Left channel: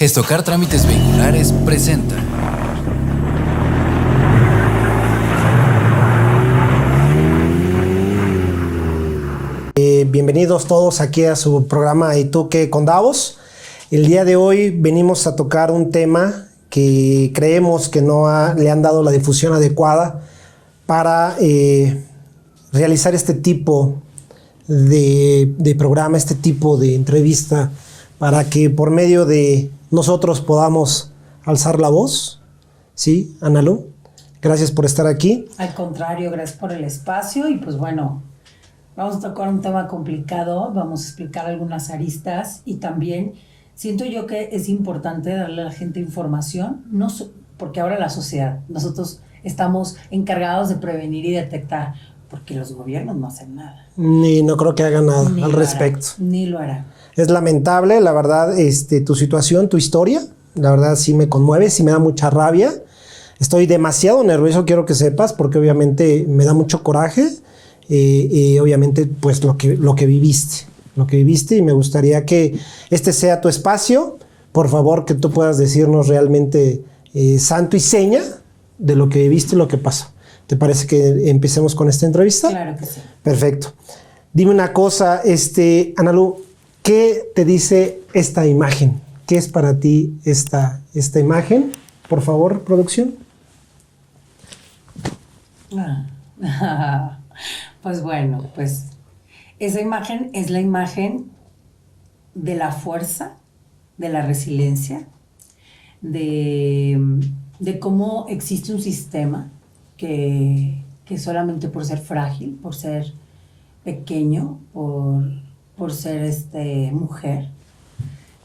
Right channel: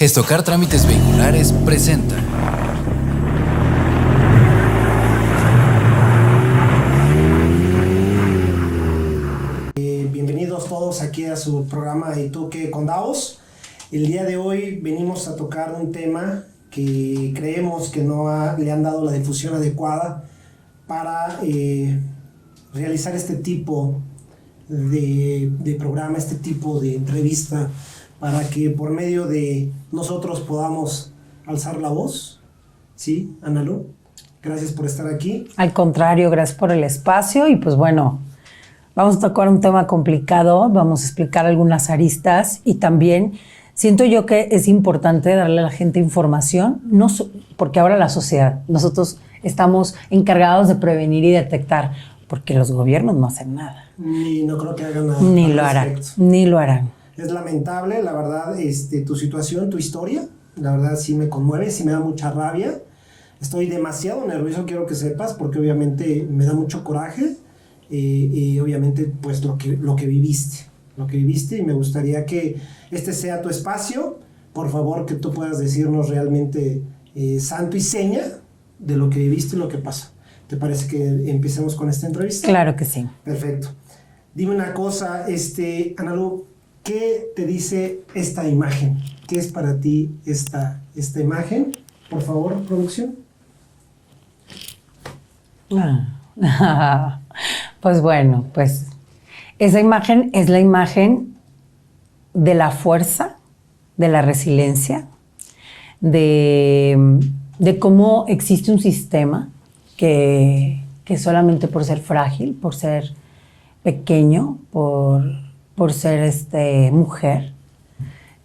Gestocar Trámites Vehiculares presenta. Bienvenidos todos aquí a su programa ¿Y tú qué con Davos? El día de hoy venimos a tocar un tema que creemos que le han dado la difusión adecuada para realizar este tipo de programa, este tipo de entrevista, para que por medio de nosotros podamos alzar la voz. ¿Sí, Analu? Gracias por estar aquí. Al contrario, gracias por el espacio y pues bueno, vamos a tocar un tema complicado, vamos a explicar algunas aristas y también siento yo que es importante darle a la gente información, porque ahora la sociedad, nosotros estamos encargados de prevenir y detectar, porque los gobiernos no hacen nada. Ni no creo que hagan nada al respecto. Ni lo harán. Es lamentable, la verdad, tu situación, tu historia, la verdad sí me conmueve, sí me da mucha rabia. Estoy demasiado nervioso, quiero que sepas, porque obviamente me da mucho coraje y obviamente pues lo que viviste y me gustaría que este sea tu espacio. Por favor, que tú puedas decirnos realmente santo y seña de lo que viviste y lo que pasó. ¿Te parece que empecemos con esta entrevista? Claro que sí. Perfecto. Dime una cosa, Analu, ¿qué te dice esta imagen? ¿Qué es para ti esta imagen? Por favor, producción. Pues bueno, pues esa imagen es la imagen de la fuerza, de la resiliencia, de cómo existe un sistema que solamente por ser frágil, por ser pequeño, por ser mujer,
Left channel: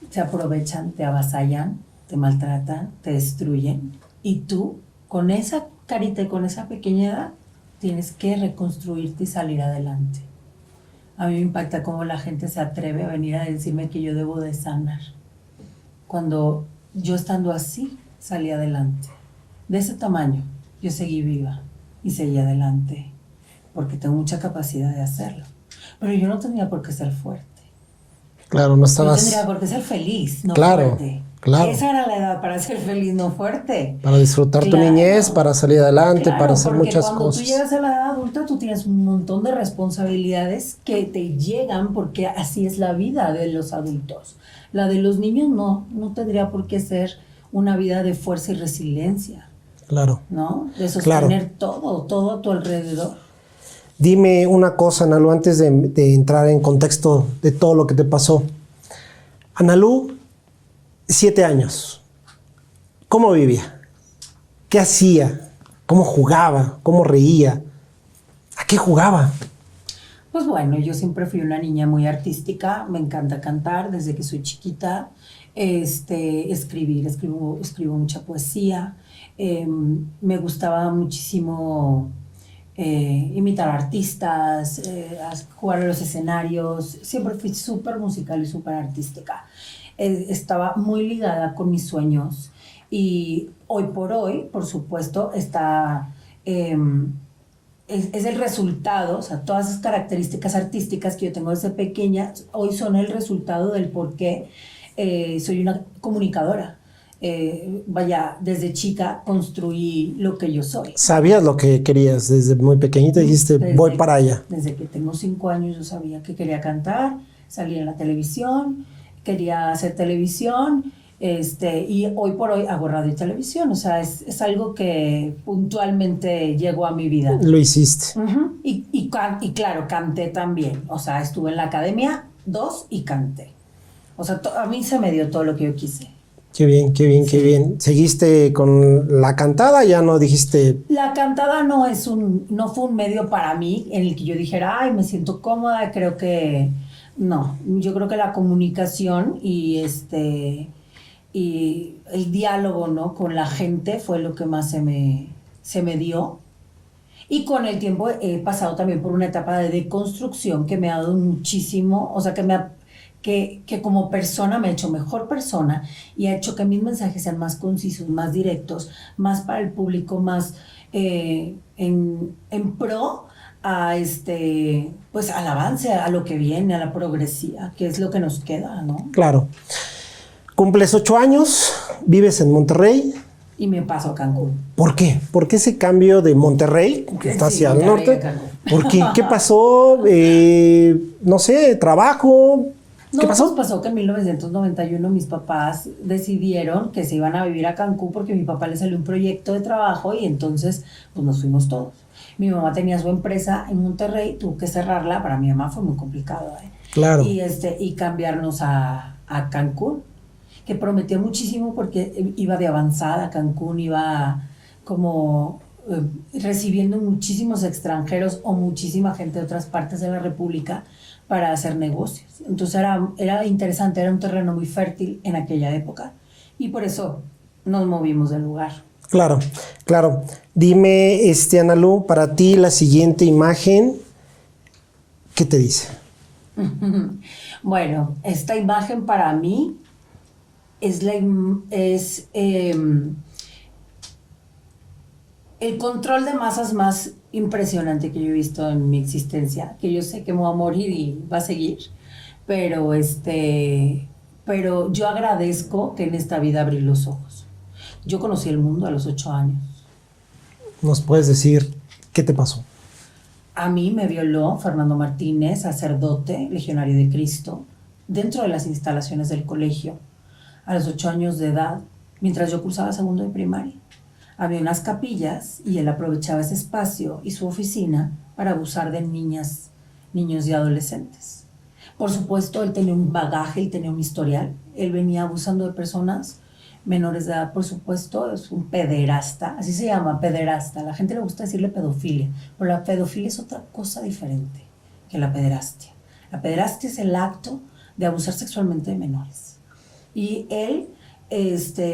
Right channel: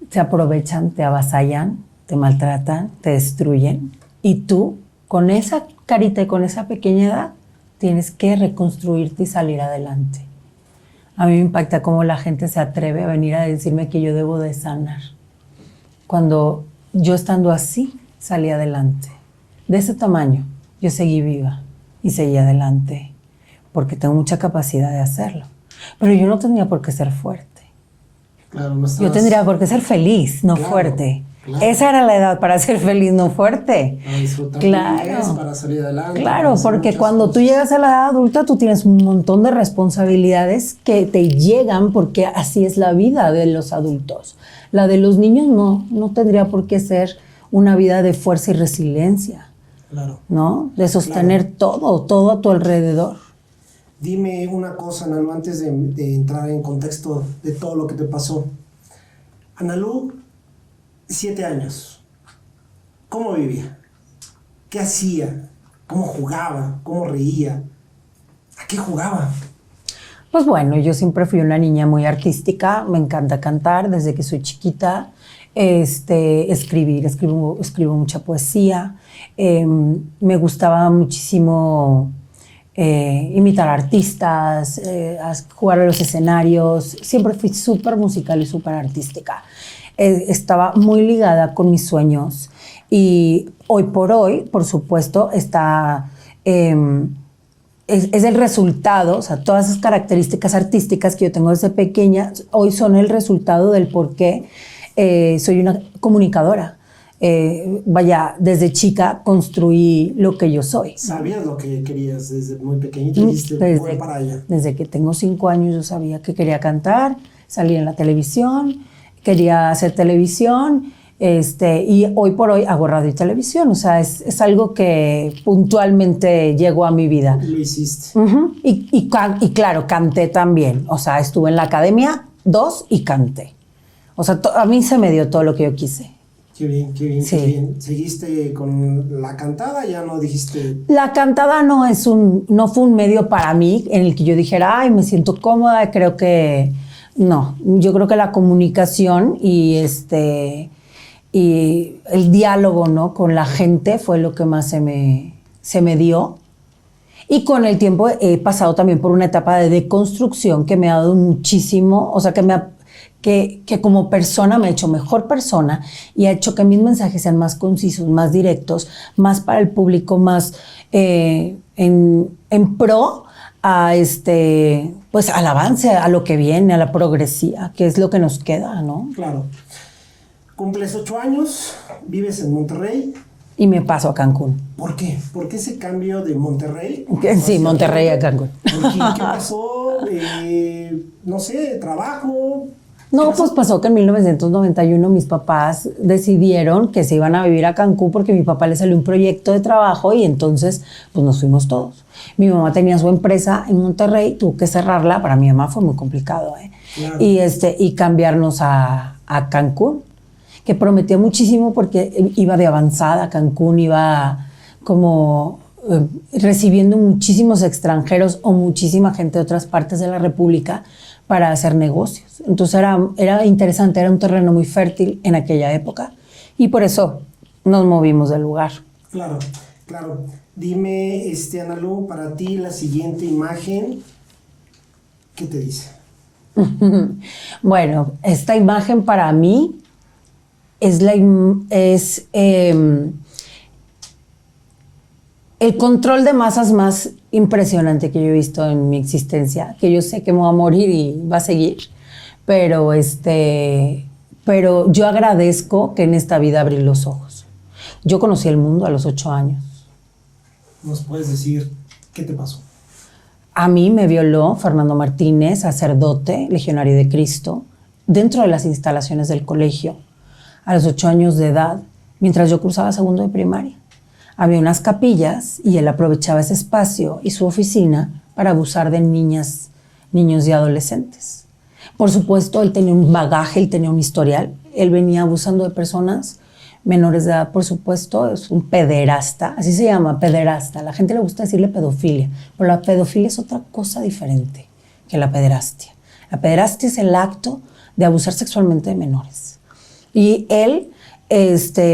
se aprovechan, te avasallan, te maltratan, te destruyen. Y tú, con esa carita y con esa pequeña edad, tienes que reconstruirte y salir adelante. A mí me impacta cómo la gente se atreve a venir a decirme que yo debo de sanar. Cuando yo estando así, salí adelante. De ese tamaño, yo seguí viva y seguí adelante, porque tengo mucha capacidad de hacerlo. Pero yo no tenía por qué ser fuerte. Claro, no estabas... Yo tendría por qué ser feliz, no fuerte. Claro. Esa era la edad para ser feliz, no fuerte. Para disfrutar tu niñez, para salir adelante, para hacer porque muchas cuando cosas. tú llegas a la edad adulta, tú tienes un montón de responsabilidades que te llegan porque así es la vida de los adultos. La de los niños no tendría por qué ser una vida de fuerza y resiliencia. Claro. ¿No? De sostener todo a tu alrededor. Dime una cosa, Analu, antes de entrar en contexto de todo lo que te pasó. Analu, 7 años. ¿Cómo vivía? ¿Qué hacía? ¿Cómo jugaba? ¿Cómo reía? ¿A qué jugaba? Pues bueno, yo siempre fui una niña muy artística. Me encanta cantar desde que soy chiquita. Escribo mucha poesía. Me gustaba muchísimo imitar artistas, jugar a los escenarios. Siempre fui súper musical y súper artística. Estaba muy ligada con mis sueños y hoy, por supuesto, es el resultado, o sea, todas esas características artísticas que yo tengo desde pequeña, hoy son el resultado del por qué soy una comunicadora. Desde chica construí lo que yo soy. ¿Sabías lo que querías desde muy pequeñita? Dijiste, voy para allá. Desde que tengo 5 años yo sabía que quería cantar, salir en la televisión, quería hacer televisión, y hoy por hoy hago radio y televisión. O sea, es algo que puntualmente llegó a mi vida. Lo hiciste. Uh-huh. Y claro, canté también. O sea, estuve en la academia 2 y canté. O sea, a mí se me dio todo lo que yo quise. Qué bien, sí. Qué bien. ¿Seguiste con la cantada? ¿Ya no dijiste...? La cantada no fue un medio para mí en el que yo dijera, ay, me siento cómoda, creo que... No, yo creo que la comunicación y el diálogo, ¿no?, con la gente fue lo que más se me dio. Y con el tiempo he pasado también por una etapa de deconstrucción que me ha dado muchísimo, o sea, que como persona me ha hecho mejor persona y ha hecho que mis mensajes sean más concisos, más directos, más para el público, más en pro a pues al avance, a lo que viene, a la progresía, que es lo que nos queda, ¿no? Claro. Cumples 8 años, vives en Monterrey. Y me paso a Cancún. ¿Por qué? ¿Por qué ese cambio de Monterrey? Sí, Monterrey a Cancún. ¿Por qué? ¿Qué pasó? No sé, trabajo. No, ¿Qué pasó? pues pasó que en 1991 mis papás decidieron que se iban a vivir a Cancún porque a mi papá le salió un proyecto de trabajo y entonces pues nos fuimos todos. Mi mamá tenía su empresa en Monterrey, tuvo que cerrarla, para mi mamá fue muy complicado. Claro. Y cambiarnos a Cancún, que prometía muchísimo porque iba de avanzada. Cancún iba como recibiendo muchísimos extranjeros o muchísima gente de otras partes de la República para hacer negocios. Entonces era interesante, era un terreno muy fértil en aquella época y por eso nos movimos del lugar. Claro, claro. Dime, Analu, para ti la siguiente imagen, ¿qué te dice? Bueno, esta imagen para mí es el control de masas más impresionante que yo he visto en mi existencia, que yo sé que me voy a morir y va a seguir, pero yo agradezco que en esta vida abrí los ojos. Yo conocí el mundo a los 8 años. ¿Nos puedes decir qué te pasó? A mí me violó Fernando Martínez, sacerdote, legionario de Cristo, dentro de las instalaciones del colegio, a los 8 años de edad, mientras yo cursaba segundo de primaria. Había unas capillas y él aprovechaba ese espacio y su oficina para abusar de niños y adolescentes. Por supuesto, él tenía un bagaje, él tenía un historial. Él venía abusando de personas menores de edad, por supuesto. Es un pederasta, así se llama, pederasta. A la gente le gusta decirle pedofilia, pero la pedofilia es otra cosa diferente que la pederastia. La pederastia es el acto de abusar sexualmente de menores. Y él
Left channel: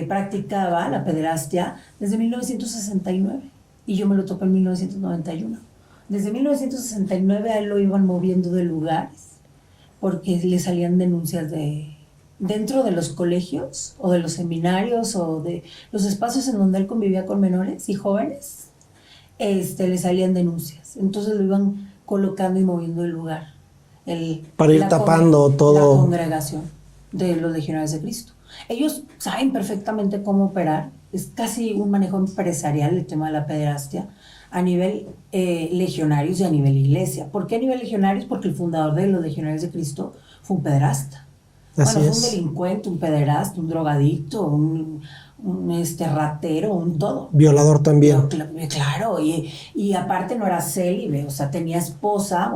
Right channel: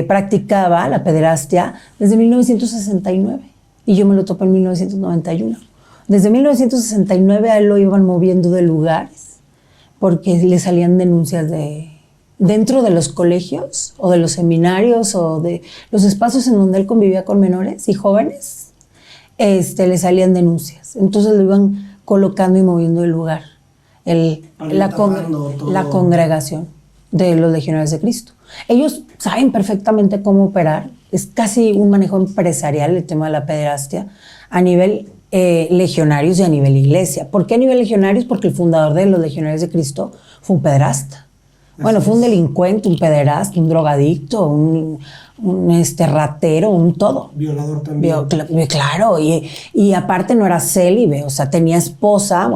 practicaba la pederastia desde 1969 y yo me lo topé en 1991. Desde 1969 a él lo iban moviendo de lugares porque le salían denuncias dentro de los colegios o de los seminarios o de los espacios en donde él convivía con menores y jóvenes, le salían denuncias. Entonces lo iban colocando y moviendo de lugar. Para ir tapando todo. La congregación de los legionarios de Cristo. Ellos saben perfectamente cómo operar. Es casi un manejo empresarial el tema de la pederastia a nivel legionarios y a nivel iglesia. ¿Por qué a nivel legionarios? Porque el fundador de los legionarios de Cristo fue un pederasta. Fue un delincuente, un pederasta, un drogadicto, un ratero, un todo. Violador también. Claro, y aparte no era célibe, o sea, tenía esposa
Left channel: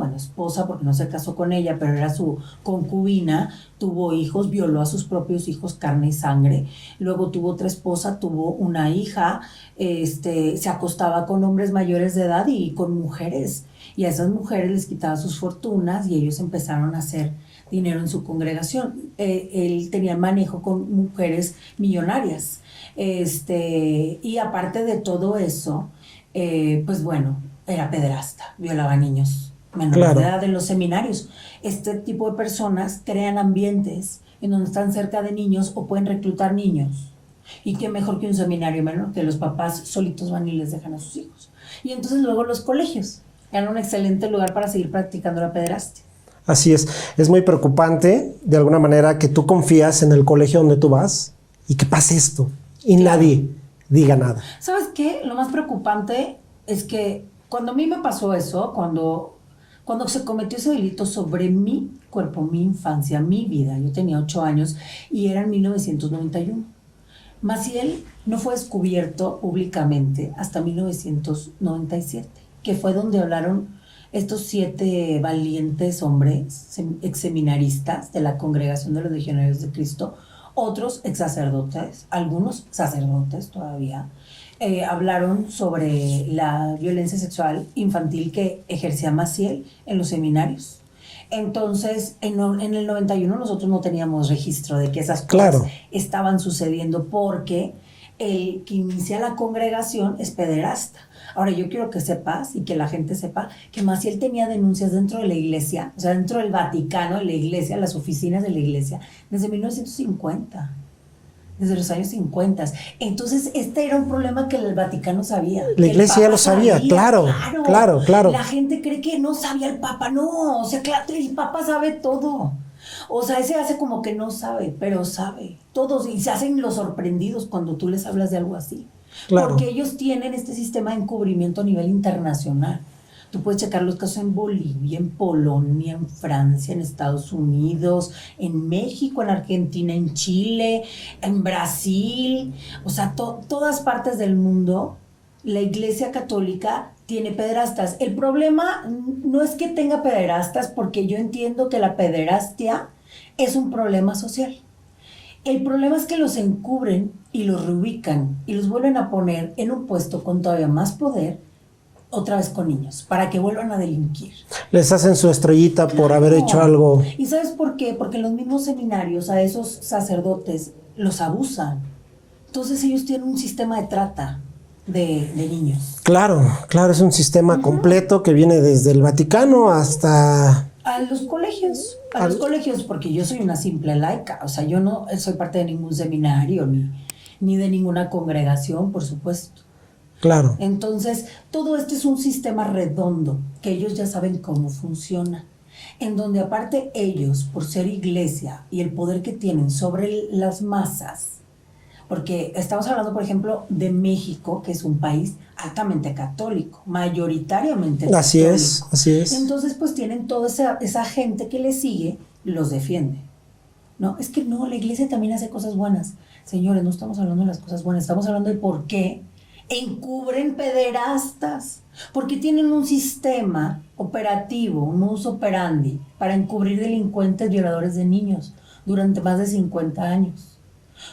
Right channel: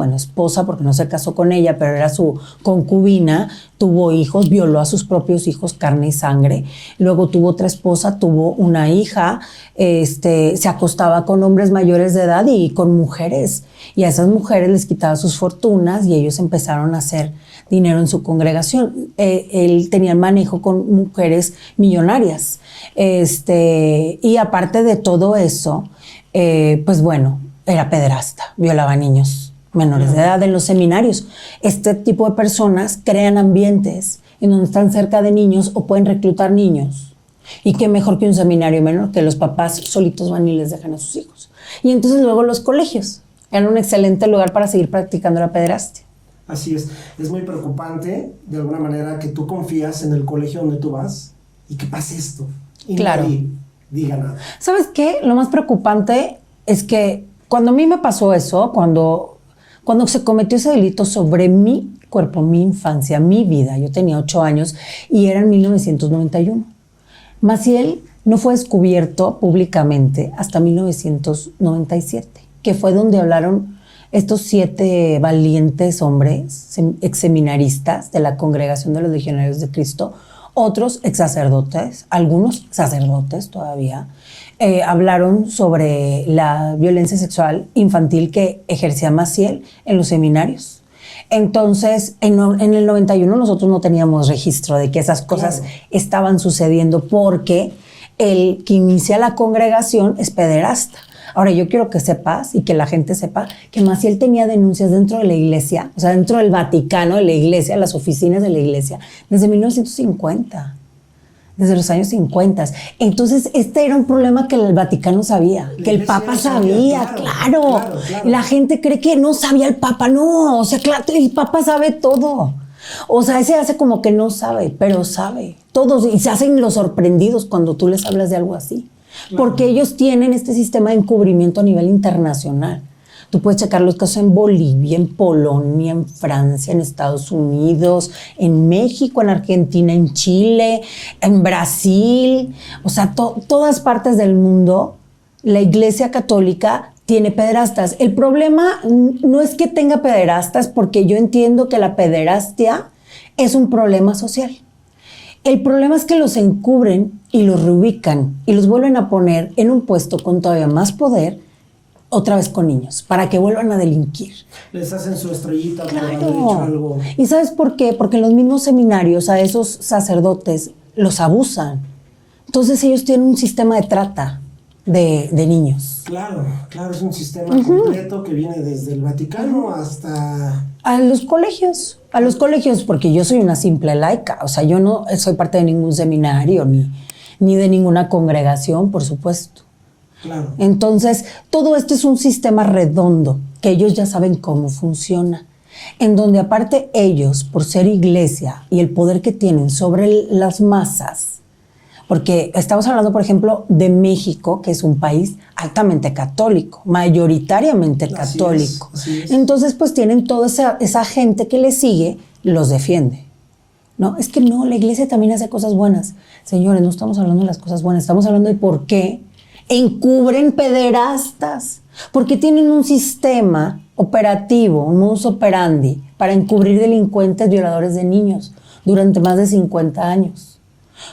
porque no se casó con ella, pero era su concubina, tuvo hijos, violó a sus propios hijos, carne y sangre. Luego tuvo otra esposa, tuvo una hija, se acostaba con hombres mayores de edad y con mujeres. Y a esas mujeres les quitaba sus fortunas y ellos empezaron a hacer dinero en su congregación. Él tenía manejo con mujeres millonarias. Y aparte de todo eso, era pederasta, violaba niños menores de edad en los seminarios. Este tipo de personas crean ambientes en donde están cerca de niños o pueden reclutar niños. Y qué mejor que un seminario menor, que los papás solitos van y les dejan a sus hijos. Y entonces luego los colegios eran un excelente lugar para seguir practicando la pederastia. Así es muy preocupante de alguna manera que tú confías en el colegio donde tú vas y que pase esto y nadie diga nada. ¿Sabes qué? Lo más preocupante es que cuando a mí me pasó eso, cuando se cometió ese delito sobre mi cuerpo, mi infancia, mi vida, yo tenía 8 años y era en 1991. Maciel no fue descubierto públicamente hasta 1997, que fue donde hablaron estos 7 valientes hombres exseminaristas de la Congregación de los Legionarios de Cristo, otros exsacerdotes, algunos sacerdotes todavía, hablaron sobre la violencia sexual infantil que ejercía Maciel en los seminarios. Entonces, en el 91 nosotros no teníamos registro de que esas cosas estaban sucediendo porque el que inicia la congregación es pederasta. Ahora, yo quiero que sepas y que la gente sepa que Maciel tenía denuncias dentro de la iglesia, o sea, dentro del Vaticano, de la iglesia, las oficinas de la iglesia, desde 1950, desde los años 50. Entonces, este era un problema que el Vaticano sabía, la que el Papa no sabía. Claro. La gente cree que no sabía el Papa, no, o sea, claro, el Papa sabe todo. O sea, ese hace como que no sabe, pero sabe. Todos, y se hacen los sorprendidos cuando tú les hablas de algo así. Claro. Porque ellos tienen este sistema de encubrimiento a nivel internacional. Tú puedes checar los casos en Bolivia, en Polonia, en Francia, en Estados Unidos, en México, en Argentina, en Chile, en Brasil. O sea, todas partes del mundo, la Iglesia Católica tiene pederastas. El problema no es que tenga pederastas, porque yo entiendo que la pederastia es un problema social. El problema es que los encubren y los reubican y los vuelven a poner en un puesto con todavía más poder, otra vez con niños, para que vuelvan a delinquir. Les hacen su estrellita por haber hecho algo. ¿Y sabes por qué? Porque en los mismos seminarios a esos sacerdotes los abusan. Entonces ellos tienen un sistema de trata de niños. Claro, es un sistema completo que viene desde el Vaticano hasta... A los colegios, porque yo soy una simple laica. O sea, yo no soy parte de ningún seminario ni de ninguna congregación, por supuesto. Claro. Entonces, todo esto es un sistema redondo, que ellos ya saben cómo funciona. En donde aparte ellos, por ser iglesia y el poder que tienen sobre las masas, porque estamos hablando, por ejemplo, de México, que es un país altamente católico, mayoritariamente católico. Así es. Entonces, pues tienen toda esa gente que les sigue, los defiende. No, es que no, la iglesia también hace cosas buenas. Señores, no estamos hablando de las cosas buenas, estamos hablando de por qué encubren pederastas. Porque tienen un sistema operativo, un modus operandi, para encubrir delincuentes violadores de niños durante más de 50 años.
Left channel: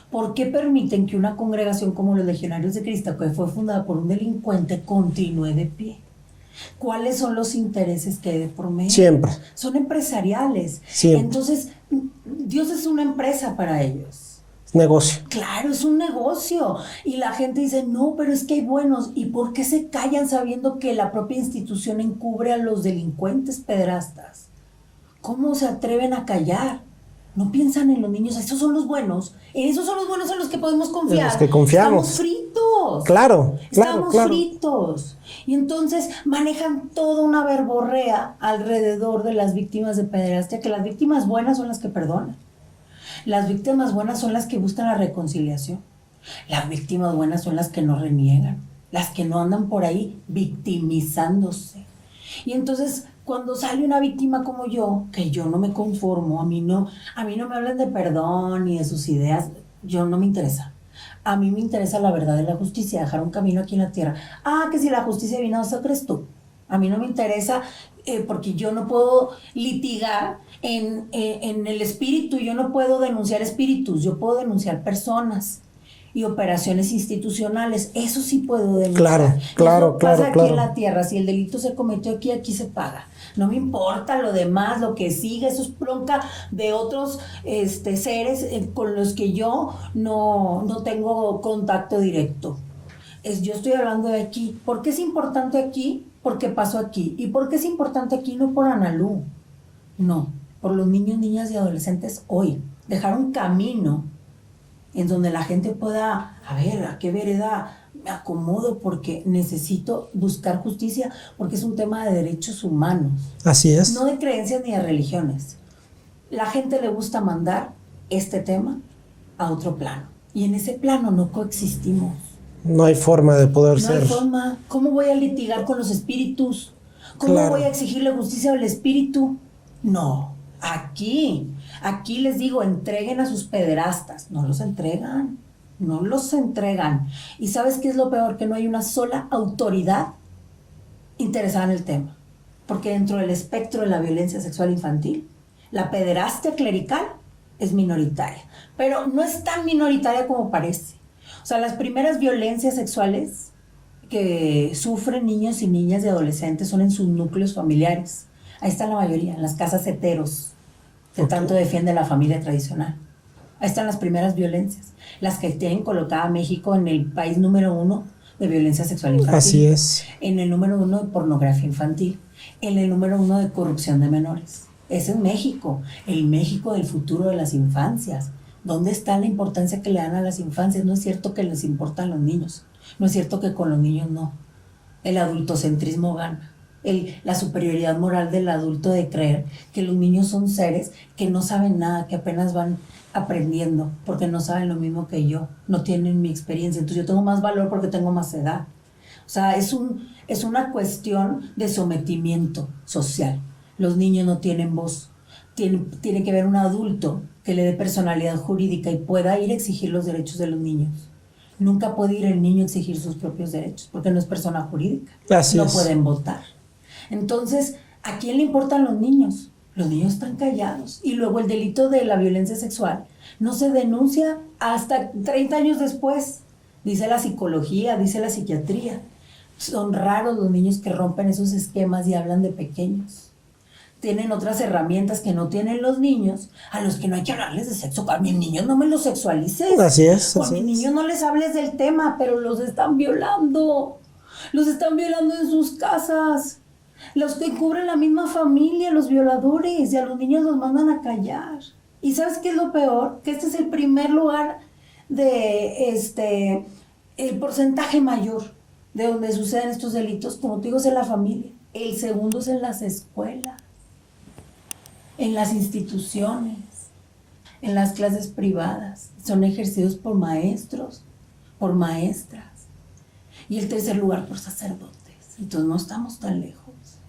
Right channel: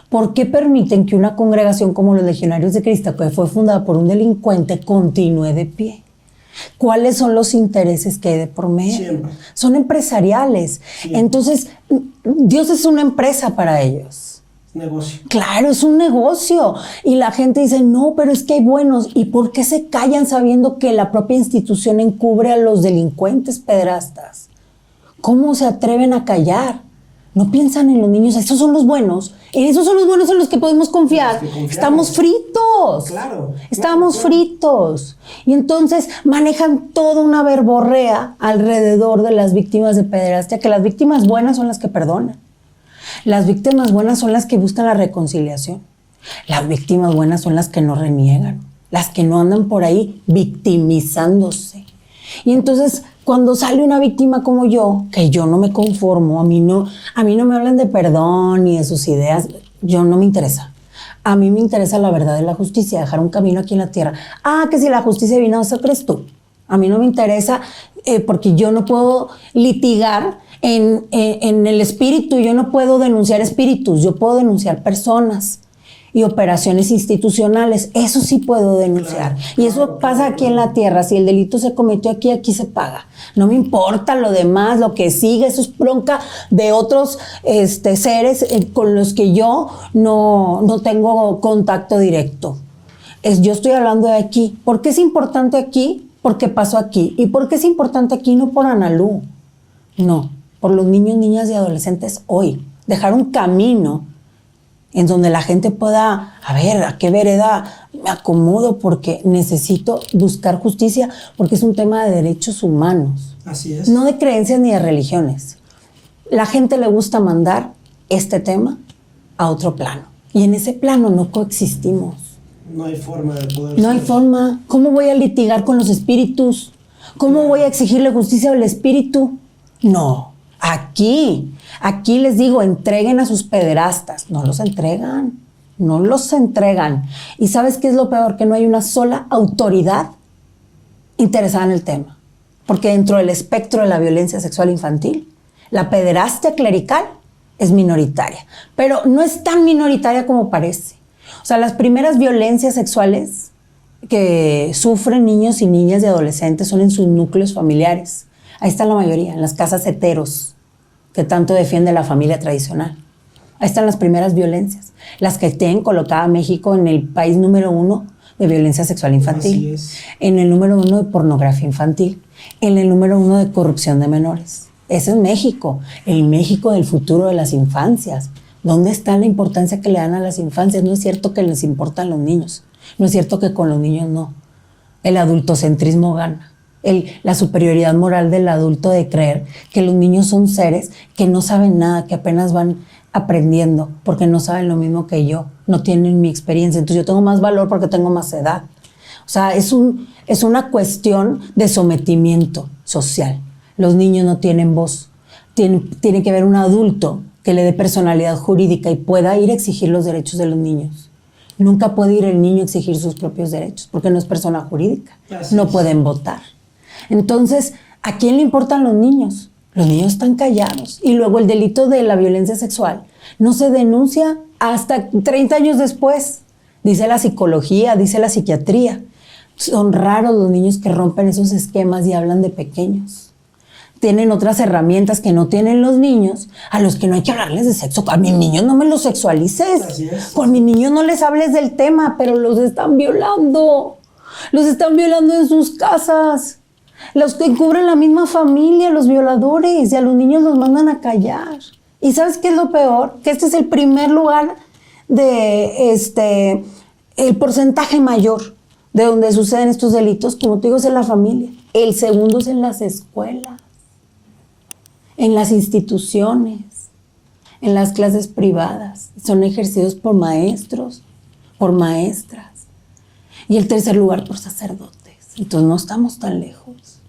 ¿Por qué permiten que una congregación como los Legionarios de Cristo, que fue fundada por un delincuente, continúe de pie? ¿Cuáles son los intereses que hay de por medio? Siempre. Son empresariales. Siempre. Entonces, Dios es una empresa para ellos. Negocio. Claro, es un negocio. Y la gente dice, no, pero es que hay buenos. ¿Y por qué se callan sabiendo que la propia institución encubre a los delincuentes pederastas? ¿Cómo se atreven a callar? No piensan en los niños. Esos son los buenos. Esos son los buenos en los que podemos confiar. En los que confiamos. Estamos fritos. Claro. Estamos fritos. Y entonces manejan toda una verborrea alrededor de las víctimas de pederastia, que las víctimas buenas son las que perdonan. Las víctimas buenas son las que buscan la reconciliación. Las víctimas buenas son las que no reniegan, las que no andan por ahí victimizándose. Y entonces, cuando sale una víctima como yo, que yo no me conformo, a mí no me hablan de perdón ni de sus ideas, yo no me interesa. A mí me interesa la verdad de la justicia, dejar un camino aquí en la tierra. Que si la justicia divina, ¿eso crees tú? A mí no me interesa porque yo no puedo litigar en el espíritu, yo no puedo denunciar espíritus, yo puedo denunciar personas y operaciones institucionales. Eso sí puedo denunciar. Y eso pasa aquí en la tierra. Si el delito se cometió aquí, aquí se paga. No me importa lo demás, lo que sigue, eso es bronca de otros seres con los que yo no tengo contacto directo. Yo estoy hablando de aquí. ¿Por qué es importante aquí? Porque pasó aquí. ¿Y por qué es importante aquí? No por Analú. No, por los niños, niñas y adolescentes hoy. Dejar un camino en donde la gente pueda, a ver, ¿a qué vereda me acomodo? Porque necesito buscar justicia, porque es un tema de derechos humanos. Así es. No de creencias ni de religiones. La gente le gusta mandar este tema a otro plano. Y en ese plano no coexistimos. No hay forma de poder ser. No hay forma. ¿Cómo voy a litigar con los espíritus? ¿Cómo voy a exigirle justicia al espíritu? No. Aquí les digo, entreguen a sus pederastas. No los entregan. ¿Y sabes qué es lo peor? Que no hay una sola autoridad interesada en el tema. Porque dentro del espectro de la violencia sexual infantil, la pederastia clerical es minoritaria. Pero no es tan minoritaria como parece. O sea, las primeras violencias sexuales que sufren niños y niñas y adolescentes son en sus núcleos familiares. Ahí está la mayoría, en las casas heteros, que tanto defiende la familia tradicional. Ahí están las primeras violencias, las que tienen colocada a México en el país número 1 de violencia sexual infantil. Así es. En el número 1 de pornografía infantil, en el número 1 de corrupción de menores. Ese es México, el México del futuro de las infancias. ¿Dónde está la importancia que le dan a las infancias? No es cierto que les importan los niños. No es cierto que con los niños no. El adultocentrismo gana. la superioridad moral del adulto de creer que los niños son seres que no saben nada, que apenas van aprendiendo, porque no saben lo mismo que yo, no tienen mi experiencia, entonces yo tengo más valor porque tengo más edad. O sea, es una cuestión de sometimiento social. Los niños no tienen voz. Tiene que haber un adulto que le dé personalidad jurídica y pueda ir a exigir los derechos de los niños. Nunca puede ir el niño a exigir sus propios derechos, porque no es persona jurídica. No pueden votar. Entonces, ¿a quién le importan los niños? Los niños están callados. Y luego el delito de la violencia sexual no se denuncia hasta 30 años después. Dice la psicología, dice la psiquiatría. Son raros los niños que rompen esos esquemas y hablan de pequeños. Tienen otras herramientas que no tienen los niños, a los que no hay que hablarles de sexo. A mis niños no me los sexualices. Así es. Por mis niños no les hables del tema, pero los están violando. Los están violando en sus casas. Los que encubren la misma familia, los violadores, y a los niños los mandan a callar. ¿Y sabes qué es lo peor? Que este es el primer lugar el porcentaje mayor de donde suceden estos delitos, como te digo, es en la familia. El segundo es en las escuelas, en las instituciones, en las clases privadas. Son ejercidos por maestros, por maestras. Y el tercer lugar por sacerdotes. Entonces no estamos tan lejos.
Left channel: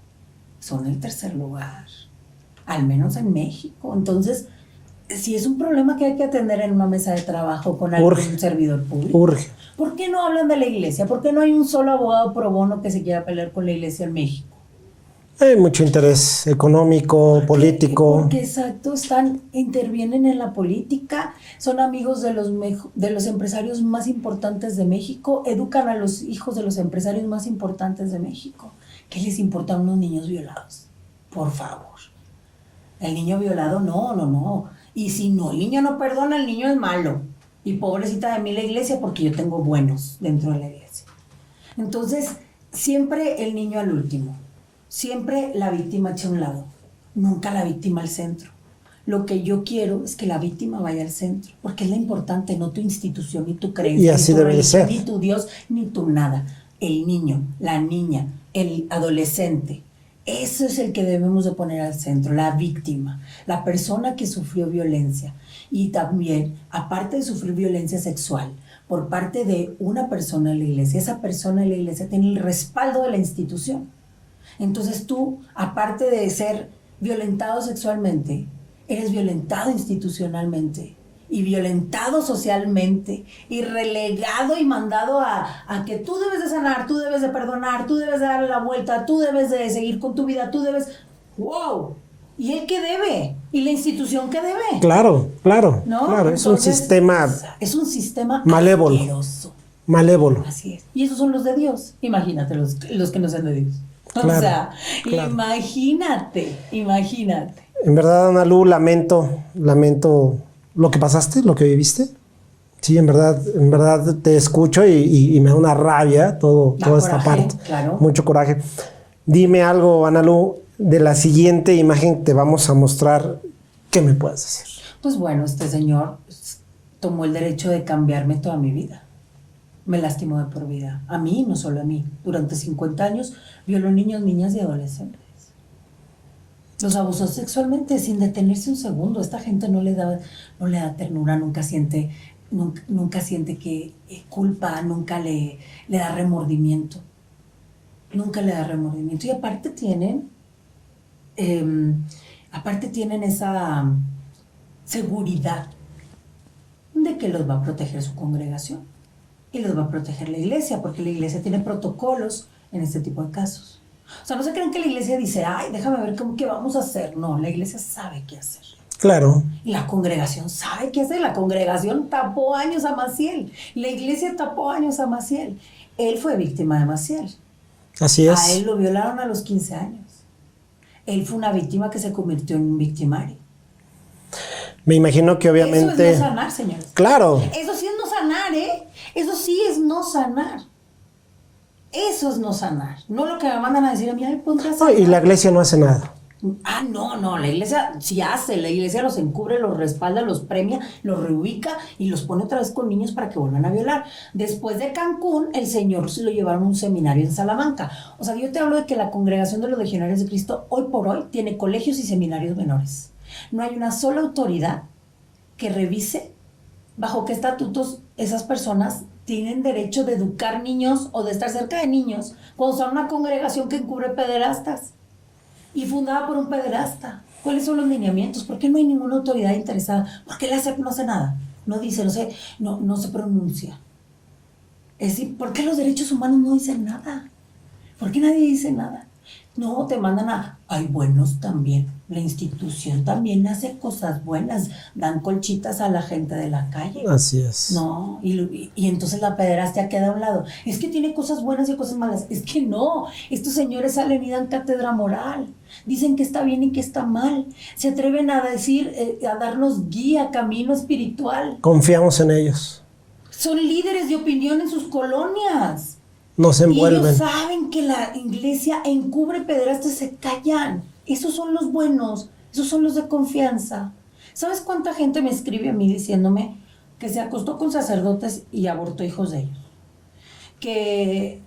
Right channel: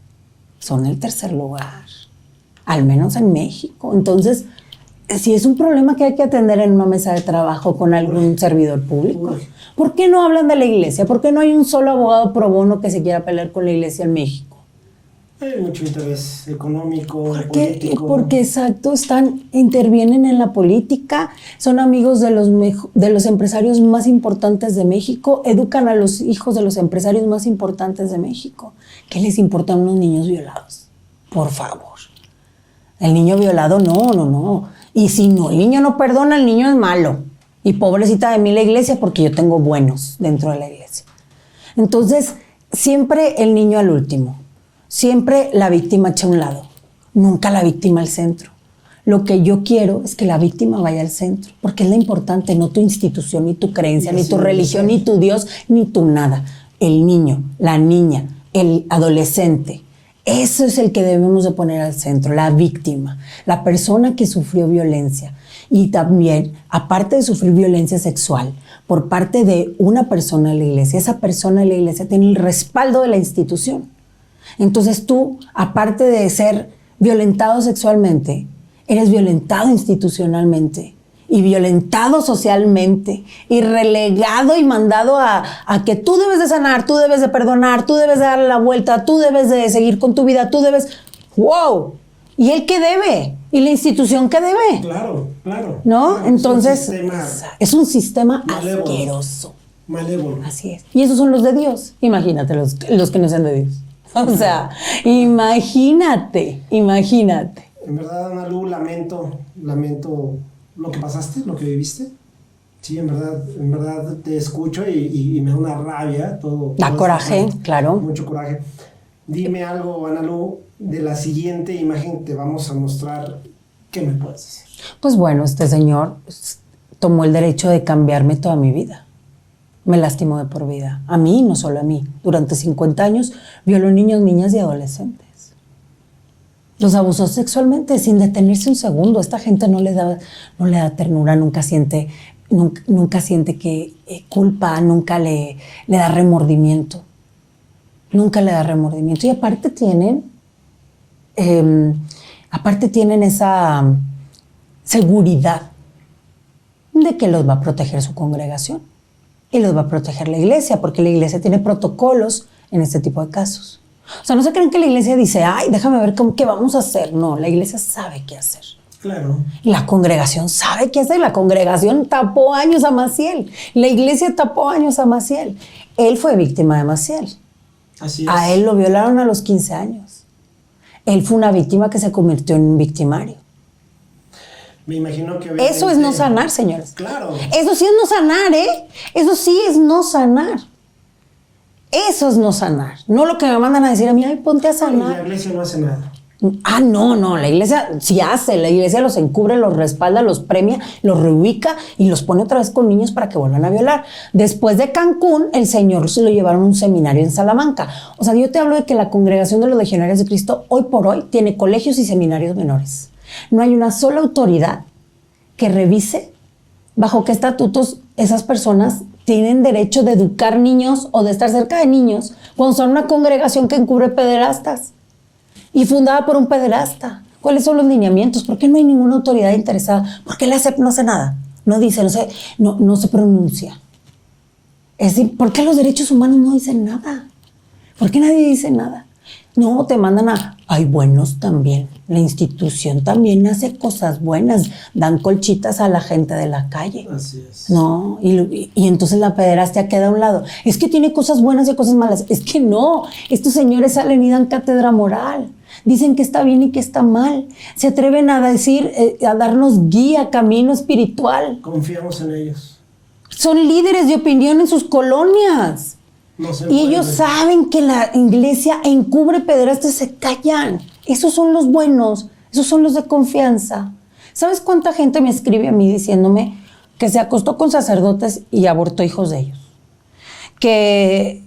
Son el tercer lugar, al menos en México. Entonces, si es un problema que hay que atender en una mesa de trabajo con algún servidor público. Urge. ¿Por qué no hablan de la iglesia? ¿Por qué no hay un solo abogado pro bono que se quiera pelear con la iglesia en México? Hay mucho interés económico, político. Porque exacto, intervienen en la política, son amigos de los empresarios más importantes de México, educan a los hijos de los empresarios más importantes de México. ¿Qué les importan unos niños violados? Por favor. El niño violado, no. Y si no, el niño no perdona, el niño es malo. Y pobrecita de mí la iglesia, porque yo tengo buenos dentro de la iglesia. Entonces, siempre el niño al último. Siempre la víctima echa a un lado. Nunca la víctima al centro. Lo que yo quiero es que la víctima vaya al centro, porque es lo importante, no tu institución, ni tu creencia, ni tu religión, ni tu Dios, ni tu nada. El niño, la niña, el adolescente. Eso es el que debemos de poner al centro, la víctima, la persona que sufrió violencia. Y también, aparte de sufrir violencia sexual por parte de una persona de la iglesia, esa persona de la iglesia tiene el respaldo de la institución. Entonces tú, aparte de ser violentado sexualmente, eres violentado institucionalmente y violentado socialmente y relegado y mandado a que tú debes de sanar, tú debes de perdonar, tú debes de darle la vuelta, tú debes de seguir con tu vida, tú debes... ¡Wow! ¿Y él qué debe? ¿Y la institución qué debe? Claro. ¿No? Claro, entonces es un sistema malévolo. asqueroso. Malévolo. Así es. Y esos son los de Dios. Imagínate los que no sean de Dios. Claro, o sea, claro. Imagínate. En verdad, Ana Lu, lamento lo que pasaste, lo que viviste. Sí, en verdad te escucho y me da una rabia todo. Da coraje, claro. Mucho coraje. Dime algo, Ana Lu, de la siguiente imagen que te vamos a mostrar. ¿Qué me puedes decir? Pues bueno, este señor tomó el derecho de cambiarme toda mi vida. Me lastimó de por vida. A mí, no solo a mí. Durante 50 años violó niños, niñas y adolescentes. Los abusó sexualmente sin detenerse un segundo. Esta gente no le da ternura, nunca siente que culpa, nunca le da remordimiento. Nunca le da remordimiento. Y aparte tienen esa seguridad de que los va a proteger su congregación. Y los va a proteger la iglesia, porque la iglesia tiene protocolos en este tipo de casos. O sea, no se creen que la iglesia dice, ay, déjame ver qué vamos a hacer. No, la iglesia sabe qué hacer. Claro. La congregación sabe qué hacer. La congregación tapó años a Maciel. La iglesia tapó años a Maciel. Él fue víctima de Maciel. Así es. A él lo violaron a los 15 años. Él fue una víctima que se convirtió en un victimario. Me imagino que obviamente... Eso es no sanar, señores. Claro. Eso sí es no sanar, ¿eh? Eso sí es no sanar. Eso es no sanar. No lo que me mandan a decir a mí, ay, ponte a sanar. Y la iglesia no hace nada. No, la iglesia sí hace, la iglesia los encubre, los respalda, los premia, los reubica y los pone otra vez con niños para que vuelvan a violar. Después de Cancún, el Señor se lo llevaron a un seminario en Salamanca. O sea, yo te hablo de que la Congregación de los Legionarios de Cristo hoy por hoy tiene colegios y seminarios menores. No hay una sola autoridad que revise bajo qué estatutos esas personas tienen derecho de educar niños o de estar cerca de niños cuando son una congregación que encubre pederastas y fundada por un pederasta. ¿Cuáles son los lineamientos? ¿Por qué no hay ninguna autoridad interesada? ¿Por qué la SEP no hace nada? No dice, no se pronuncia. Es decir, ¿por qué los derechos humanos no dicen nada? ¿Por qué nadie dice nada? No, te mandan hay buenos también. La institución también hace cosas buenas. Dan colchitas a la gente de la calle. Así es. No, y entonces la pederastia queda a un lado. Es que tiene cosas buenas y cosas malas. Es que no. Estos señores salen y dan cátedra moral. Dicen que está bien y que está mal. Se atreven a decir, a darnos guía, camino espiritual. Confiamos en ellos. Son líderes de opinión en sus colonias. No se Y envuelven. ellos saben que la iglesia encubre pederastas, se callan. Esos son los buenos, esos son los de confianza. ¿Sabes cuánta gente me escribe a mí diciéndome que se acostó con sacerdotes y abortó hijos de ellos? Que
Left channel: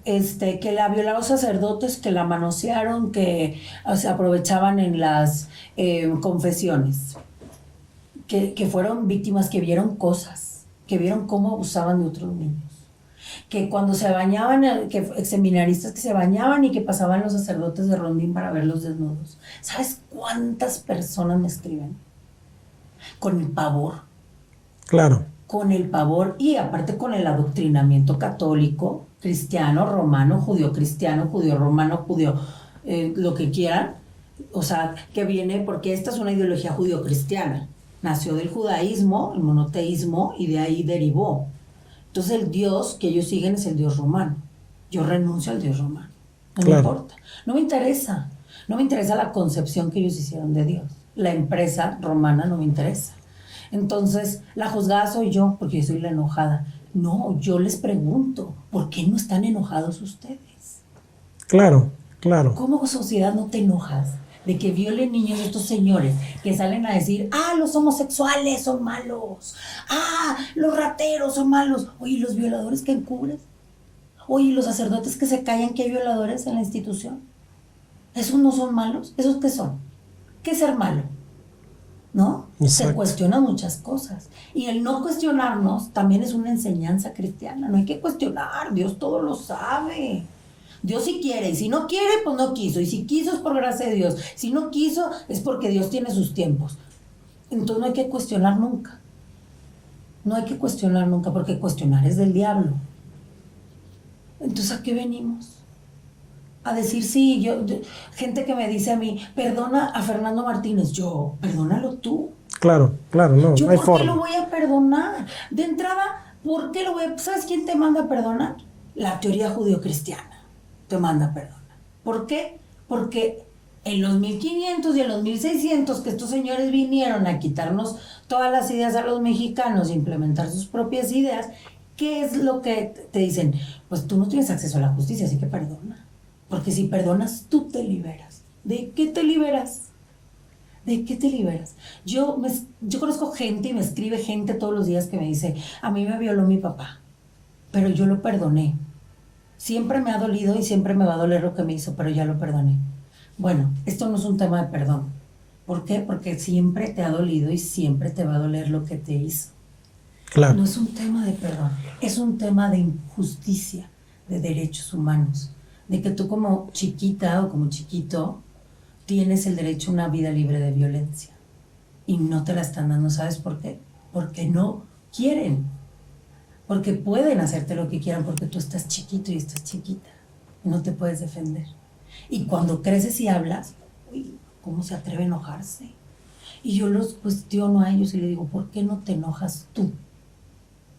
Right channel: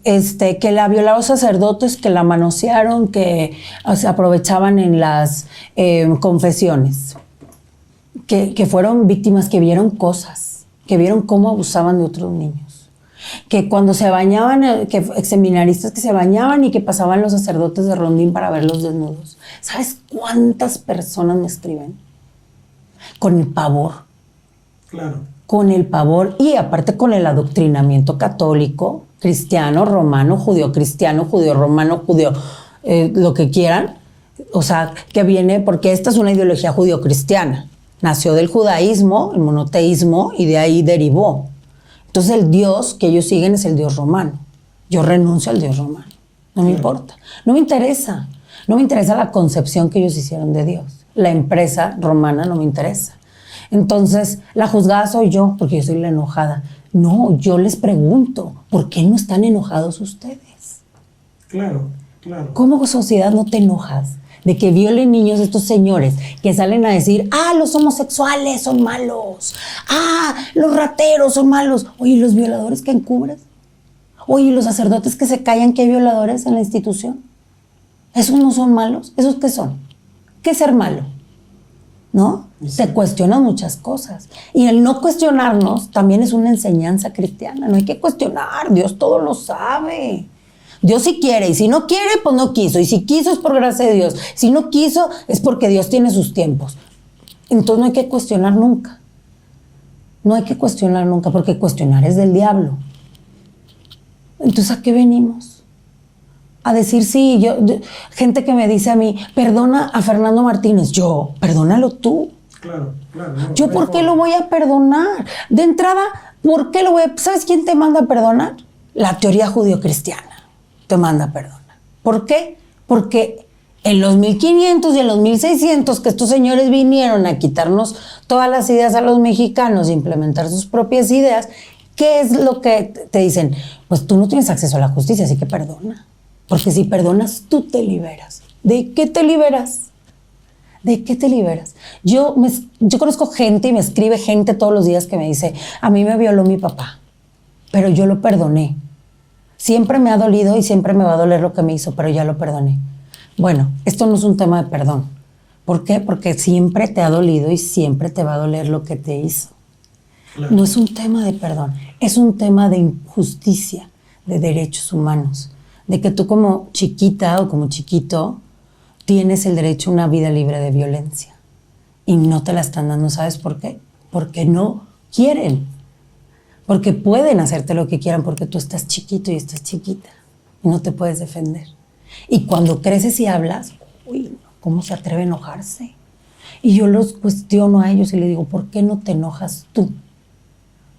la violaron sacerdotes, que la manosearon, que se aprovechaban en las confesiones. Que fueron víctimas, que vieron cosas, que vieron cómo abusaban de otros niños. Que cuando se bañaban, que seminaristas que se bañaban y que pasaban los sacerdotes de rondín para verlos desnudos. ¿Sabes cuántas personas me escriben? Con el pavor. Claro. Con el pavor y aparte con el adoctrinamiento católico, cristiano, romano, judío-cristiano, judío-romano, judío, lo que quieran. O sea, que viene, porque esta es una ideología judío-cristiana. Nació del judaísmo, el monoteísmo, y de ahí derivó. Entonces el Dios que ellos siguen es el Dios romano. Yo renuncio al Dios romano. No me importa. No me interesa. No me interesa la concepción que ellos hicieron de Dios. La empresa romana no me interesa. Entonces, la juzgada soy yo, porque yo soy la enojada. No, yo les pregunto, ¿por qué no están enojados ustedes? Claro, claro. ¿Cómo sociedad no te enojas de que violen niños estos señores que salen a decir, los homosexuales son malos, los rateros son malos? Oye, ¿los violadores que encubres? Oye, ¿los sacerdotes que se callan que hay violadores en la institución? ¿Esos no son malos? ¿Esos qué son? ¿Qué es ser malo? ¿No? Exacto. Se cuestionan muchas cosas. Y el no cuestionarnos también es una enseñanza cristiana. No hay que cuestionar, Dios todo lo sabe. Dios sí quiere, y si no quiere, pues no quiso. Y si quiso es por gracia de Dios. Si no quiso es porque Dios tiene sus tiempos. Entonces no hay que cuestionar nunca. No hay que cuestionar nunca, porque cuestionar es del diablo. Entonces, ¿a qué venimos? A decir, sí, gente que me dice a mí, perdona a Fernando Martínez. Yo, perdónalo tú. Claro, claro. No, ¿Yo no hay por qué forma. lo voy a perdonar? De entrada, ¿por qué lo voy a...? ¿Sabes quién te manda a perdonar? La teoría judio-cristiana te manda a perdonar. ¿Por qué? Porque en los 1500 y en los 1600 que estos señores vinieron a quitarnos todas las ideas a los mexicanos e implementar sus propias ideas, ¿qué es lo que te dicen? Pues tú no tienes acceso a la justicia, así que perdona. Porque si perdonas, tú te liberas. ¿De qué te liberas? ¿De qué te liberas? Yo conozco gente y me escribe gente todos los días que me dice, a mí me violó mi papá, pero yo lo perdoné. Siempre me ha dolido y siempre me va a doler lo que me hizo, pero ya lo perdoné. Bueno, esto no es un tema de perdón. ¿Por qué? Porque siempre te ha dolido y siempre te va a doler lo que te hizo. Claro. No es un tema de perdón, es un tema de injusticia, de derechos humanos, de que tú como chiquita o como chiquito tienes el derecho a una vida libre de violencia y no te la están dando. ¿Sabes por qué? Porque no quieren, porque pueden hacerte lo que quieran, porque tú estás chiquito y estás chiquita y no te puedes defender. Y cuando creces y hablas, uy, ¿cómo se atreve a enojarse? Y yo los cuestiono a ellos y les digo, ¿por qué no te enojas tú?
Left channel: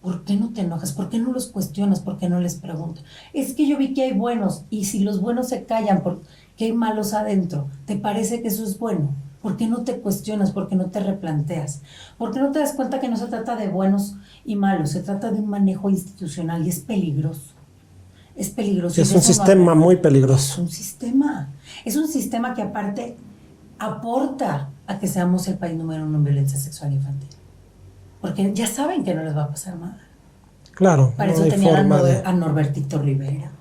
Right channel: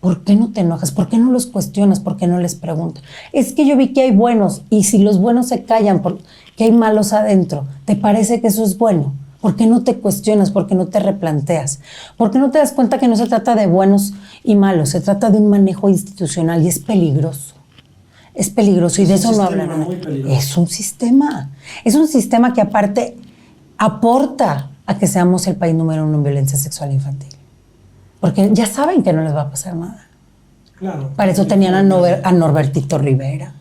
¿Por qué no te enojas? ¿Por qué no los cuestionas? ¿Por qué no les preguntas? Es que yo vi que hay buenos y si los buenos se callan porque hay malos adentro, ¿te parece que eso es bueno? ¿Por qué no te cuestionas? ¿Por qué no te replanteas? ¿Por qué no te das cuenta que no se trata de buenos y malos? Se trata de un manejo institucional y es peligroso. Es peligroso. Es y de un eso no sistema hablan. muy peligroso. Es un sistema. Es un sistema que aparte aporta a que seamos el país número 1 en violencia sexual infantil. Porque ya saben que no les va a pasar nada. Claro. Para eso tenían a Norbertito Rivera.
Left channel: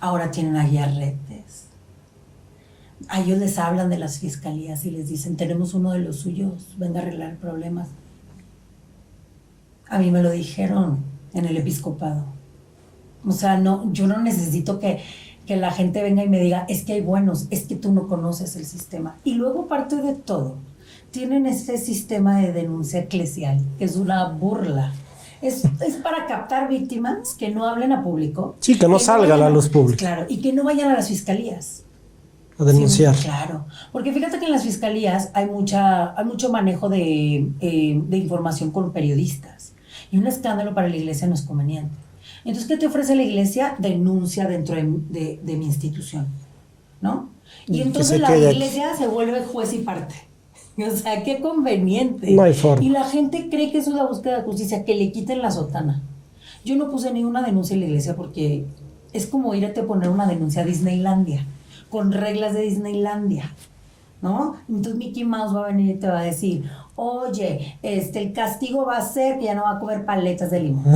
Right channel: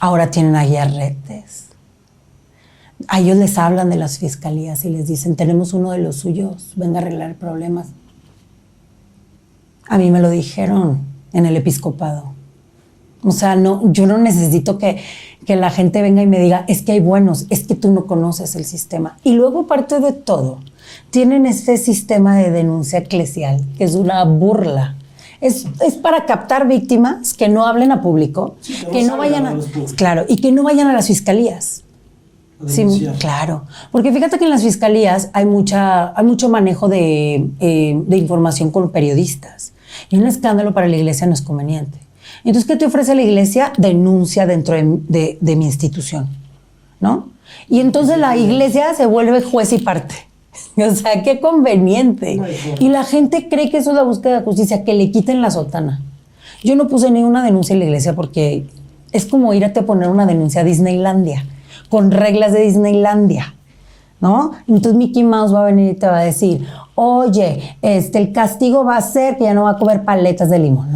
Ahora tienen a Guiarretes. A ellos les hablan de las fiscalías y les dicen, tenemos uno de los suyos, venga a arreglar problemas. A mí me lo dijeron en el episcopado. O sea, no, yo no necesito que la gente venga y me diga, es que hay buenos, es que tú no conoces el sistema. Y luego, aparte de todo, tienen este sistema de denuncia eclesial, que es una burla. Es para captar víctimas que no hablen a público. Sí, que no salgan a luz pública. Claro, y que no vayan a las fiscalías. A denunciar. Sí, claro, porque fíjate que en las fiscalías hay mucho manejo de información con periodistas. Y un escándalo para la iglesia no es conveniente. Entonces, ¿qué te ofrece la iglesia? Denuncia dentro de mi institución, ¿no? Y entonces la iglesia se vuelve juez y parte. O sea, qué conveniente. No hay forma. Y la gente cree que eso es la búsqueda de justicia, que le quiten la sotana. Yo no puse ni una denuncia en la iglesia porque es como irte a poner una denuncia a Disneylandia, con reglas de Disneylandia, ¿no? Entonces Mickey Mouse va a venir y te va a decir, oye, el castigo va a ser que ya no va a comer paletas de limón.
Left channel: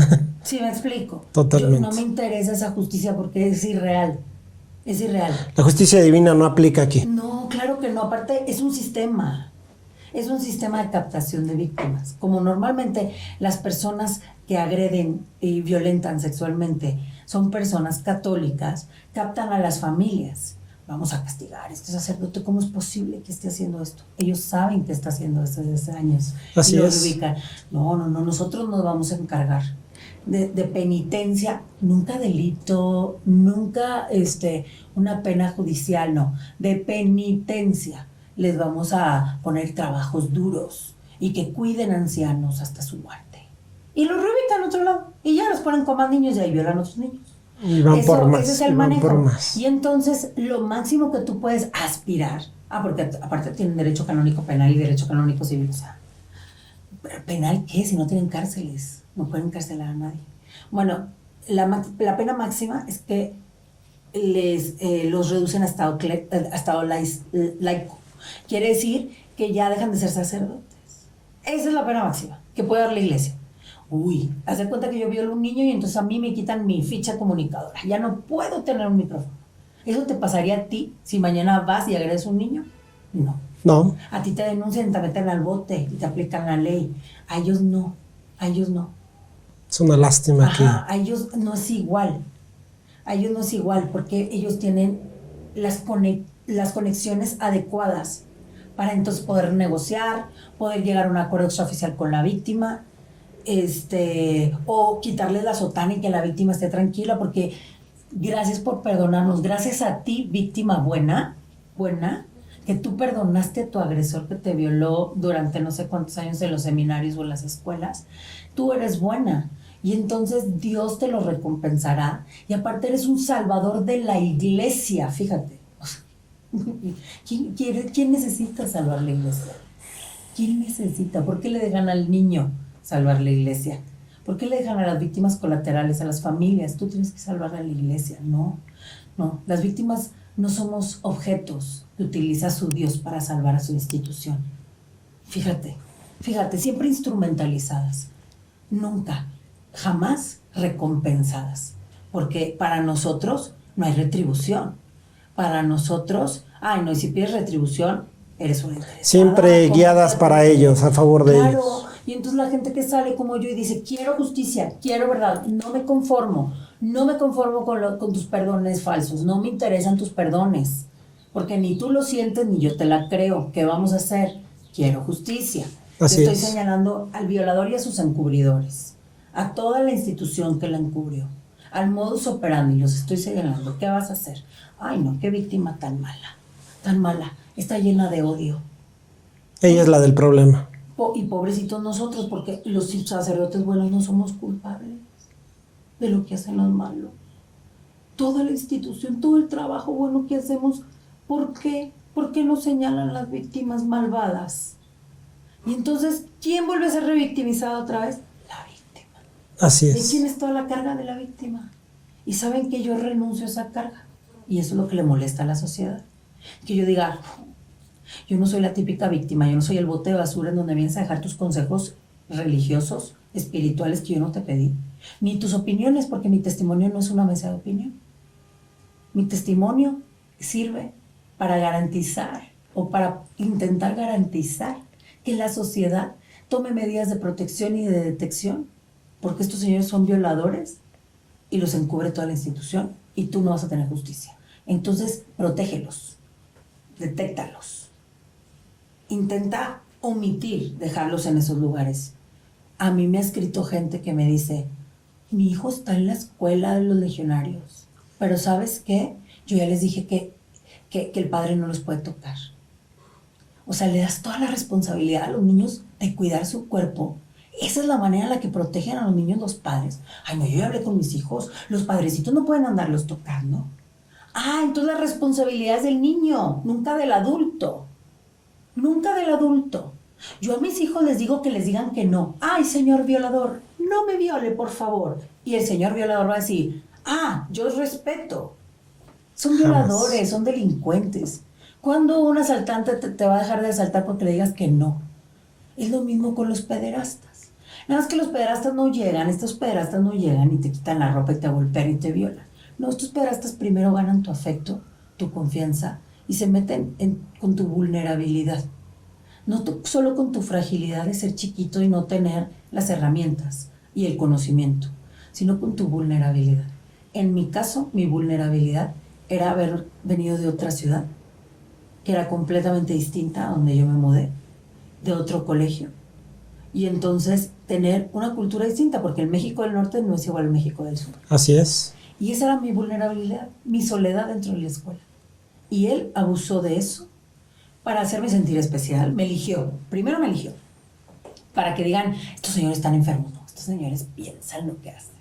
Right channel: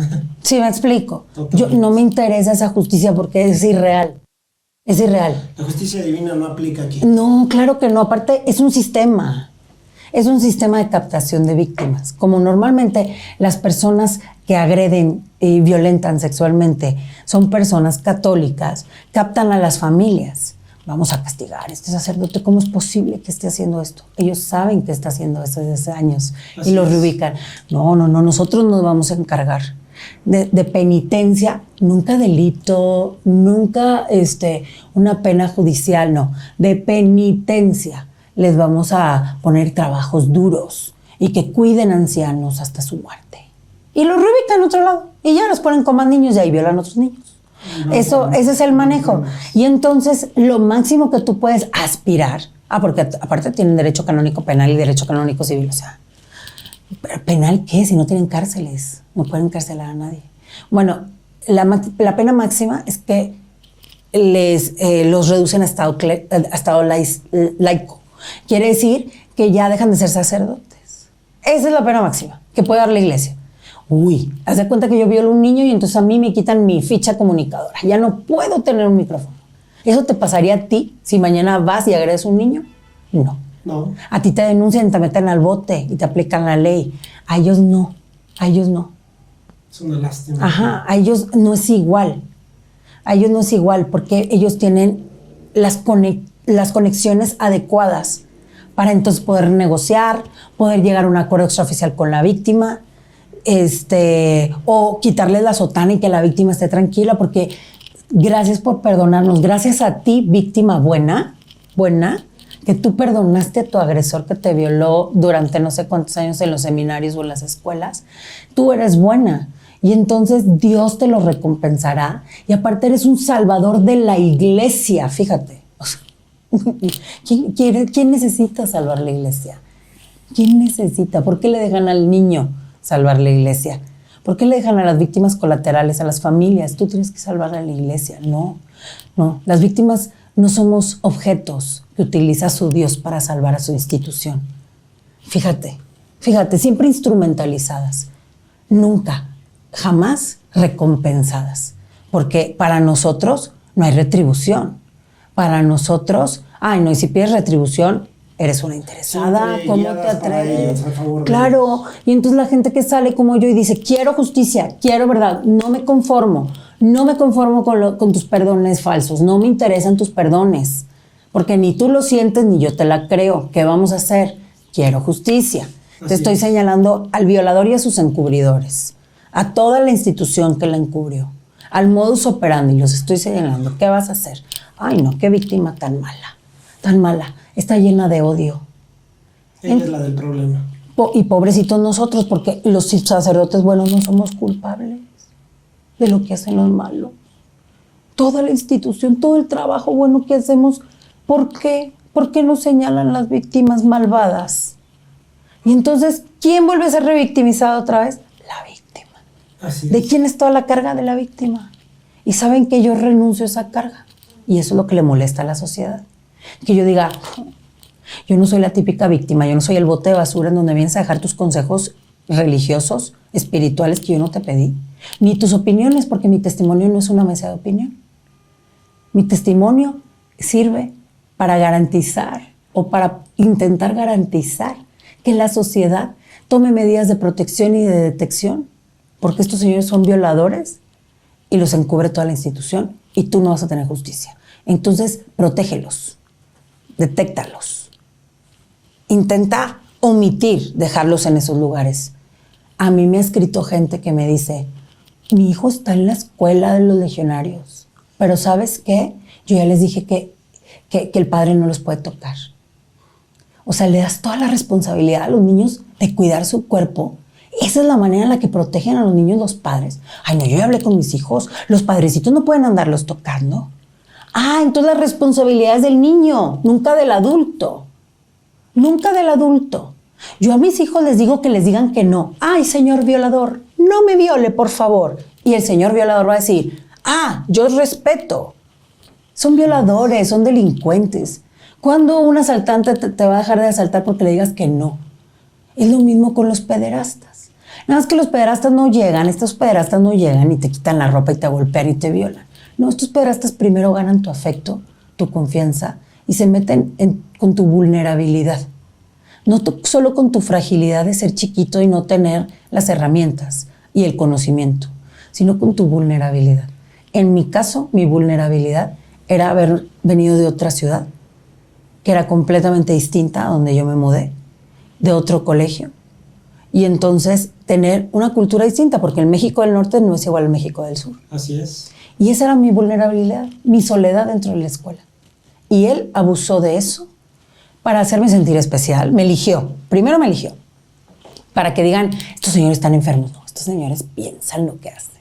¿Sí me explico? Totalmente. No me interesa esa justicia porque es irreal. Es irreal. La justicia divina no aplica aquí. No, claro que no. Aparte, es un sistema. Es un sistema de captación de víctimas. Como normalmente las personas que agreden y violentan sexualmente son personas católicas, captan a las familias. Vamos a castigar a este sacerdote. ¿Cómo es posible que esté haciendo esto? Ellos saben que está haciendo esto desde hace años. Así y lo es. reubican. No, nosotros nos vamos a encargar de penitencia, nunca delito, nunca una pena judicial, no, de penitencia. Les vamos a poner trabajos duros y que cuiden ancianos hasta su muerte. Y los reubican a otro lado y ya los ponen como más niños y ahí violan a otros niños. Ese es el manejo. Y entonces lo máximo que tú puedes aspirar, porque aparte tienen derecho canónico penal y derecho canónico civil, o sea, ¿penal qué? Si no tienen cárceles, no pueden encarcelar a nadie. Bueno, la pena máxima es que los reducen a estado laico. Quiere decir que ya dejan de ser sacerdotes. Esa es la pena máxima que puede dar la iglesia. Uy, haz de cuenta que yo violo a un niño y entonces a mí me quitan mi ficha comunicadora. Ya no puedo tener un micrófono. ¿Eso te pasaría a ti si mañana vas y agredes a un niño? No. No. A ti te denuncian, te meten al bote y te aplican la ley. A ellos no. A ellos no. Es una lástima. Ajá, a ellos no es igual. A ellos no es igual porque ellos tienen las conexiones adecuadas para entonces poder negociar, poder llegar a un acuerdo extraoficial con la víctima, o quitarle la sotana y que la víctima esté tranquila, porque gracias por perdonarnos, gracias a ti, víctima buena, que tú perdonaste a tu agresor que te violó durante no sé cuántos años en los seminarios o en las escuelas, tú eres buena. Y entonces Dios te lo recompensará. Y aparte eres un salvador de la iglesia, fíjate. O sea, ¿quién necesita salvar la iglesia? ¿Quién necesita? ¿Por qué le dejan al niño salvar la iglesia? ¿Por qué le dejan a las víctimas colaterales, a las familias? Tú tienes que salvar a la iglesia. No. Las víctimas no somos objetos que utiliza su Dios para salvar a su institución. Fíjate, siempre instrumentalizadas. Nunca, jamás recompensadas. Porque para nosotros no hay retribución. Para nosotros, y si pides retribución, eres una interesada. Siempre guiadas para ellos, a favor de ellos. Claro, y entonces la gente que sale como yo y dice, quiero justicia, quiero verdad, no me conformo con tus perdones falsos, no me interesan tus perdones, porque ni tú lo sientes ni yo te la creo. ¿Qué vamos a hacer? Quiero justicia. Te estoy señalando al violador y a sus encubridores, a toda la institución que la encubrió, al modus operandi, los estoy señalando. ¿Qué vas a hacer? Ay, no, qué víctima tan mala, está llena de odio. Ella es la del problema. Y pobrecitos nosotros, porque los sacerdotes buenos no somos culpables de lo que hacen los malos. Toda la institución, todo el trabajo bueno que hacemos, ¿por qué? ¿Por qué nos señalan las víctimas malvadas? Y entonces, ¿quién vuelve a ser revictimizado otra vez? La víctima. Así es. ¿De quién es toda la carga? De la víctima. Y saben que yo renuncio a esa carga. Y eso es lo que le molesta a la sociedad. Que yo diga, Yo no soy la típica víctima, yo no soy el bote de basura en donde vienes a dejar tus consejos religiosos, espirituales que yo no te pedí, ni tus opiniones, porque mi testimonio no es una mesa de opinión. Mi testimonio sirve para garantizar o para intentar garantizar que la sociedad tome medidas de protección y de detección, porque estos señores son violadores y los encubre toda la institución y tú no vas a tener justicia. Entonces, protégelos, detéctalos, intenta omitir dejarlos en esos lugares. A mí me ha escrito gente que me dice, mi hijo está en la escuela de los legionarios, pero ¿sabes qué? Yo ya les dije que el padre no los puede tocar. O sea, le das toda la responsabilidad a los niños de cuidar su cuerpo. Esa es la manera en la que protegen a los niños los padres. Ay, no, yo ya hablé con mis hijos, los padrecitos no pueden andarlos tocando. Ah, entonces la responsabilidad es del niño, nunca del adulto. Nunca del adulto. Yo a mis hijos les digo que les digan que no. Ay, señor violador, no me viole, por favor. Y el señor violador va a decir, ah, yo respeto. Son violadores, son delincuentes. ¿Cuándo un asaltante te va a dejar de asaltar porque le digas que no? Es lo mismo con los pederastas. Nada más que los pederastas no llegan, estos pederastas no llegan y te quitan la ropa y te golpean y te violan. No, estos pederastas primero ganan tu afecto, tu confianza y se meten con tu vulnerabilidad. No solo con tu fragilidad de ser chiquito y no tener las herramientas y el conocimiento, sino con tu vulnerabilidad. En mi caso, mi vulnerabilidad era haber venido de otra ciudad, que era completamente distinta a donde yo me mudé, de otro colegio. Y entonces tener una cultura distinta, porque el México del Norte no es igual al México del Sur. Así es. Y esa era mi vulnerabilidad, mi soledad dentro de la escuela. Y él abusó de eso para hacerme sentir especial. Me eligió, primero me eligió, para que digan, estos señores están enfermos. No, estos señores piensan lo que hacen.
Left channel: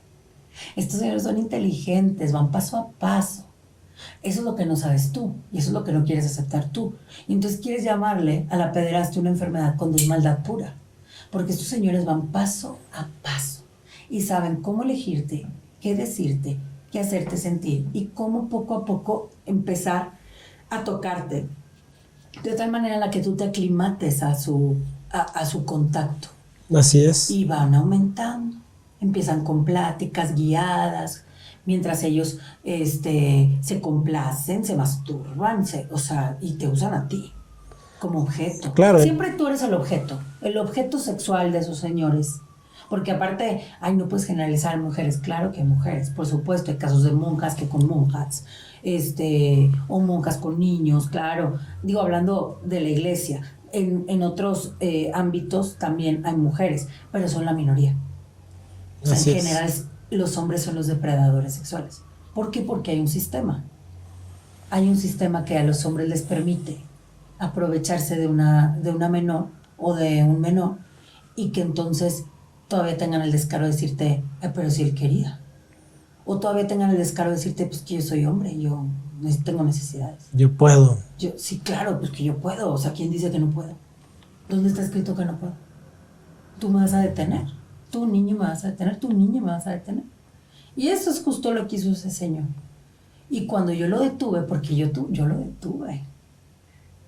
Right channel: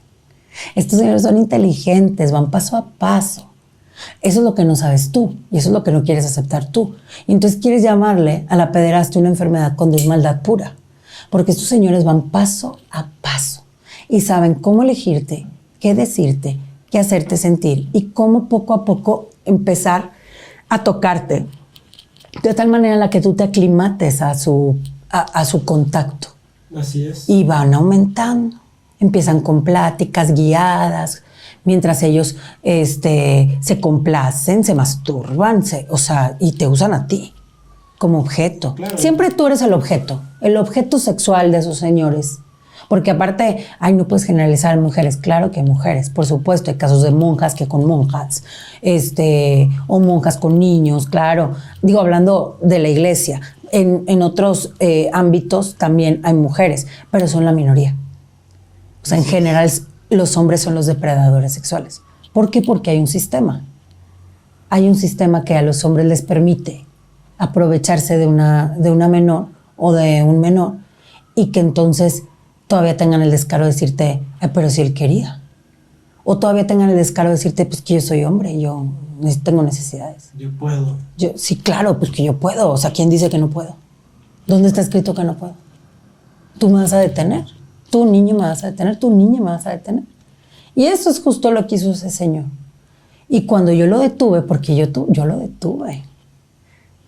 Estos señores son inteligentes, van paso a paso. Eso es lo que no sabes tú y eso es lo que no quieres aceptar tú. Y entonces quieres llamarle a la pederastia una enfermedad cuando es maldad pura. Porque estos señores van paso a paso y saben cómo elegirte, qué decirte, qué hacerte sentir y cómo poco a poco empezar a tocarte de tal manera en la que tú te aclimates a su contacto. Así es. Y van aumentando. Empiezan con pláticas guiadas, mientras ellos se complacen, se masturban, y te usan a ti como objeto. Claro. Siempre tú eres el objeto sexual de esos señores. Porque aparte, no puedes generalizar en mujeres. Claro que hay mujeres, por supuesto. Hay casos de monjas que con monjas, o monjas con niños, claro. Digo, hablando de la iglesia. En otros ámbitos también hay mujeres, pero son la minoría. O sea, en general, los hombres son los depredadores sexuales. ¿Por qué? Porque hay un sistema. Hay un sistema que a los hombres les permite aprovecharse de una menor o de un menor y que entonces todavía tengan el descaro de decirte, pero si él quería. O todavía tengan el descaro de decirte, pues que yo soy hombre, yo tengo necesidades. Yo puedo. Sí, claro, pues que yo puedo. O sea, ¿quién dice que no puedo? ¿Dónde está escrito que no puedo? Tú me vas a detener. Tú, niño, me vas a detener. Tú, niña, me vas a detener. Y eso es justo lo que hizo ese señor. Y cuando yo lo detuve, porque yo lo detuve.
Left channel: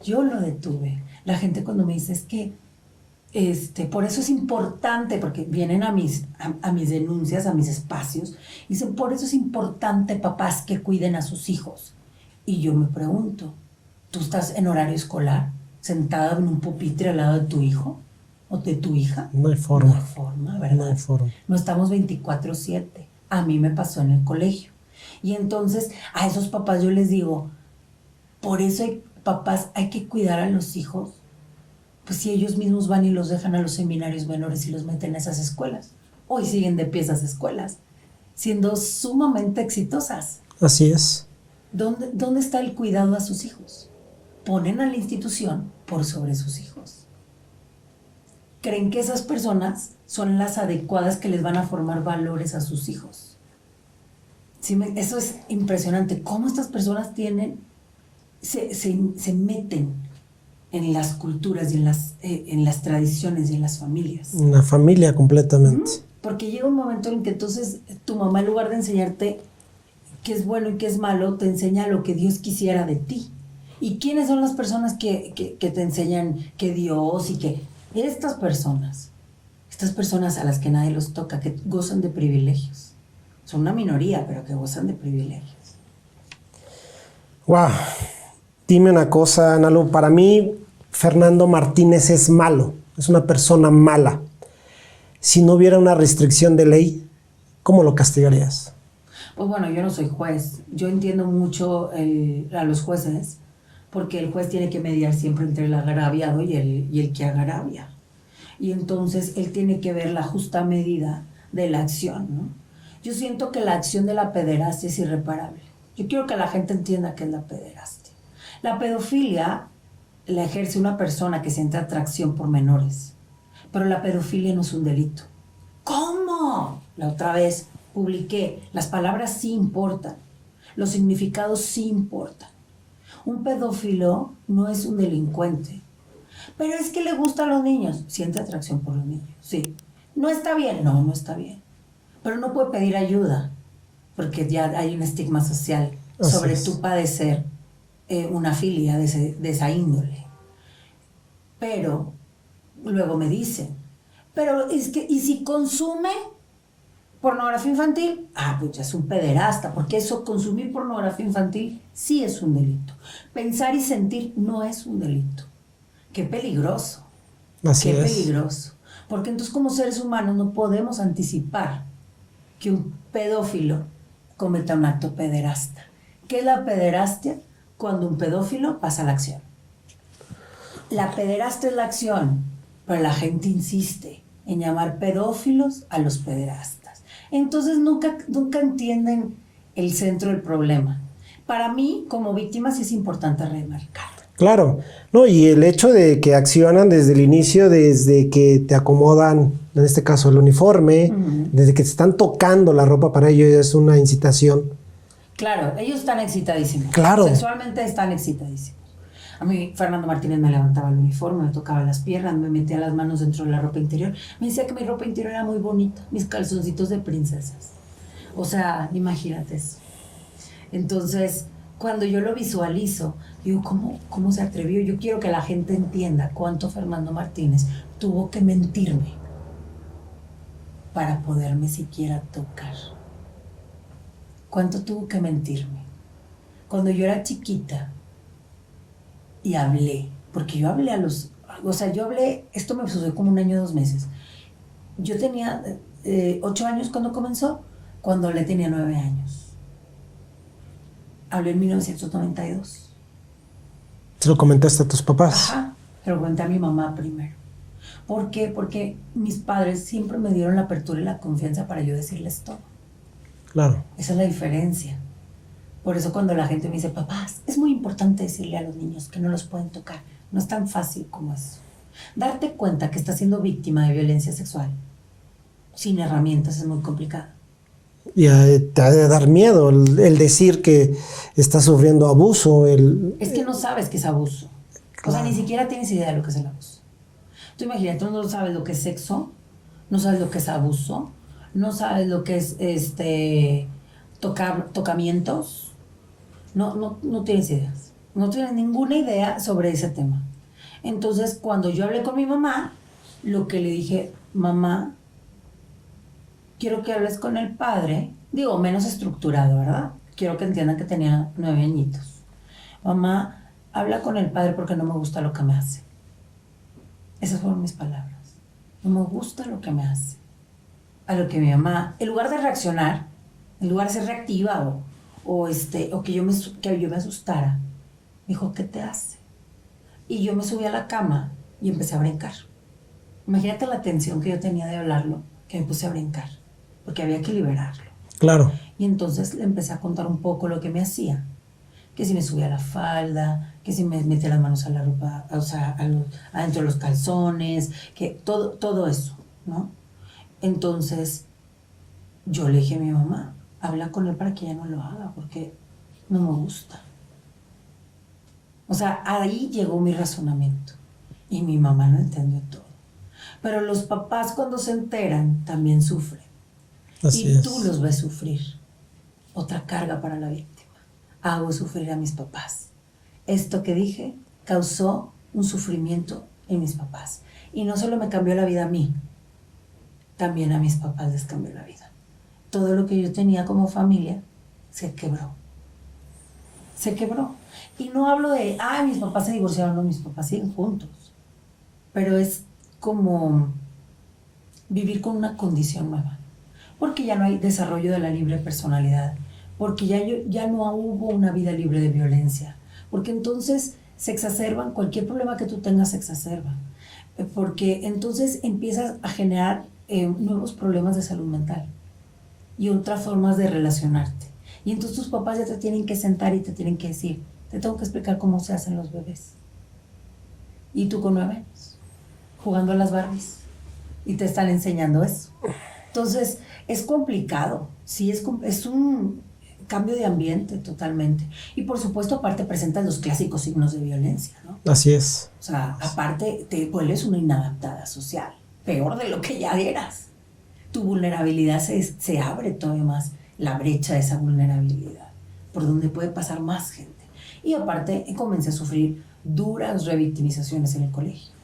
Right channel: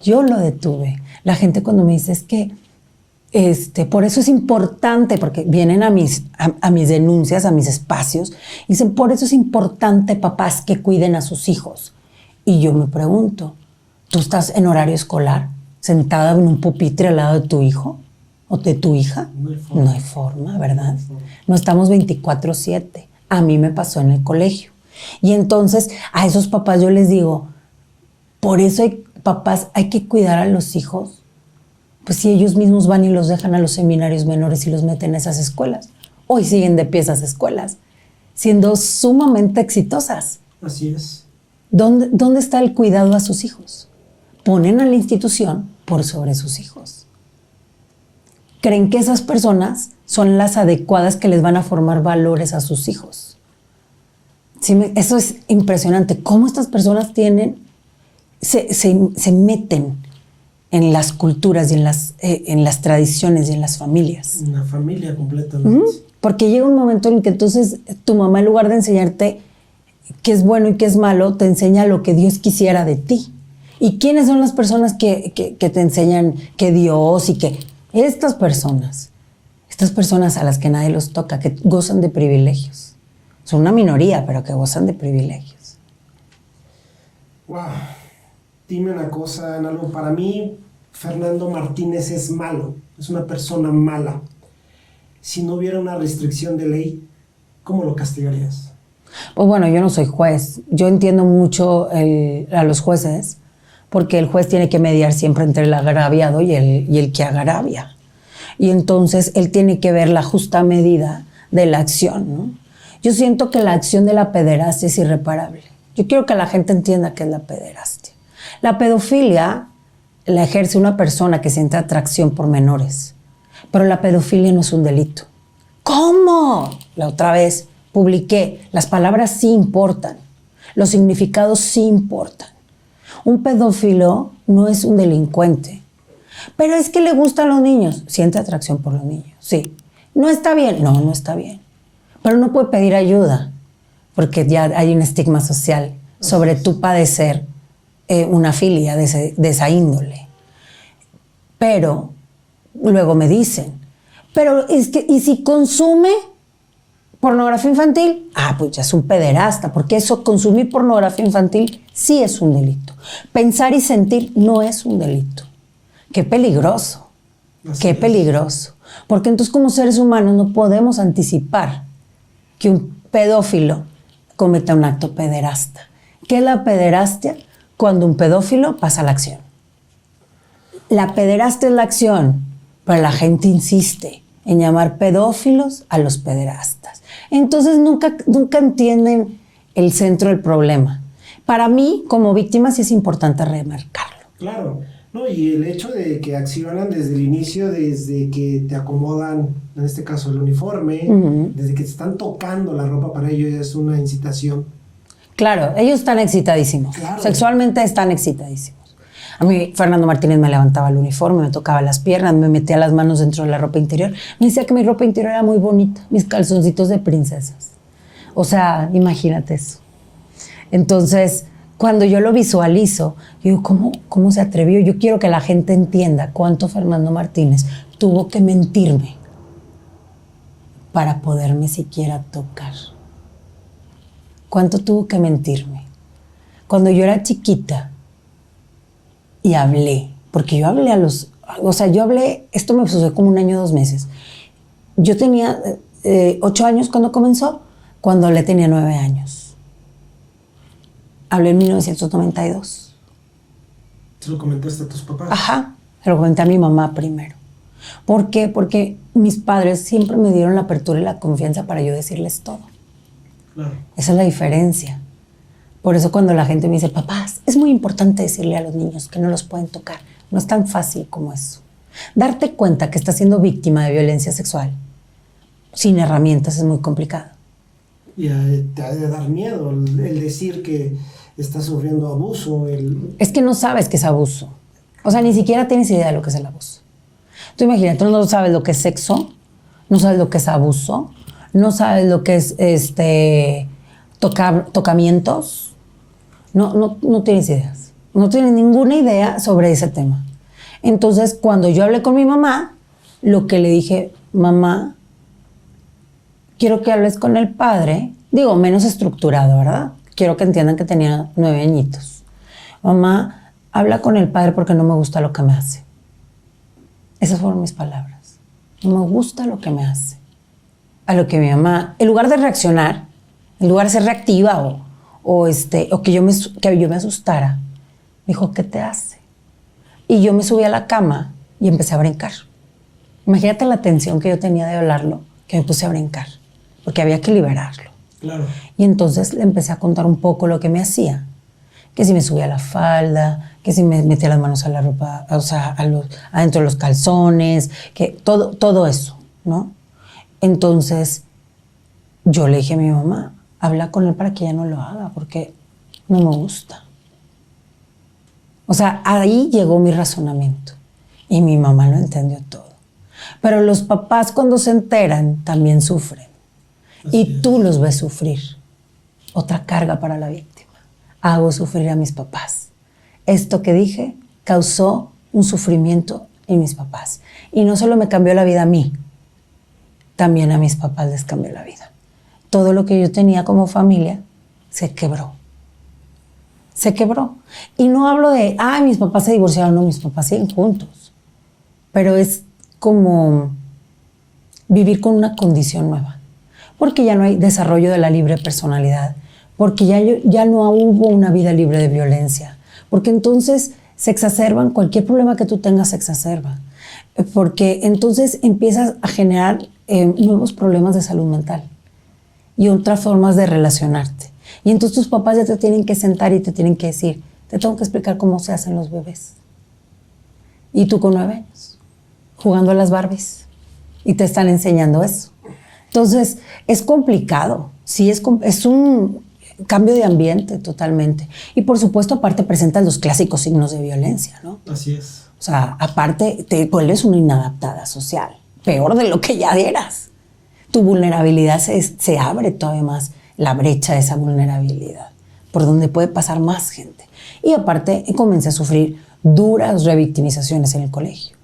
Yo lo detuve. La gente cuando me dice es que por eso es importante, porque vienen a mis denuncias, a mis espacios, y dicen, por eso es importante, papás, que cuiden a sus hijos. Y yo me pregunto, ¿tú estás en horario escolar, sentada en un pupitre al lado de tu hijo o de tu hija? No hay forma. No hay forma, ¿verdad? No hay forma. No estamos 24/7. A mí me pasó en el colegio. Y entonces a esos papás yo les digo, por eso papás, hay que cuidar a los hijos. Pues si ellos mismos van y los dejan a los seminarios menores y los meten a esas escuelas. Hoy siguen de pie esas escuelas, siendo sumamente exitosas. Así es. ¿Dónde está el cuidado a sus hijos? Ponen a la institución por sobre sus hijos. Creen que esas personas son las adecuadas que les van a formar valores a sus hijos. Sí, eso es impresionante. Cómo estas personas se meten en las culturas y en las tradiciones y en las familias. Una familia completamente. Porque llega un momento en el que entonces tu mamá, en lugar de enseñarte qué es bueno y qué es malo, te enseña lo que Dios quisiera de ti. ¿Y quiénes son las personas que te enseñan que Dios y que... Estas personas a las que nadie los toca, que gozan de privilegios. Son una minoría, pero que gozan de privilegios. Wow. Dime una cosa, Nalu. Para mí, Fernando Martínez es malo. Es una persona mala. Si no hubiera una restricción de ley, ¿cómo lo castigarías? Pues bueno, yo no soy juez. Yo entiendo mucho a los jueces, porque el juez tiene que mediar siempre entre el agraviado y el que agravia. Y entonces él tiene que ver la justa medida de la acción, ¿no? Yo siento que la acción de la pederastia es irreparable. Yo quiero que la gente entienda qué es la pederastia. La pedofilia la ejerce una persona que siente atracción por menores, pero la pedofilia no es un delito. ¿Cómo? La otra vez publiqué, las palabras sí importan, los significados sí importan. Un pedófilo no es un delincuente. Pero es que le gustan los niños. Siente atracción por los niños, sí. ¿No está bien? No, no está bien. Pero no puede pedir ayuda, porque ya hay un estigma social sobre tú padecer una filia de esa índole. Pero luego me dicen, pero es que, ¿y si consume pornografía infantil? Ah, pues ya es un pederasta, porque eso, consumir pornografía infantil, sí es un delito. Pensar y sentir no es un delito. Qué peligroso. Qué peligroso. Porque entonces, como seres humanos, no podemos anticipar que un pedófilo cometa un acto pederasta. ¿Qué es la pederastia? Cuando un pedófilo pasa a la acción. La pederastia es la acción, pero la gente insiste en llamar pedófilos a los pederastas. Entonces nunca entienden el centro del problema. Para mí, como víctima, sí es importante remarcarlo. Claro. No, y el hecho de que accionan desde el inicio, desde que te acomodan, en este caso el uniforme, desde que te están tocando la ropa, para ellos es una incitación. Claro, ellos están excitadísimos. Claro. Sexualmente están excitadísimos. A mí Fernando Martínez me levantaba el uniforme, me tocaba las piernas, me metía las manos dentro de la ropa interior. Me decía que mi ropa interior era muy bonita, mis calzoncitos de princesas. O sea, imagínate eso. Entonces, cuando yo lo visualizo, digo, ¿cómo se atrevió? Yo quiero que la gente entienda cuánto Fernando Martínez tuvo que mentirme para poderme siquiera tocar. ¿Cuánto tuvo que mentirme? Cuando yo era chiquita y hablé, porque yo hablé esto me sucedió como 1 año, 2 meses. Yo tenía 8 años cuando comenzó, cuando le tenía 9 años. Hablé en 1992. ¿Se lo comentaste a tus papás? Ajá, se lo comenté a mi mamá primero. ¿Por qué? Porque mis padres siempre me dieron la apertura y la confianza para yo decirles todo. Claro. Esa es la diferencia. Por eso cuando la gente me dice, papás, es muy importante decirle a los niños que no los pueden tocar. No es tan fácil como eso. Darte cuenta que estás siendo víctima de violencia sexual sin herramientas es muy complicado. Y te ha de dar miedo el decir que estás sufriendo abuso. Es que no sabes que es abuso. O sea, ni siquiera tienes idea de lo que es el abuso. Tú imagínate, tú no sabes lo que es sexo, no sabes lo que es abuso, no sabes lo que es tocamientos. No tienes ideas. No tienes ninguna idea sobre ese tema. Entonces, cuando yo hablé con mi mamá, lo que le dije, mamá, quiero que hables con el padre, digo, menos estructurado, ¿verdad? Quiero que entiendan que tenía 9 añitos. Mamá, habla con el padre porque no me gusta lo que me hace. Esas fueron mis palabras. No me gusta lo que me hace. A lo que mi mamá, en lugar de reaccionar, en lugar de ser reactiva o que yo me asustara, me dijo, ¿qué te hace? Y yo me subí a la cama y empecé a brincar. Imagínate la tensión que yo tenía de hablarlo, que me puse a brincar, porque había que liberarlo. Claro. Y entonces le empecé a contar un poco lo que me hacía. Que si me subía la falda, que si me metía las manos a la ropa, o sea, adentro de los calzones, que todo eso, ¿no? Entonces, yo le dije a mi mamá, habla con él para que ya no lo haga, porque no me gusta. O sea, ahí llegó mi razonamiento. Y mi mamá lo entendió todo. Pero los papás cuando se enteran también sufren. Y tú los ves sufrir. Otra carga para la víctima. Hago sufrir a mis papás. esto que dije causó un sufrimiento en mis papás. Y no solo me cambió la vida a mí, también a mis papás les cambió la vida. Todo lo que yo tenía como familia se quebró. Se quebró. Y no hablo de, mis papás se divorciaron, no, mis papás siguen juntos. Pero es como vivir con una condición nueva. Porque ya no hay desarrollo de la libre personalidad. Porque ya no hubo una vida libre de violencia. Porque entonces se exacerban, cualquier problema que tú tengas se exacerba. Porque entonces empiezas a generar nuevos problemas de salud mental y otras formas de relacionarte. Y entonces tus papás ya te tienen que sentar y te tienen que decir, te tengo que explicar cómo se hacen los bebés. Y tú con 9 años, jugando a las Barbies, y te están enseñando eso. Entonces, es complicado, sí, es un cambio de ambiente totalmente. Y por supuesto, aparte presentas los clásicos signos de violencia, ¿no? Así es. O sea, aparte te vuelves una inadaptada social, peor de lo que ya eras. Tu vulnerabilidad se abre todavía más, la brecha de esa vulnerabilidad, por donde puede pasar más gente. Y aparte comencé a sufrir duras revictimizaciones en el colegio.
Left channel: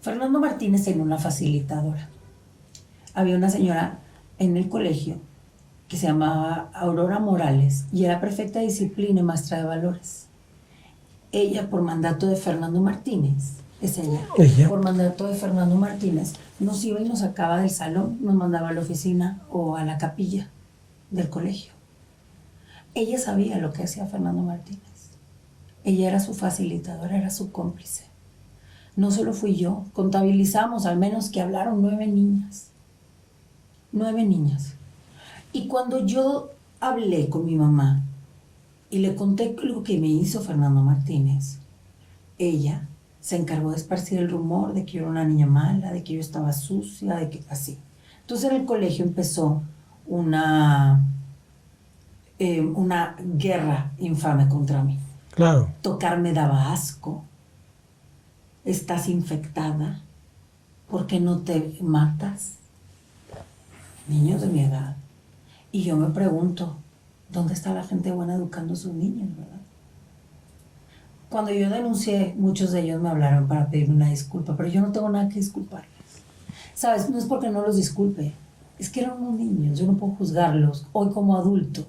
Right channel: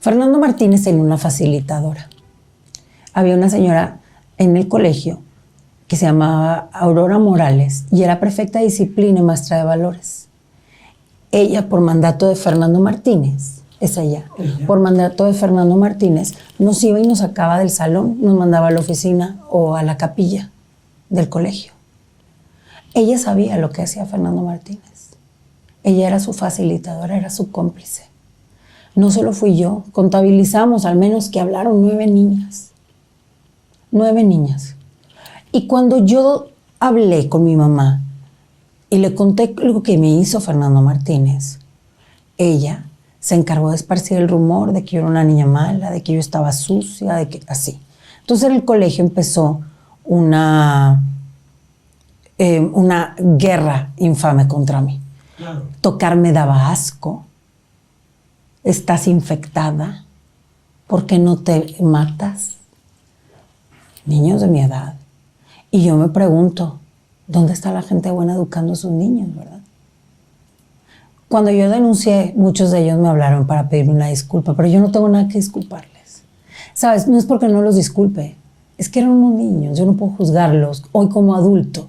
Fernando Martínez tenía una facilitadora. Había una señora en el colegio que se llamaba Aurora Morales y era prefecta de disciplina y maestra de valores. Ella, por mandato de Fernando Martínez, por mandato de Fernando Martínez, nos iba y nos sacaba del salón, nos mandaba a la oficina o a la capilla del colegio. Ella sabía lo que hacía Fernando Martínez. Ella era su facilitadora, era su cómplice. No solo fui yo, contabilizamos al menos que hablaron 9 niñas. 9 niñas. Y cuando yo hablé con mi mamá y le conté lo que me hizo Fernando Martínez, ella se encargó de esparcir el rumor de que yo era una niña mala, de que yo estaba sucia, de que así. Entonces en el colegio empezó una guerra infame contra mí. Claro. Tocarme daba asco. Estás infectada. ¿Por qué no te matas? Niños de mi edad. Y yo me pregunto, ¿dónde está la gente buena educando a sus niños, verdad? Cuando yo denuncié, muchos de ellos me hablaron para pedirme una disculpa, pero yo no tengo nada que disculparles. ¿Sabes? No es porque no los disculpe, es que eran unos niños, yo no puedo juzgarlos hoy como adulto,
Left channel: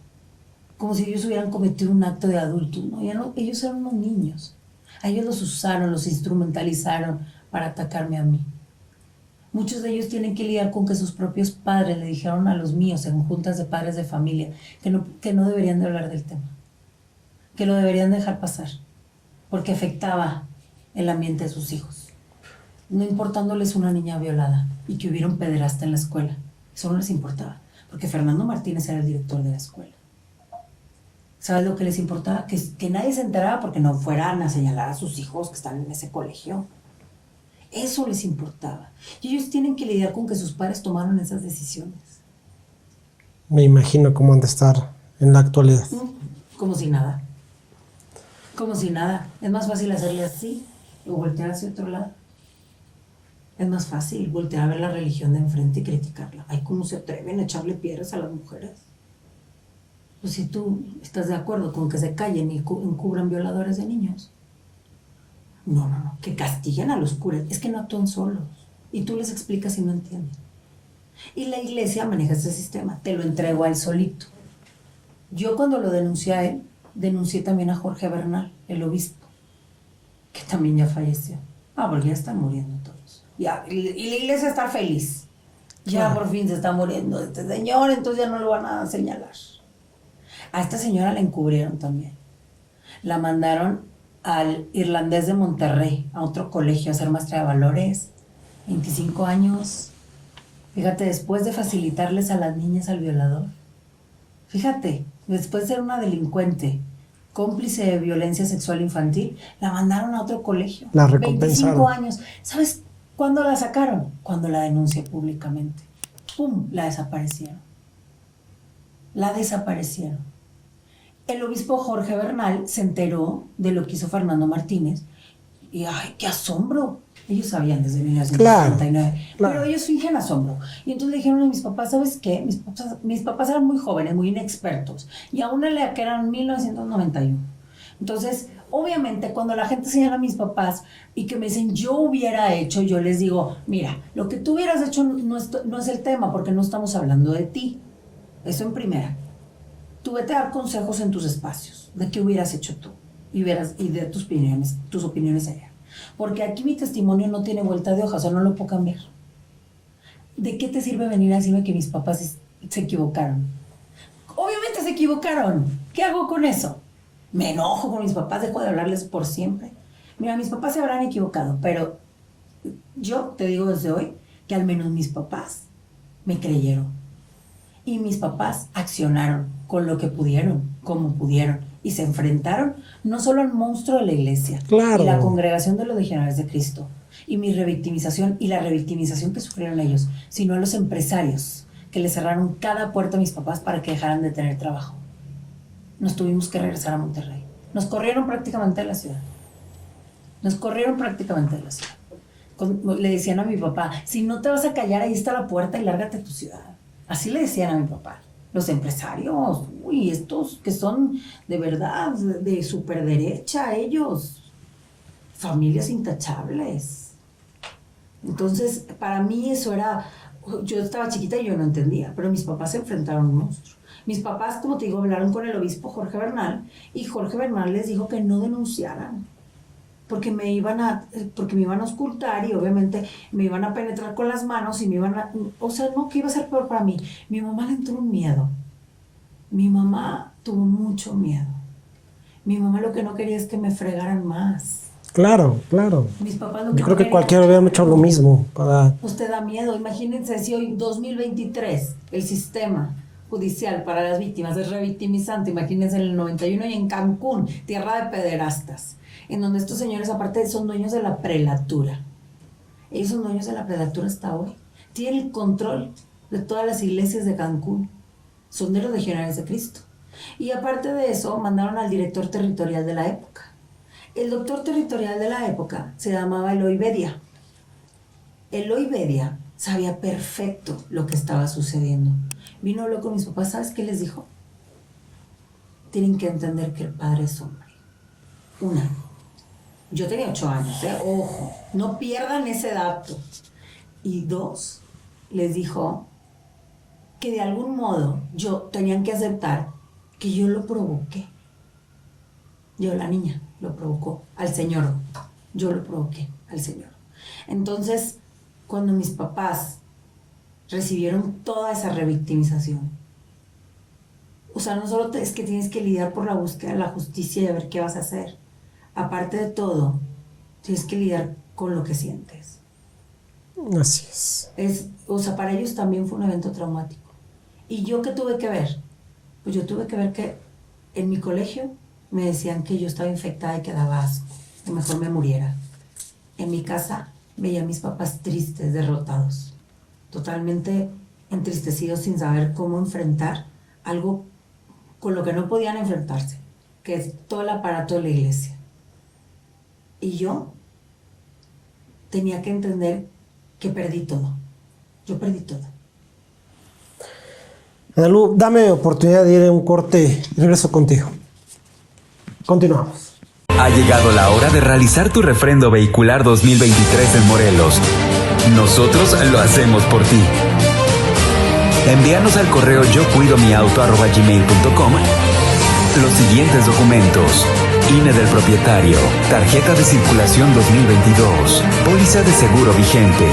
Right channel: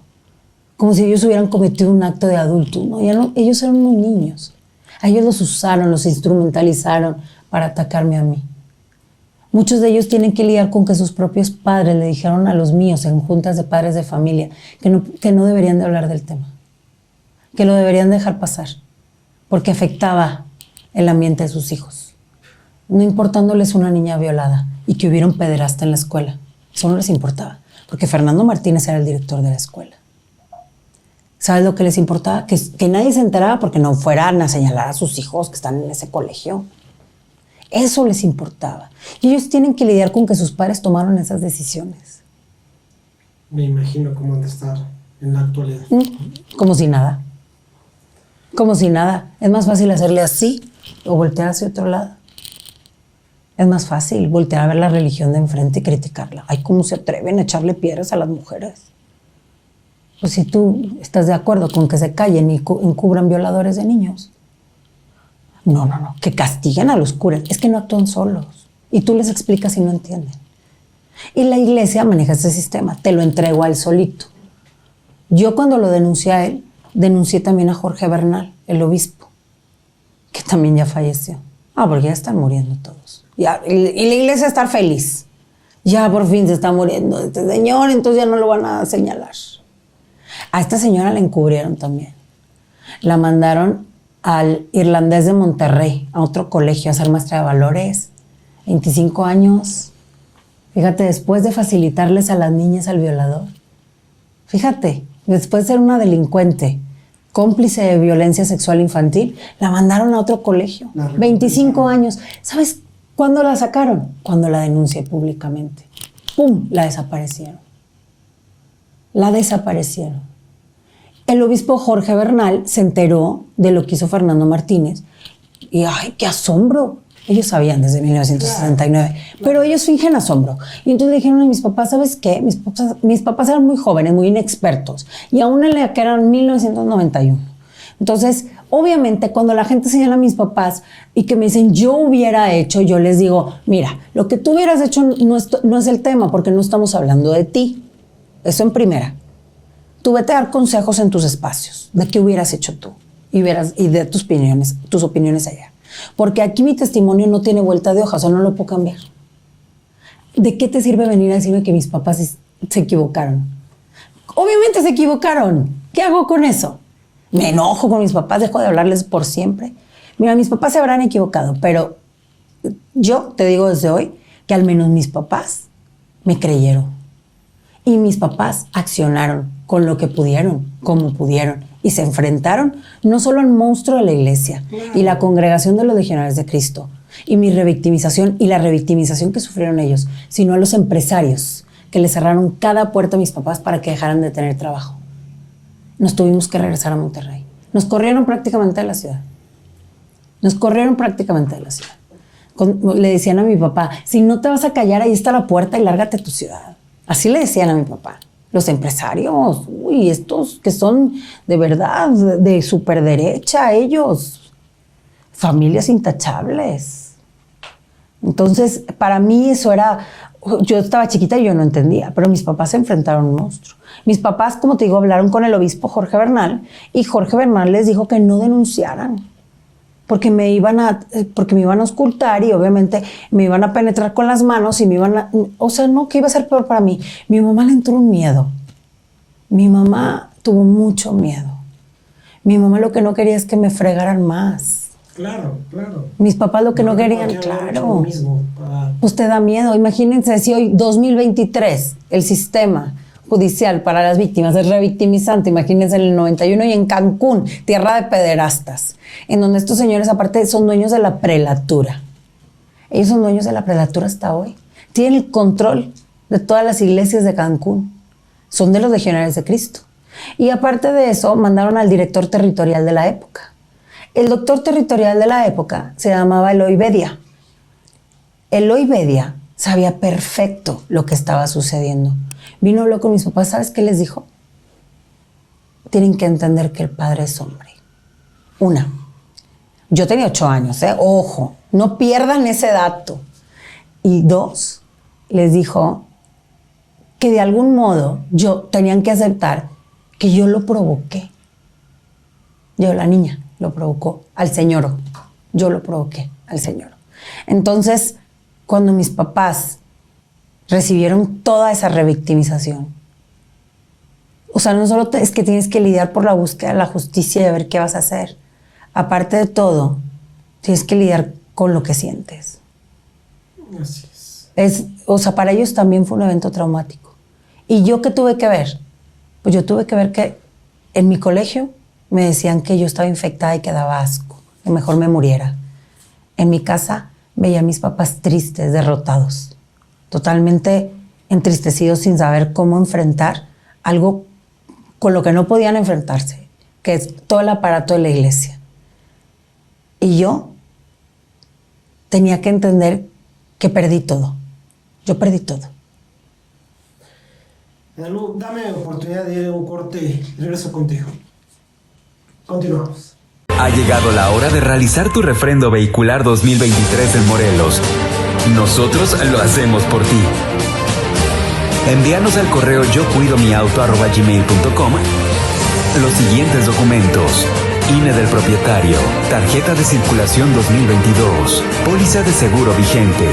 como si ellos hubieran cometido un acto de adulto. No, ellos eran unos niños. A ellos los usaron, los instrumentalizaron para atacarme a mí. Muchos de ellos tienen que lidiar con que sus propios padres le dijeron a los míos en juntas de padres de familia que no deberían de hablar del tema, que lo deberían dejar pasar, porque afectaba el ambiente de sus hijos. No importándoles una niña violada y que hubiera un pederasta en la escuela. Eso no les importaba, porque Fernando Martínez era el director de la escuela. ¿Sabes lo que les importaba? Que nadie se enterara porque no fueran a señalar a sus hijos que están en ese colegio. Eso les importaba. Y ellos tienen que lidiar con que sus padres tomaron esas decisiones. Me imagino cómo han de estar en la actualidad. Como si nada. Como si nada. Es más fácil hacerle así o voltear hacia otro lado. Es más fácil voltear a ver la religión de enfrente y criticarla. Ay, ¿cómo se atreven a echarle piedras a las mujeres? Pues si tú estás de acuerdo con que se callen y encubran violadores de niños. No, que castiguen a los curas. Es que no actúan solos. Y tú les explicas y no entienden. Y la iglesia maneja ese sistema. Te lo entrego a él solito. Yo cuando lo denuncié a él, denuncié también a Jorge Bernal, el obispo, que también ya falleció. Porque ya están muriendo todos. Y la iglesia está feliz. Ya por fin se está muriendo este señor, entonces ya no lo van a señalar. A esta señora la encubrieron también. La mandaron al Irlandés de Monterrey, a otro colegio, a ser maestra de valores. 25 años. Fíjate, después de facilitarles a las niñas al violador. Fíjate, después de ser una delincuente, cómplice de violencia sexual infantil, la mandaron a otro colegio. 25 años. ¿Sabes cuándo la sacaron? Cuando la denuncié públicamente. ¡Pum! La desaparecieron. La desaparecieron. El obispo Jorge Bernal se enteró de lo que hizo Fernando Martínez y ¡ay, qué asombro! Ellos sabían desde 1969, pero ellos fingen asombro. Y entonces le dijeron a mis papás, ¿sabes qué? Mis papás eran muy jóvenes, muy inexpertos, y aún en la que eran 1991. Entonces, Obviamente, cuando la gente señala a mis papás y que me dicen, yo hubiera hecho, yo les digo, mira, lo que tú hubieras hecho no es el tema, porque no estamos hablando de ti. Eso en primera. Tú vete a dar consejos en tus espacios de qué hubieras hecho tú y de tus opiniones allá. Porque aquí mi testimonio no tiene vuelta de hoja, o sea, no lo puedo cambiar. ¿De qué te sirve venir a decirme que mis papás se equivocaron? Obviamente se equivocaron. ¿Qué hago con eso? Me enojo con mis papás, dejo de hablarles por siempre. Mira, mis papás se habrán equivocado, pero yo te digo desde hoy que al menos mis papás me creyeron. Y mis papás accionaron con lo que pudieron, como pudieron. Y se enfrentaron no solo al monstruo de la iglesia y la congregación de los legionarios de Cristo y mi revictimización y la revictimización que sufrieron ellos, sino a los empresarios que les cerraron cada puerta a mis papás para que dejaran de tener trabajo. Nos tuvimos que regresar a Monterrey. Nos corrieron prácticamente de la ciudad. Le decían a mi papá, si no te vas a callar, ahí está la puerta y lárgate a tu ciudad. Así le decían a mi papá. Los empresarios, estos que son de verdad, de superderecha, ellos. Familias intachables. Entonces, para mí eso era... Yo estaba chiquita y yo no entendía, pero mis papás se enfrentaron a un monstruo. Mis papás, como te digo, hablaron con el obispo Jorge Bernal y Jorge Bernal les dijo que no denunciaran porque me iban a auscultar y obviamente me iban a penetrar con las manos y me iban a... O sea, no, que iba a ser peor para mí. Mi mamá le entró un miedo. Mi mamá tuvo mucho miedo. Mi mamá lo que no quería es que me fregaran más. Claro, claro. Mis papás lo que no querían. Cualquiera hubiera hecho lo mismo. Pues te da miedo. Imagínense si hoy, 2023, el sistema judicial para las víctimas es revictimizante. Imagínense en el 91 y en Cancún, tierra de pederastas, en donde estos señores aparte son dueños de la prelatura. Ellos son dueños de la prelatura hasta hoy. Tienen el control de todas las iglesias de Cancún. Son de los legionarios de Cristo. Y aparte de eso, mandaron al director territorial de la época. El doctor territorial de la época se llamaba Eloy Bedia. Eloy Bedia sabía perfecto lo que estaba sucediendo. Vino, habló con mis papás, ¿sabes qué les dijo? Tienen que entender que el padre es hombre. Una, yo tenía 8 años, ojo, no pierdan ese dato. Y 2, les dijo que de algún modo tenían que aceptar que yo lo provoqué. Yo, la niña, lo provocó al señor. Yo lo provoqué al señor. Entonces, cuando mis papás recibieron toda esa revictimización, o sea, no solo es que tienes que lidiar por la búsqueda de la justicia y de ver qué vas a hacer. Aparte de todo, tienes que lidiar con lo que sientes. Así es. O sea, para ellos también fue un evento traumático. ¿Y yo qué tuve que ver? Pues yo tuve que ver que en mi colegio me decían que yo estaba infectada y que daba asco, que mejor me muriera. En mi casa veía a mis papás tristes, derrotados, totalmente entristecidos sin saber cómo enfrentar algo con lo que no podían enfrentarse, que es todo el aparato de la iglesia. Y yo tenía que entender que perdí todo. Yo perdí todo. Analu, dame oportunidad de ir a un corte y regreso contigo. Continuamos. Ha llegado la hora de realizar tu refrendo vehicular 2023 en Morelos. Nosotros lo hacemos por ti. Envíanos al correo yocuidomiauto@gmail.com los siguientes documentos: INE del propietario, tarjeta de circulación 2022, póliza de seguro vigente.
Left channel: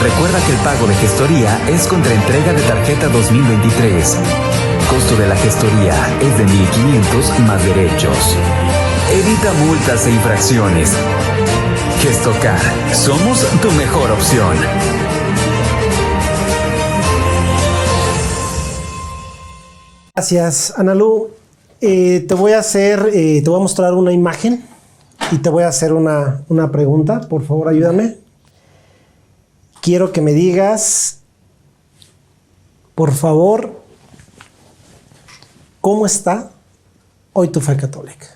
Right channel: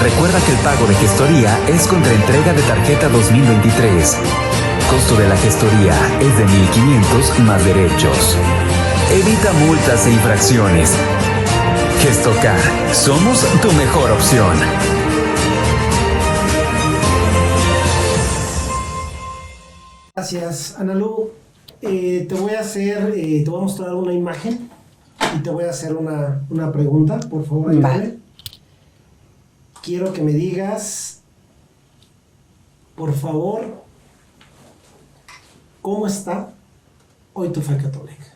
Recuerda que el pago de gestoría es contra entrega de tarjeta 2023. Costo de la gestoría es de 1,500 más derechos. Evita multas e infracciones. Gestocar, somos tu mejor opción. Gracias, Analu. Te voy a mostrar una imagen y te voy a hacer una pregunta. Por favor, ayúdame. Vale. Quiero que me digas, por favor, ¿cómo está hoy tu fe católica?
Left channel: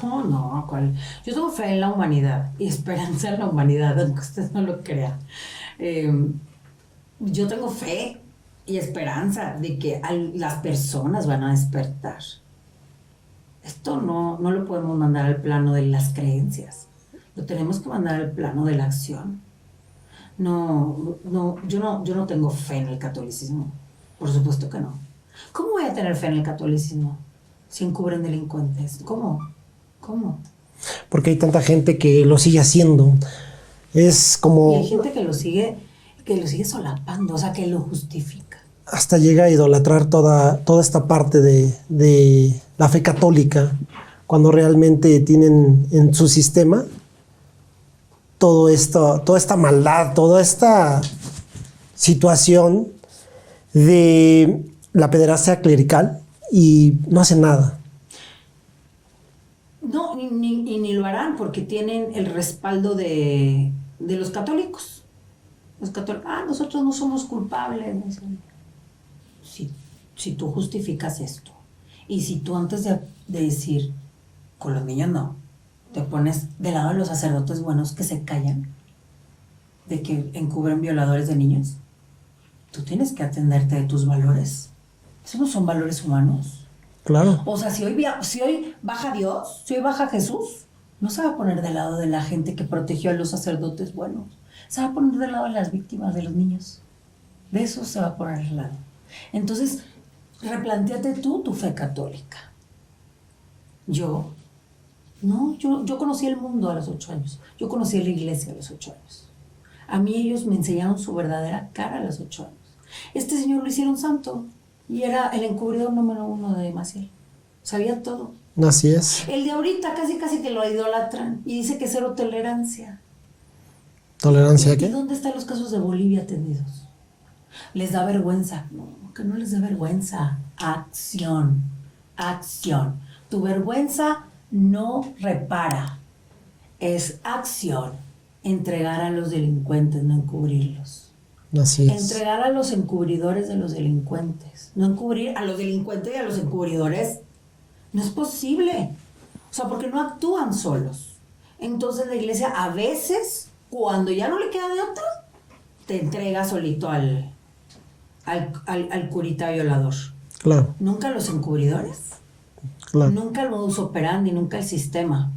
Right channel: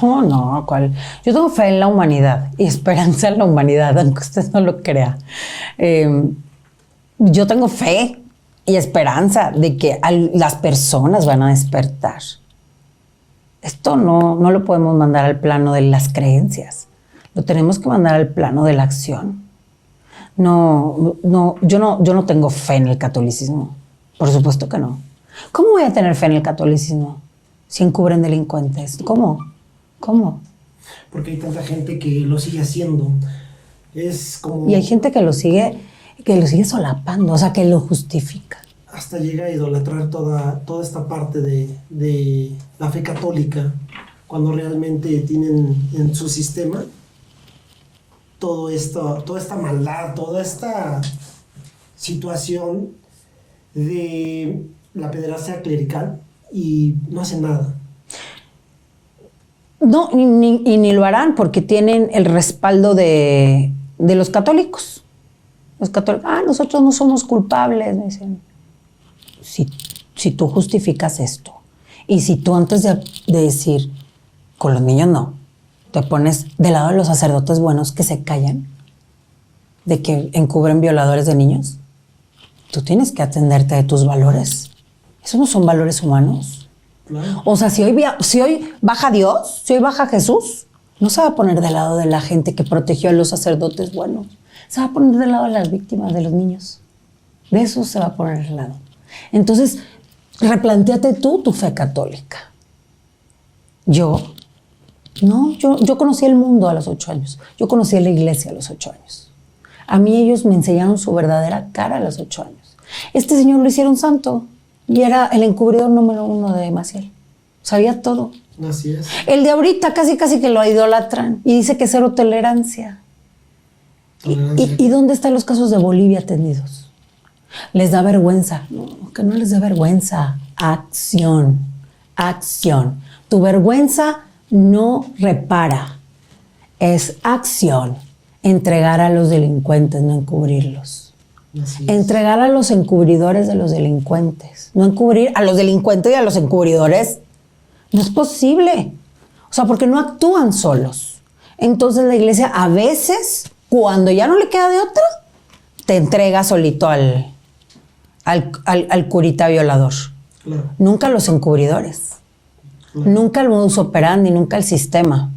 Oh, no, ¿cuál? Yo tengo fe en la humanidad y esperanza en la humanidad, aunque usted no lo crea. Yo tengo fe y esperanza de que las personas van a despertar. Esto no lo podemos mandar al plano de las creencias. Lo tenemos que mandar al plano de la acción. Yo no tengo fe en el catolicismo. Por supuesto que no. ¿Cómo voy a tener fe en el catolicismo si encubren delincuentes? ¿Cómo? Porque hay tanta gente que lo sigue haciendo. Es como... Y hay gente que lo sigue solapando, o sea, que lo justifica. Hasta llega a idolatrar toda esta parte de la fe católica, cuando realmente tienen en su sistema toda esta maldad, toda esta situación de la pederastia clerical, y no hacen nada. No, ni lo harán porque tienen el respaldo de los católicos. Los católicos, nosotros no somos culpables, me dicen. Si tú justificas esto, y si tú antes de decir, con los niños no, te pones del lado de los sacerdotes buenos que se callan, de que encubren violadores de niños, tú tienes que atenderte de tus valores. Esos no son valores humanos. Claro. O sea, si hoy baja Dios, si hoy baja Jesús, no se va a poner del lado de la gente que protegió a los sacerdotes buenos. Se va a poner del lado de las víctimas, de los niños. De eso se va a poner del lado. Entonces, replantéate tú tu fe católica. Yo conocí el mundo a los 8 años. Yo conocí a la iglesia a los 8 años. A mí ellos me enseñaron su verdadera cara a los 8 años. Este señor lo hicieron santo y era el encubridor número 1 de Maciel. Sabía todo. Así es. El de ahorita casi que lo idolatran y dice que cero tolerancia. ¿Tolerancia? ¿Y dónde están los casos de Bolivia atendidos? Les da vergüenza. No, que no les dé vergüenza. Acción. Tu vergüenza no repara. Es acción. Entregar a los delincuentes, no encubrirlos. Así es. Entregar a los encubridores de los delincuentes. No encubrir a los delincuentes y a los encubridores. No es posible. O sea, porque no actúan solos. Entonces la iglesia a veces, cuando ya no le queda de otra, te entrega solito al curita violador. Claro. Nunca los encubridores. Claro. Nunca el modus operandi, nunca el sistema.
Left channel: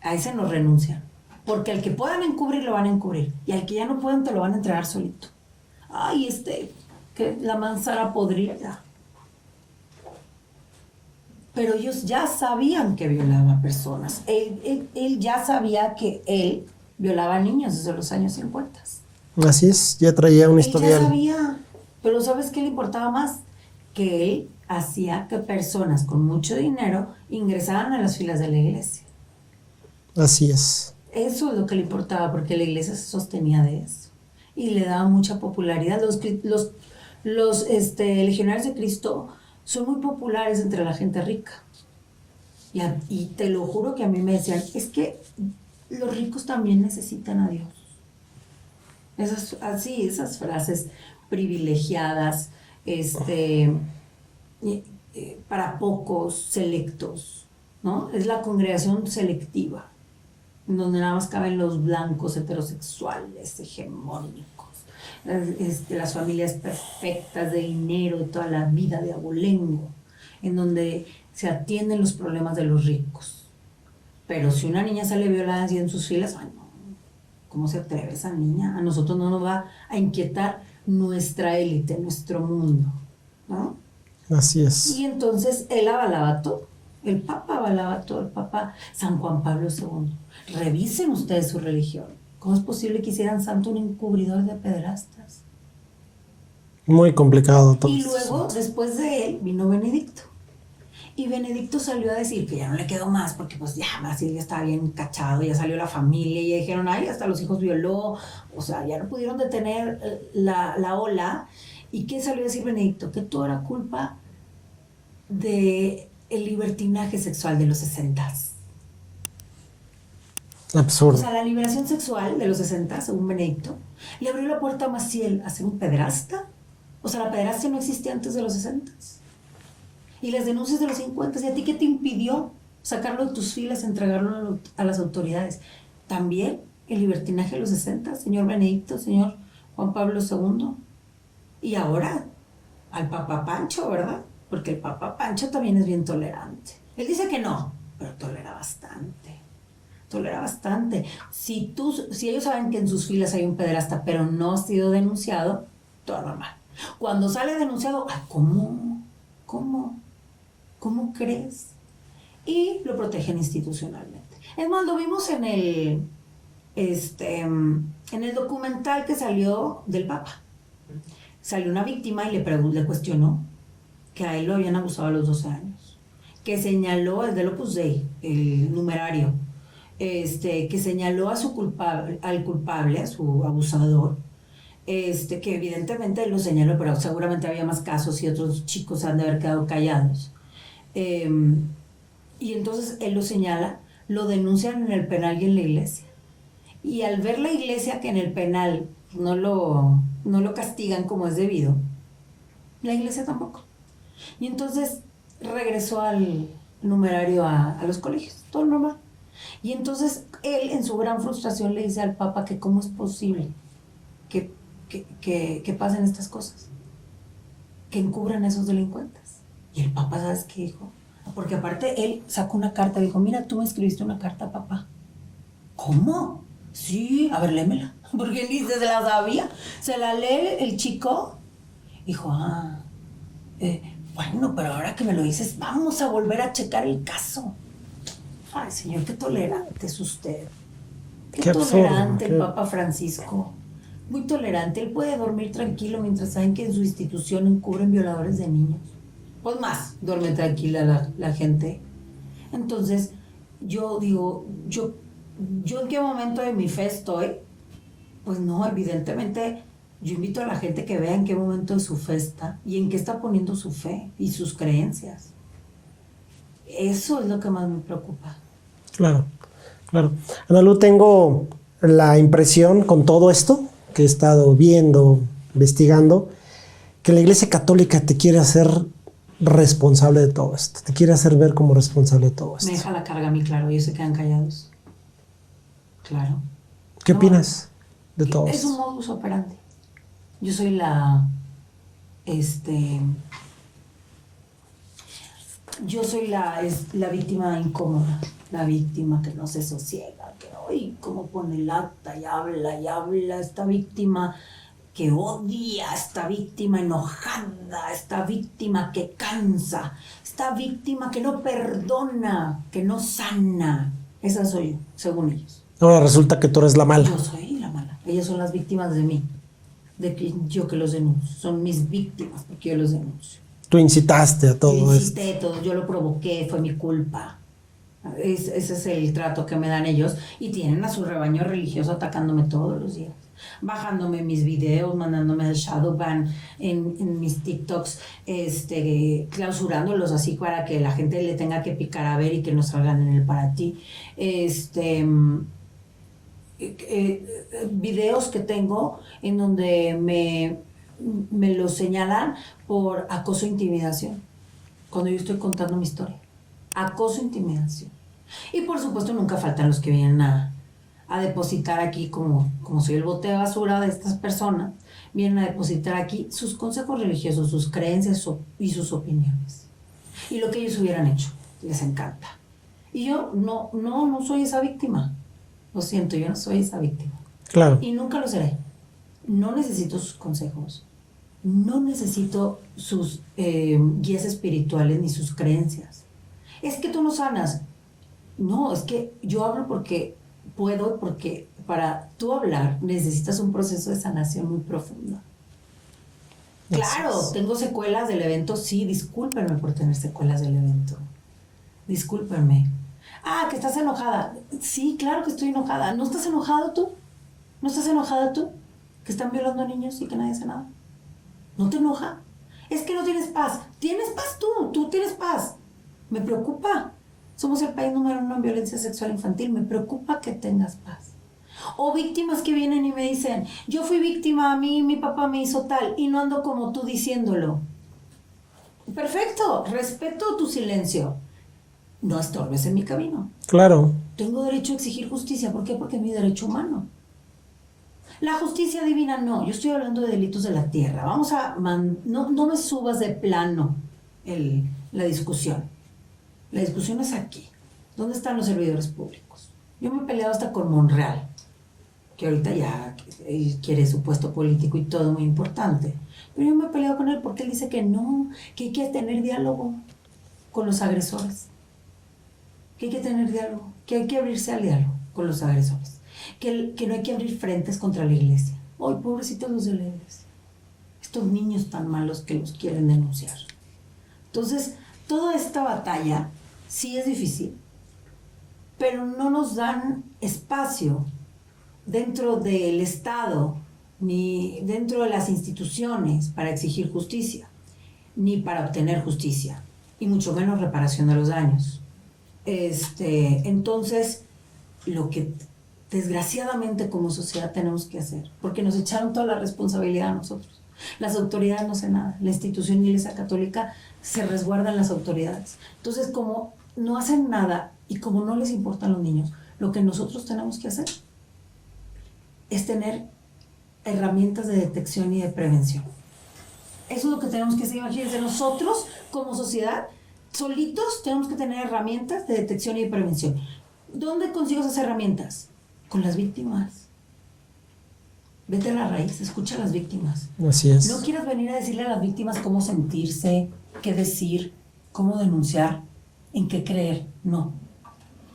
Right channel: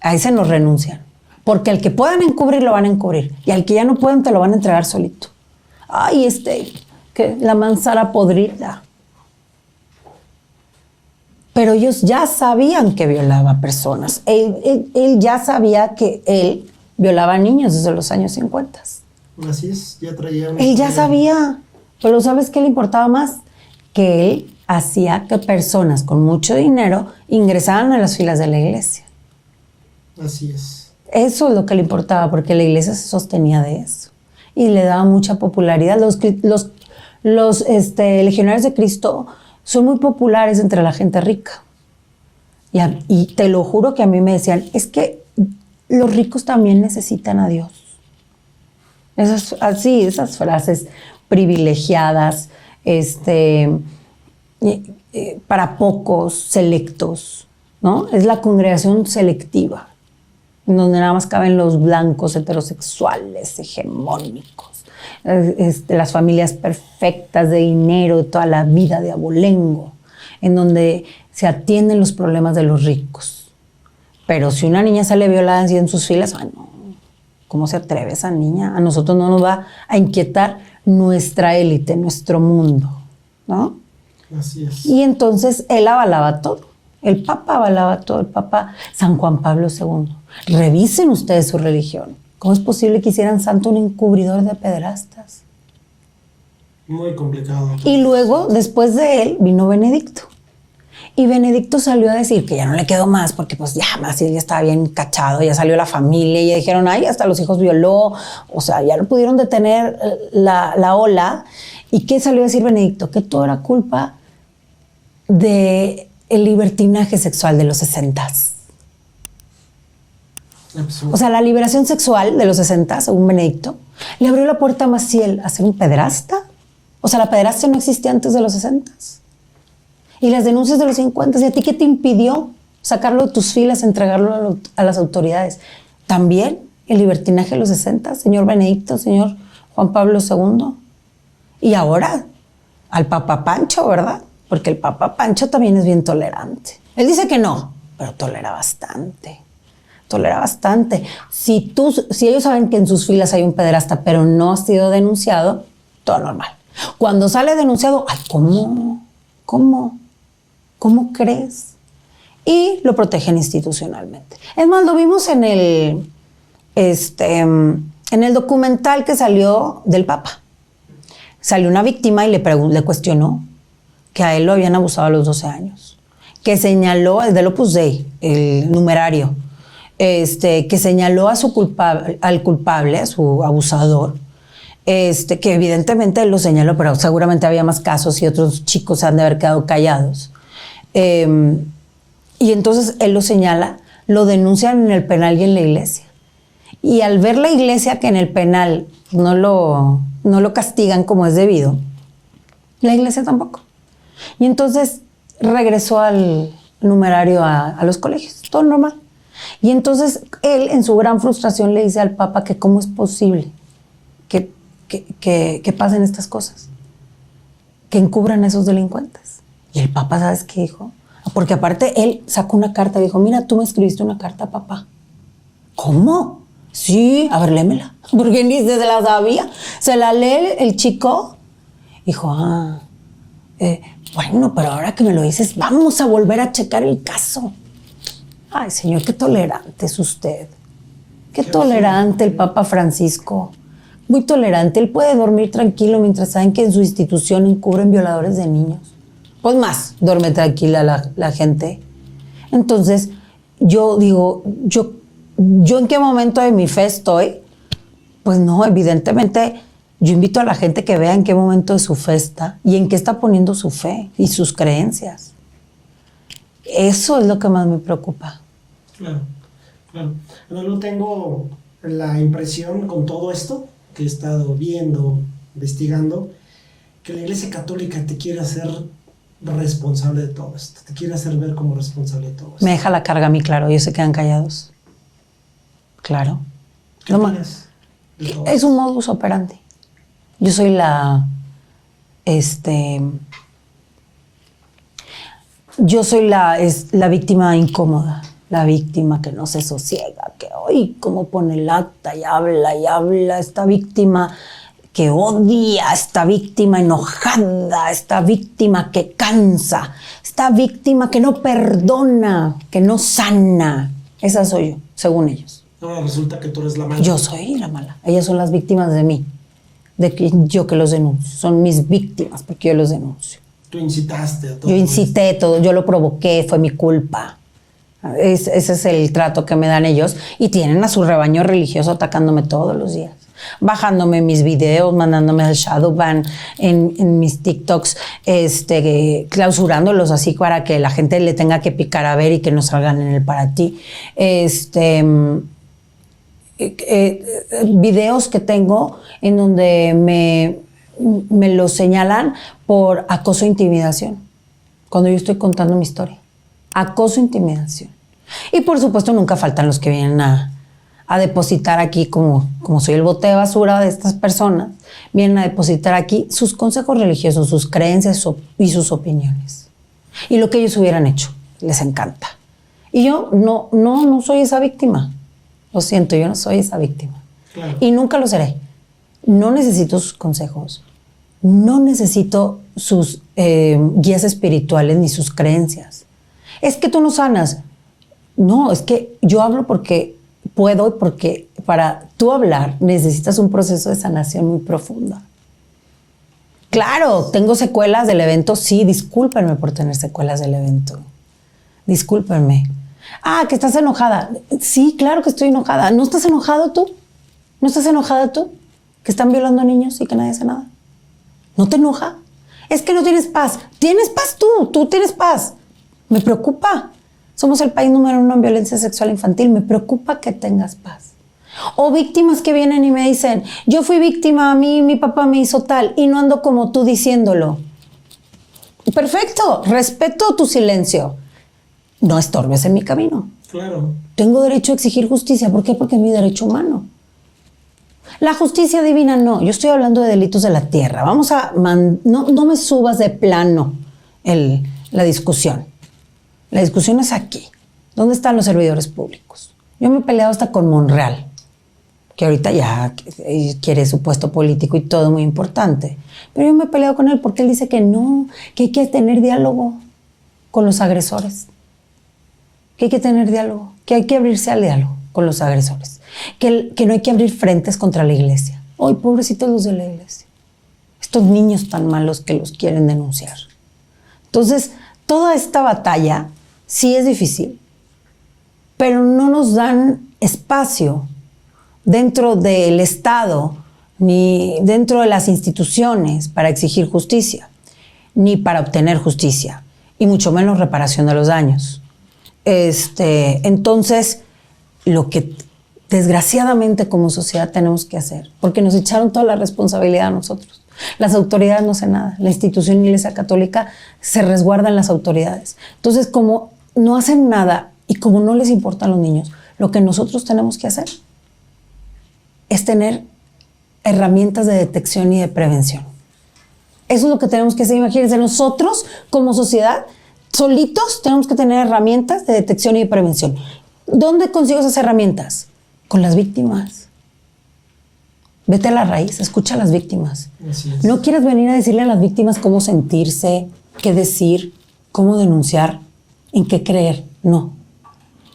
A ese nos renuncian. Porque al que puedan encubrir, lo van a encubrir. Y al que ya no pueden, te lo van a entregar solito. Ay, que la manzana podrida. Pero ellos ya sabían que violaba personas. Él ya sabía que él violaba a niños desde los años 50. Así es, ya traía una historia. Él ya sabía, pero ¿sabes qué le importaba más? Que él hacía que personas con mucho dinero ingresaran a las filas de la iglesia. Así es. Eso es lo que le importaba, porque la iglesia se sostenía de eso. Y le daba mucha popularidad. Los legionarios de Cristo son muy populares entre la gente rica. Y te lo juro que a mí me decían, es que los ricos también necesitan a Dios. Esas frases privilegiadas, para pocos, selectos, ¿no? Es la congregación selectiva, en donde nada más caben los blancos heterosexuales, hegemónicos, las familias perfectas de dinero de toda la vida de abolengo, en donde se atienden los problemas de los ricos. Pero si una niña sale violada en sus filas, ay no, ¿cómo se atreve esa niña? A nosotros no nos va a inquietar nuestra élite, nuestro mundo, ¿no? Así es. Y entonces él avalaba todo. El Papa avalaba todo. El Papa San Juan Pablo II. Revisen ustedes su religión. ¿Cómo es posible que hicieran santo un encubridor de pederastas? Muy complicado todo. Y luego, después de él, vino Benedicto. Y Benedicto salió a decir que ya no le quedó más, porque pues ya Maciel ya estaba bien cachado, ya salió la familia, y ya dijeron, ay, hasta los hijos violó, o sea, ya no pudieron detener la ola. ¿Y qué salió a decir Benedicto? Que todo era culpa del libertinaje sexual de los 60s. Absurdo. O sea, la liberación sexual de los 60, según Benedicto, le abrió la puerta a Maciel a ser un pederasta. O sea, la pederastia no existía antes de los 60. Y las denuncias de los 50, ¿y a ti qué te impidió sacarlo de tus filas, entregarlo a las autoridades? También el libertinaje de los 60, señor Benedicto, señor Juan Pablo II. Y ahora, al Papa Pancho, ¿verdad? Porque el Papa Pancho también es bien tolerante. Él dice que no, pero tolera bastante. Tolera bastante. Si ellos saben que en sus filas hay un pederasta, pero no ha sido denunciado, todo normal. Cuando sale denunciado, ay, ¿cómo crees? Y lo protegen institucionalmente. Es más, lo vimos en el documental que salió del Papa. Salió una víctima y le cuestionó que a él lo habían abusado a los 12 años. Que señaló, es del Opus Dei, el numerario, que señaló a al culpable, a su abusador, que evidentemente él lo señaló, pero seguramente había más casos y otros chicos se han de haber quedado callados. Y entonces él lo señala, lo denuncian en el penal y en la iglesia. Y al ver la iglesia que en el penal no lo castigan como es debido, la iglesia tampoco. Y entonces regresó al numerario a los colegios, todo normal. Y entonces él, en su gran frustración, le dice al Papa que cómo es posible que pasen estas cosas, que encubran a esos delincuentes. Y el Papa, ¿sabes qué dijo? Porque aparte él sacó una carta, dijo, mira, tú me escribiste una carta, papá. ¿Cómo? Sí, a ver, léemela. Porque ni se la sabía. Se la lee el chico. Dijo, bueno, pero ahora que me lo dices, vamos a volver a checar el caso. Ay, señor, qué tolerante es usted. Qué tolerante el Papa Francisco. Muy tolerante. Él puede dormir tranquilo mientras saben que en su institución encubren violadores de niños. Pues más, duerme tranquila la gente. Entonces, yo digo, ¿yo en qué momento de mi fe estoy? Pues no, evidentemente, yo invito a la gente que vea en qué momento de su fe está y en qué está poniendo su fe y sus creencias. Eso es lo que más me preocupa. Claro. Analu, tengo la impresión con todo esto que he estado viendo, investigando, que la Iglesia Católica te quiere hacer responsable de todo esto. Te quiere hacer ver como responsable de todo esto. Me deja la carga a mí, claro. Ellos se quedan callados. Claro. ¿Qué opinas de todo esto? Es un modus operandi. Yo soy la víctima incómoda, la víctima que no se sosiega, que hoy como pone lata y habla, esta víctima que odia, esta víctima enojada, esta víctima que cansa, esta víctima que no perdona, que no sana. Esa soy yo, según ellos. Ahora resulta que tú eres la mala. Yo soy la mala. Ellas son las víctimas de mí, yo que los denuncio. Son mis víctimas porque yo los denuncio. Tú incitaste a todo. Yo incité todo, yo lo provoqué, fue mi culpa. Ese es el trato que me dan ellos. Y tienen a su rebaño religioso atacándome todos los días. Bajándome mis videos, mandándome al shadow ban en mis TikToks, clausurándolos así para que la gente le tenga que picar a ver y que no salgan en el para ti. Videos que tengo en donde me lo señalan por acoso e intimidación, cuando yo estoy contando mi historia. Acoso e intimidación. Y por supuesto nunca faltan los que vienen a depositar aquí, como soy el bote de basura de estas personas, vienen a depositar aquí sus consejos religiosos, sus creencias y sus opiniones. Y lo que ellos hubieran hecho, les encanta. Y yo no soy esa víctima. Lo siento, yo no soy esa víctima. Claro. Y nunca lo seré. No necesito sus consejos. No necesito sus guías espirituales ni sus creencias. Es que tú no sanas. No, es que yo hablo porque puedo, porque para tú hablar necesitas un proceso de sanación muy profunda. Claro, tengo secuelas del evento. Sí, discúlpenme por tener secuelas del evento. Discúlpenme. Ah, que estás enojada. Sí, claro que estoy enojada. ¿No estás enojado tú? ¿No estás enojada tú? Que están violando a niños y que nadie hace nada. ¿No te enoja? Es que no tienes paz. Tienes paz tú tienes paz. Me preocupa. Somos el país número 1 en violencia sexual infantil. Me preocupa que tengas paz. O víctimas que vienen y me dicen, yo fui víctima, a mí mi papá me hizo tal y no ando como tú diciéndolo. Perfecto, respeto tu silencio. No estorbes en mi camino. Claro. Tengo derecho a exigir justicia. ¿Por qué? Porque es mi derecho humano. La justicia divina no. Yo estoy hablando de delitos de la tierra. Vamos a... No me subas de plano la discusión. La discusión es aquí. ¿Dónde están los servidores públicos? Yo me he peleado hasta con Monreal, que ahorita ya quiere su puesto político y todo muy importante. Pero yo me he peleado con él porque él dice que no, que hay que tener diálogo con los agresores. Que hay que tener diálogo, que hay que abrirse al diálogo con los agresores. Que no hay que abrir frentes contra la iglesia. Ay, pobrecitos los de la iglesia. Estos niños tan malos que los quieren denunciar. Entonces, toda esta batalla sí es difícil, pero no nos dan espacio dentro del Estado ni dentro de las instituciones para exigir justicia, ni para obtener justicia, y mucho menos reparación de los daños. Entonces, lo que desgraciadamente como sociedad tenemos que hacer, porque nos echaron toda la responsabilidad a nosotros. Las autoridades no hacen nada. La institución Iglesia Católica se resguarda en las autoridades. Entonces, como no hacen nada y como no les importan los niños, lo que nosotros tenemos que hacer es tener herramientas de detección y de prevención. Eso es lo que tenemos que hacer. Imagínense, nosotros como sociedad, solitos, tenemos que tener herramientas de detección y de prevención. ¿Dónde consigo esas herramientas? Con las víctimas. Vete a la raíz, escucha a las víctimas. Así es. No quieras venir a decirle a las víctimas cómo sentirse, qué decir, cómo denunciar, en qué creer. No.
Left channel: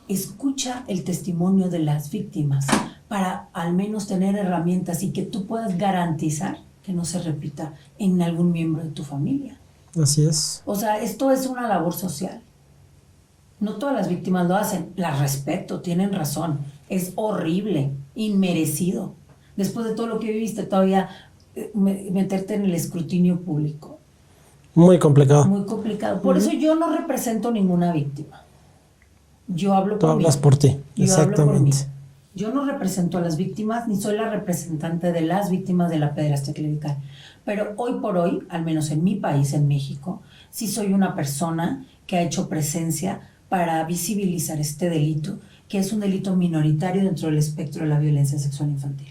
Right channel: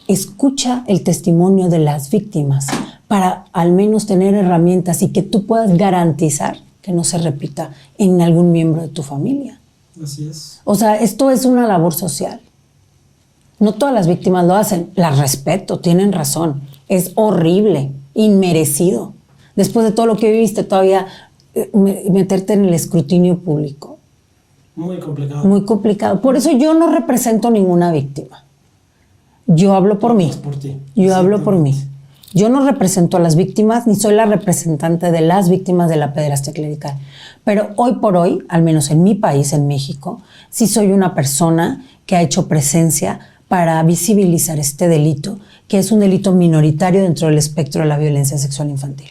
Escucha el testimonio de las víctimas para al menos tener herramientas y que tú puedas garantizar que no se repita en algún miembro de tu familia. Así es. O sea, esto es una labor social. No todas las víctimas lo hacen. Las respeto, tienen razón. Es horrible, inmerecido. Después de todo lo que viviste, todavía meterte en el escrutinio público. Muy complicado. Muy complicado. Por eso yo no represento ninguna víctima. Yo hablo por mí. Hablas por ti. Yo hablo por mí. Yo no represento a las víctimas, ni soy la representante de las víctimas de la pederastia clerical. Pero hoy por hoy, al menos en mi país, en México, sí soy una persona que ha hecho presencia para visibilizar este delito, que es un delito minoritario dentro del espectro de la violencia sexual infantil.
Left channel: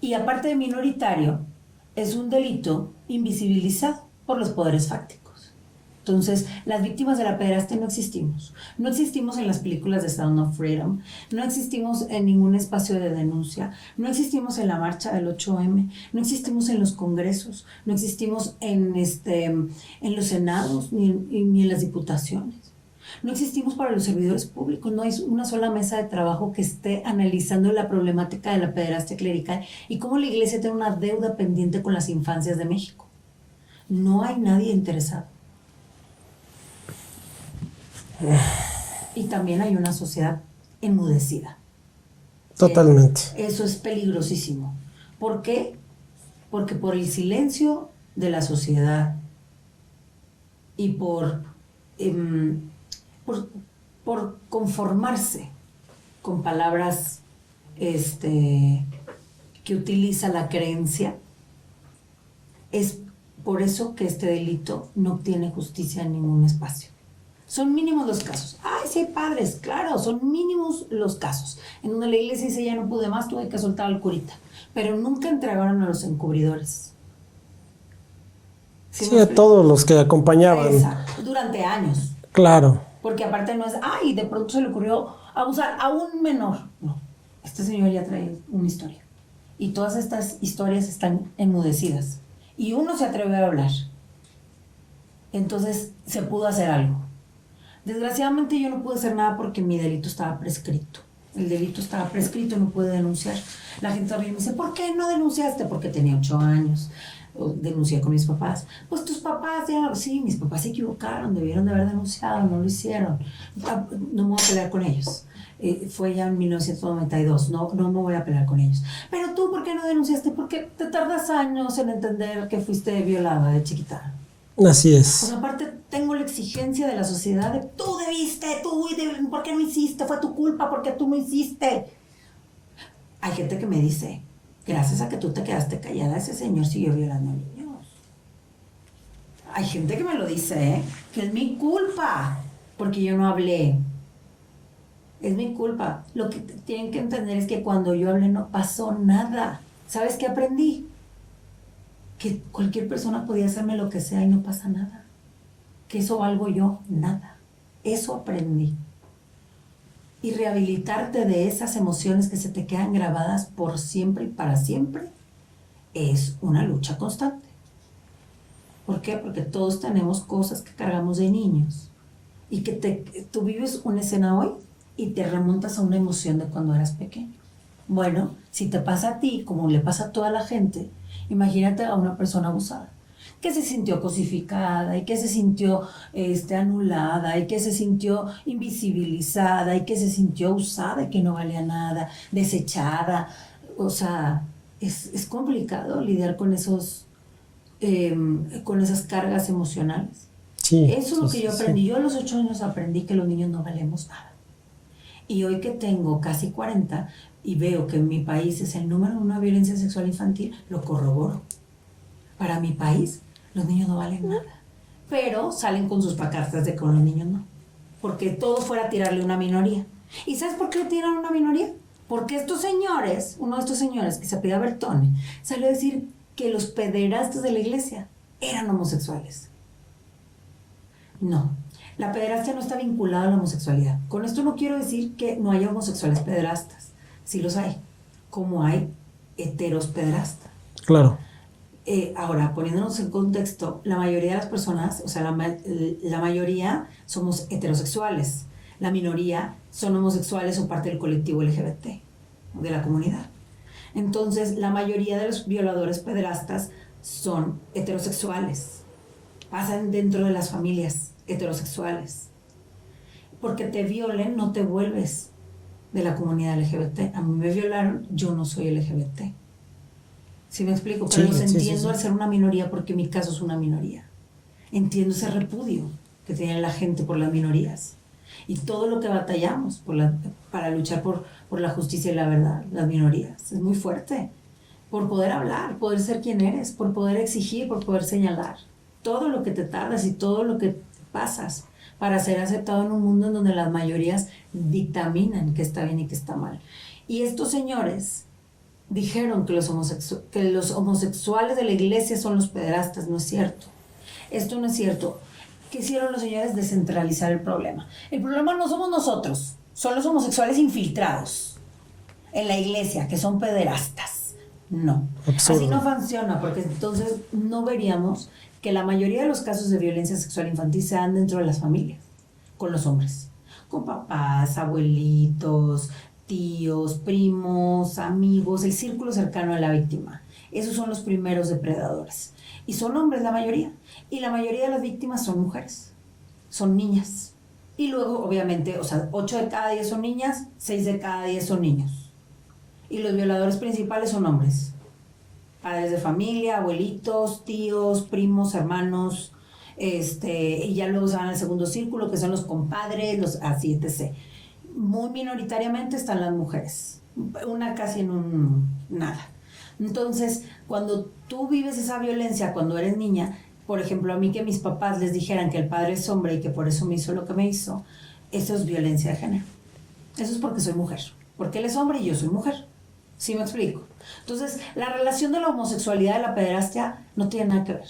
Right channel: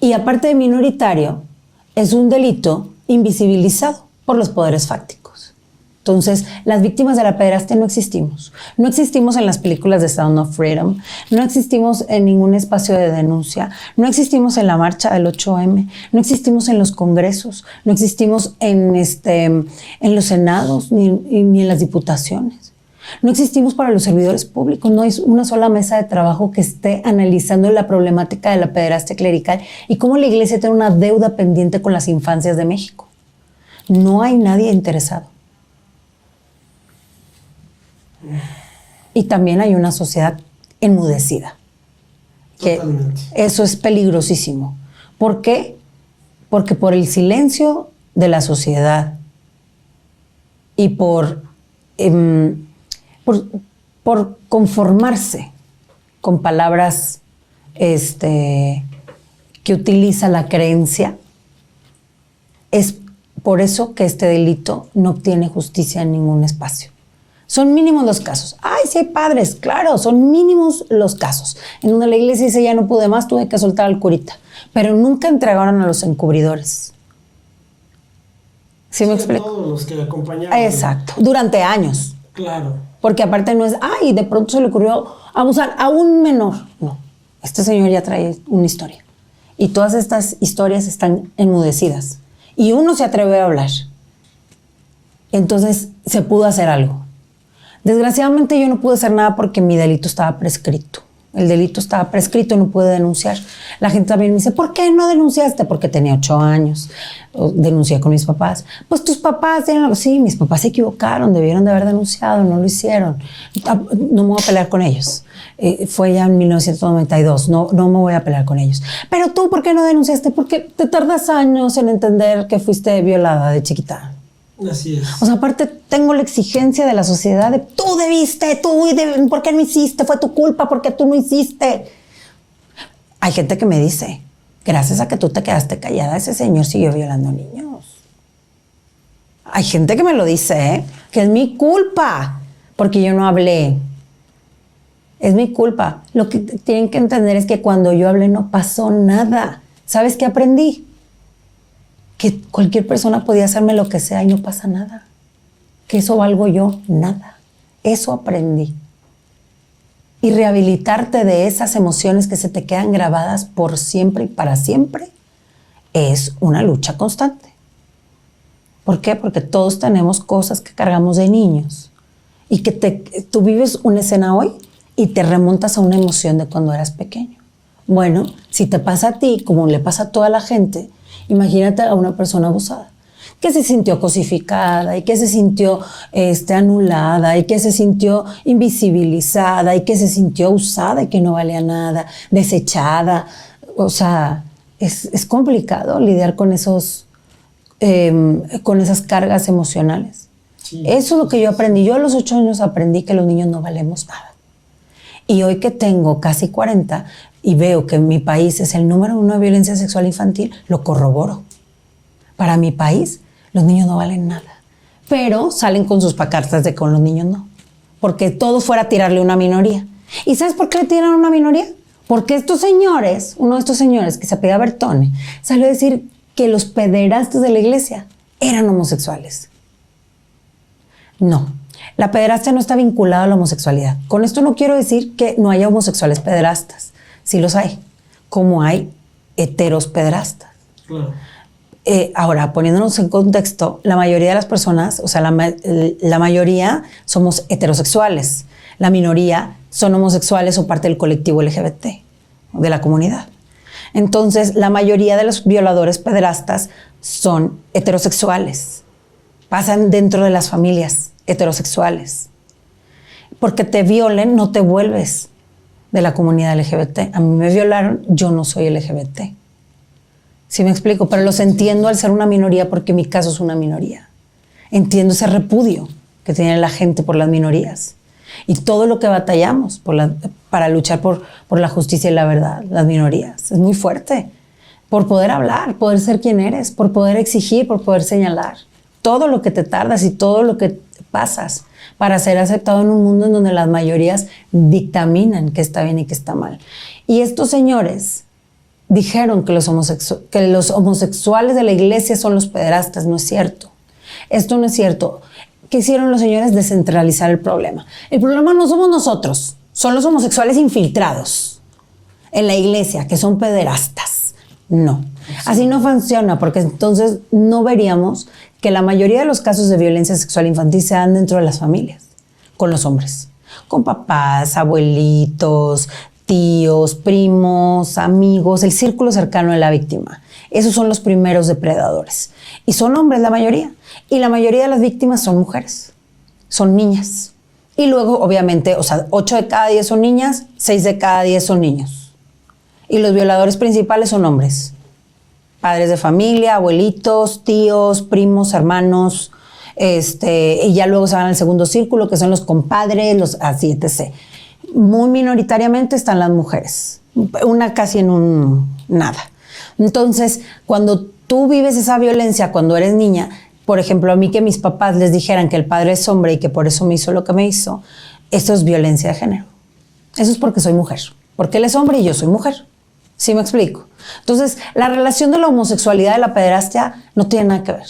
Y aparte de minoritario, es un delito invisibilizado por los poderes fácticos. Entonces, las víctimas de la pederastia no existimos. No existimos en las películas de Sound of Freedom, no existimos en ningún espacio de denuncia, no existimos en la marcha del 8M, no existimos en los congresos, no existimos en los senados ni en las diputaciones. No existimos para los servidores públicos, no hay una sola mesa de trabajo que esté analizando la problemática de la pederastia clerical y cómo la iglesia tiene una deuda pendiente con las infancias de México. No hay nadie interesado. Y también hay una sociedad enmudecida. Totalmente. Eso es peligrosísimo. ¿Por qué? Porque por el silencio de la sociedad y por conformarse con palabras que utiliza la creencia, es por eso que este delito no obtiene justicia en ningún espacio. Son mínimos los casos. ¡Ay, sí hay padres! Claro, son mínimos los casos. En donde la iglesia dice, ya no pude más, tuve que soltar al curita. Pero nunca entregaron a los encubridores. Sí, a todos los que acompañaban. Exacto. Durante años. Claro. Porque aparte no es, ay, de pronto se le ocurrió abusar a un menor. No, este señor ya trae una historia. Y todas estas historias están enmudecidas. Y uno se atreve a hablar. Entonces se pudo hacer algo. Desgraciadamente yo no pude hacer nada porque mi delito estaba prescrito. El delito estaba prescrito, no pude denunciar. La gente también me dice, ¿por qué no denunciaste? Porque tenía 8 años. Denuncié con mis papás. Pues tus papás tienen algo. Sí, mis papás se equivocaron, debieron de haber denunciado, no lo hicieron. No me voy a pelear con ellos. Fue ya en 1992, no me voy a pelear con ellos. Pero tú, ¿por qué no denunciaste? Porque te tardas años en entender que fuiste violada de chiquita. Así es. O sea, aparte tengo la exigencia de la sociedad de tú debiste, ¿por qué no hiciste? Fue tu culpa, ¿por qué tú no hiciste? Hay gente que me dice, gracias a que tú te quedaste callada, ese señor siguió violando niños. Hay gente que me lo dice, que es mi culpa, porque yo no hablé. Es mi culpa. Lo que tienen que entender es que cuando yo hablé no pasó nada. ¿Sabes qué aprendí? Que cualquier persona podía hacerme lo que sea y no pasa nada. Que eso valgo yo, nada. Eso aprendí. Y rehabilitarte de esas emociones que se te quedan grabadas por siempre y para siempre es una lucha constante. ¿Por qué? Porque todos tenemos cosas que cargamos de niños y que tú vives una escena hoy y te remontas a una emoción de cuando eras pequeño. Bueno, si te pasa a ti, como le pasa a toda la gente, imagínate a una persona abusada que se sintió cosificada y que se sintió anulada y que se sintió invisibilizada y que se sintió usada y que no valía nada, desechada. O sea, es complicado lidiar con esas cargas emocionales. Sí, eso es lo que yo aprendí. sí. Yo a los 8 años aprendí que los niños no valemos nada. Y hoy que tengo casi 40 y veo que en mi país es el número 1 de violencia sexual infantil, lo corroboro. Para mi país, los niños no valen nada. Pero salen con sus pacartas de que con los niños no. Porque todo fuera tirarle a una minoría. ¿Y sabes por qué le tiran a una minoría? Porque estos señores, uno de estos señores que se apellida Bertone, salió a decir que los pederastas de la iglesia eran homosexuales. No, la pederastia no está vinculada a la homosexualidad. Con esto no quiero decir que no haya homosexuales pederastas. Sí los hay, como hay heteros pederastas. Claro. Ahora, poniéndonos en contexto, la mayoría de las personas, o sea, la mayoría somos heterosexuales. La minoría son homosexuales o parte del colectivo LGBT, de la comunidad. Entonces, la mayoría de los violadores pederastas son heterosexuales. Pasan dentro de las familias heterosexuales. Porque te violen, no te vuelves de la comunidad LGBT. A mí me violaron, yo no soy LGBT. ¿Sí me explico? Pero Sí, los entiendo sí. al ser una minoría porque mi caso es una minoría. Entiendo ese repudio que tiene la gente por las minorías. Y todo lo que batallamos para luchar por la justicia y la verdad, las minorías. Es muy fuerte. Por poder hablar, poder ser quien eres, por poder exigir, por poder señalar. Todo lo que te tardas y todo lo que pasas para ser aceptado en un mundo en donde las mayorías dictaminan qué está bien y qué está mal. Y estos señores dijeron que los homosexuales de la iglesia son los pederastas. No es cierto. Esto no es cierto. ¿Qué hicieron los señores? Descentralizar el problema. El problema no somos nosotros, son los homosexuales infiltrados en la iglesia, que son pederastas. No. Así no funciona, porque entonces no veríamos que la mayoría de los casos de violencia sexual infantil se dan dentro de las familias, con los hombres, con papás, abuelitos, tíos, primos, amigos, el círculo cercano de la víctima. Esos son los primeros depredadores. Y son hombres la mayoría. Y la mayoría de las víctimas son mujeres, son niñas. Y luego, obviamente, 8 de cada 10 son niñas, 6 de cada 10 son niños. Y los violadores principales son hombres. Padres de familia, abuelitos, tíos, primos, hermanos. Y ya luego se van al segundo círculo, que son los compadres, así, etc. Muy minoritariamente están las mujeres. Una casi en un nada. Entonces, cuando tú vives esa violencia cuando eres niña, por ejemplo, a mí que mis papás les dijeran que el padre es hombre y que por eso me hizo lo que me hizo, eso es violencia de género. Eso es porque soy mujer. Porque él es hombre y yo soy mujer. ¿Sí me explico? Entonces, la relación de la homosexualidad y la pederastia no tiene nada que ver.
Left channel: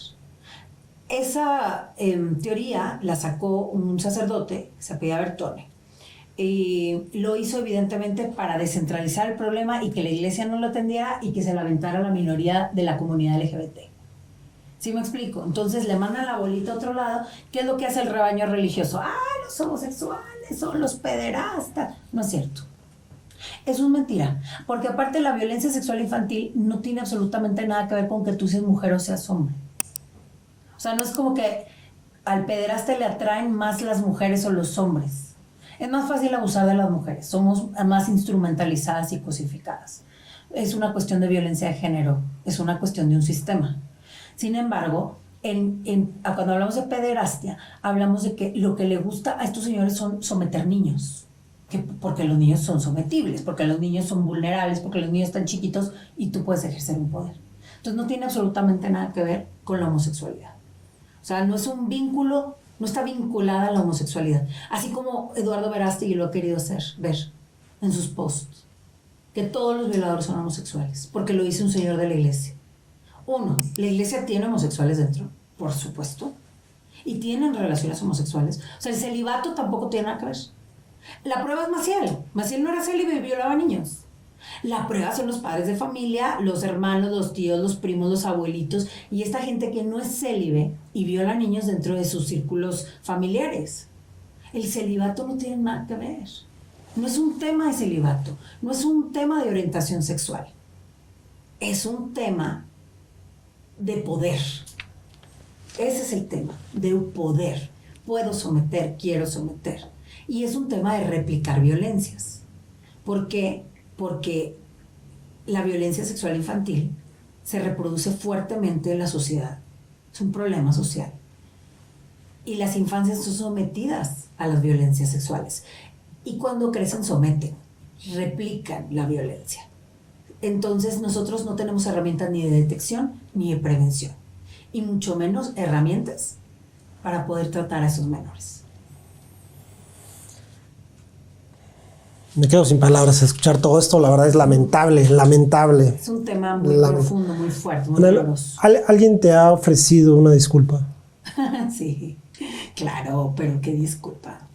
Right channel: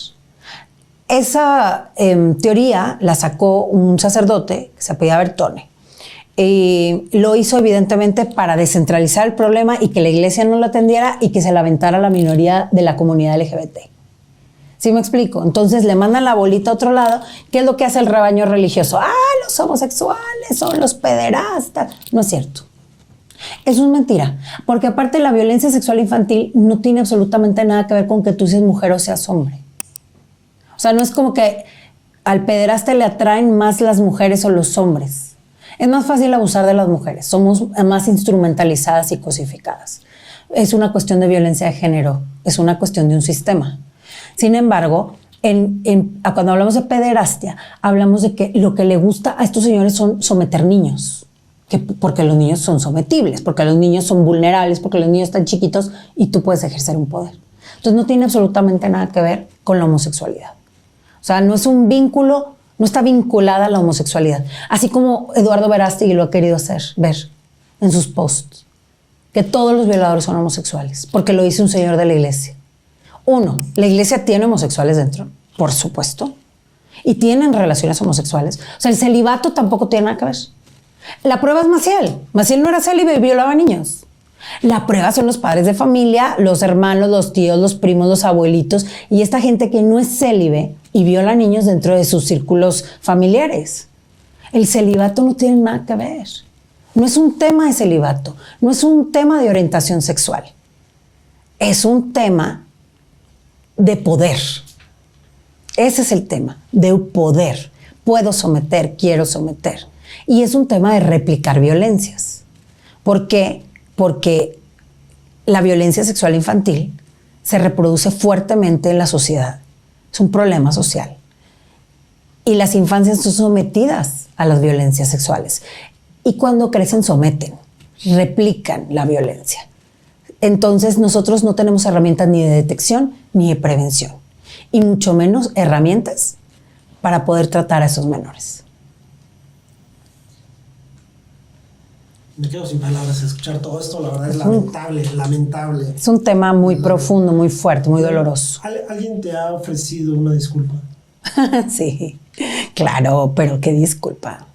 Esa teoría la sacó un sacerdote que se apellida Bertone. Lo hizo evidentemente para descentralizar el problema y que la iglesia no lo atendiera y que se la aventara a la minoría de la comunidad LGBT. ¿Sí me explico? Entonces le mandan la bolita a otro lado. ¿Qué es lo que hace el rebaño religioso? Los homosexuales son los pederastas. No es cierto. Eso es mentira. Porque aparte la violencia sexual infantil no tiene absolutamente nada que ver con que tú seas mujer o seas hombre. O sea, no es como que al pederasta le atraen más las mujeres o los hombres. Es más fácil abusar de las mujeres. Somos más instrumentalizadas y cosificadas. Es una cuestión de violencia de género. Es una cuestión de un sistema. Sin embargo, cuando hablamos de pederastia, hablamos de que lo que le gusta a estos señores son someter niños. Porque los niños son sometibles, porque los niños son vulnerables, porque los niños están chiquitos y tú puedes ejercer un poder. Entonces no tiene absolutamente nada que ver con la homosexualidad. O sea, no es un vínculo, no está vinculada a la homosexualidad. Así como Eduardo Verástegui lo ha querido ver en sus posts. Que todos los violadores son homosexuales, porque lo dice un señor de la iglesia. Uno, la iglesia tiene homosexuales dentro, por supuesto. y tienen relaciones homosexuales. O sea, el celibato tampoco tiene nada que ver. La prueba es Maciel. Maciel no era célibe y violaba niños. La prueba son los padres de familia, los hermanos, los tíos, los primos, los abuelitos y esta gente que no es célibe y viola niños dentro de sus círculos familiares. El celibato no tiene nada que ver. No es un tema de celibato, no es un tema de orientación sexual. Es un tema de poder. Ese es el tema, de poder. Puedo someter, quiero someter. Y es un tema de replicar violencias. ¿Por qué? Porque la violencia sexual infantil se reproduce fuertemente en la sociedad. Es un problema social. Y las infancias son sometidas a las violencias sexuales. Y cuando crecen someten, replican la violencia. Entonces nosotros no tenemos herramientas ni de detección ni de prevención. Y mucho menos herramientas para poder tratar a esos menores. Me quedo sin palabras a escuchar todo esto. La verdad es lamentable, lamentable. Es un tema muy profundo, muy fuerte, muy doloroso. ¿Alguien te ha ofrecido una disculpa? Sí, claro, pero qué disculpa.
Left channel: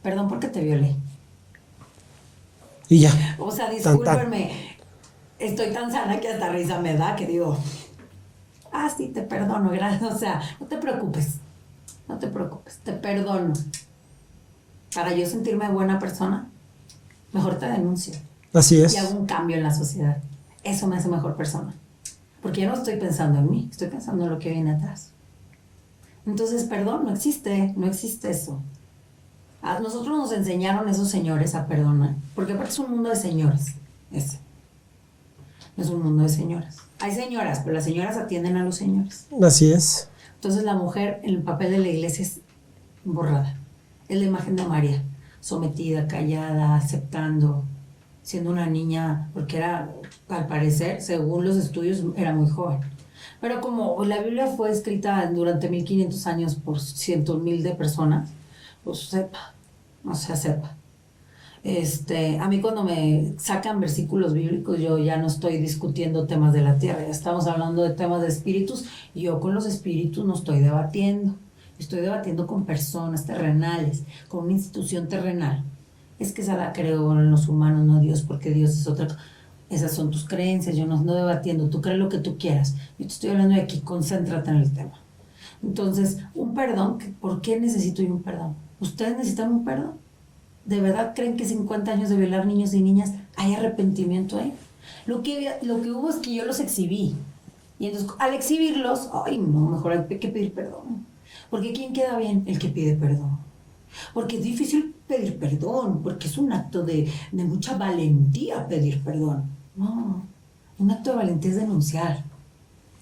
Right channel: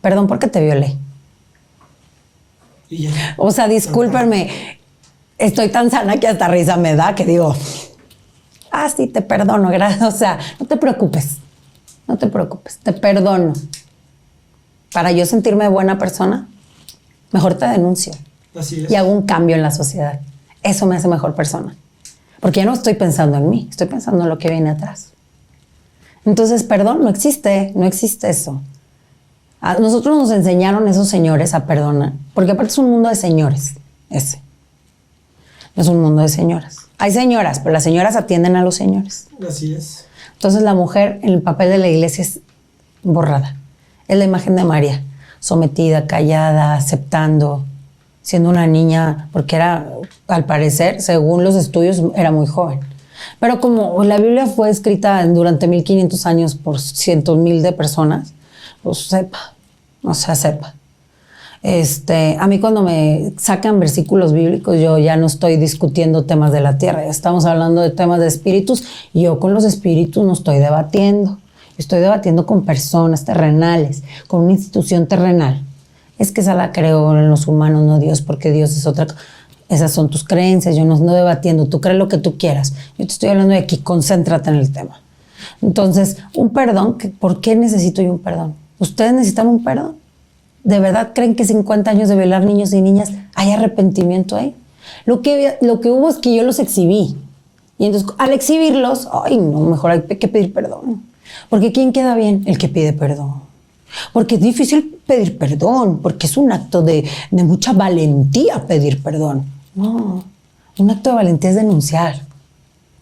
Perdón porque te violé. Y ya. O sea, discúlpenme. Estoy tan sana que hasta risa me da que digo, sí, te perdono, gracias. O sea, no te preocupes. No te preocupes, te perdono. Para yo sentirme buena persona, mejor te denuncio. Así es. Y hago un cambio en la sociedad. Eso me hace mejor persona. Porque ya no estoy pensando en mí, estoy pensando en lo que viene atrás. Entonces, perdón, no existe eso. A nosotros nos enseñaron esos señores a perdonar, porque aparte es un mundo de señores, ese. No es un mundo de señoras. Hay señoras, pero las señoras atienden a los señores. Así es. Entonces la mujer en el papel de la iglesia es borrada. Es la imagen de María, sometida, callada, aceptando, siendo una niña, porque era, al parecer, según los estudios, era muy joven. Pero como la Biblia fue escrita durante 1500 años por cientos mil de personas, pues sepa. A mí cuando me sacan versículos bíblicos, yo ya no estoy discutiendo temas de la tierra, ya estamos hablando de temas de espíritus, y yo con los espíritus no estoy debatiendo. Estoy debatiendo con personas terrenales, con una institución terrenal. Es que esa la creo en los humanos, no Dios, porque Dios es otra cosa. Esas son tus creencias, yo no ando debatiendo, tú crees lo que tú quieras. Yo te estoy hablando de aquí, concéntrate en el tema. Entonces, un perdón, ¿por qué necesito yo un perdón? ¿Ustedes necesitan un perdón? ¿De verdad creen que 50 años de violar niños y niñas hay arrepentimiento ahí? Lo que hubo es que yo los exhibí. Y entonces, al exhibirlos, mejor hay que pedir perdón. Porque ¿quién queda bien? El que pide perdón. Porque es difícil pedir perdón, porque es un acto de mucha valentía pedir perdón. No, un acto de valentía es denunciar.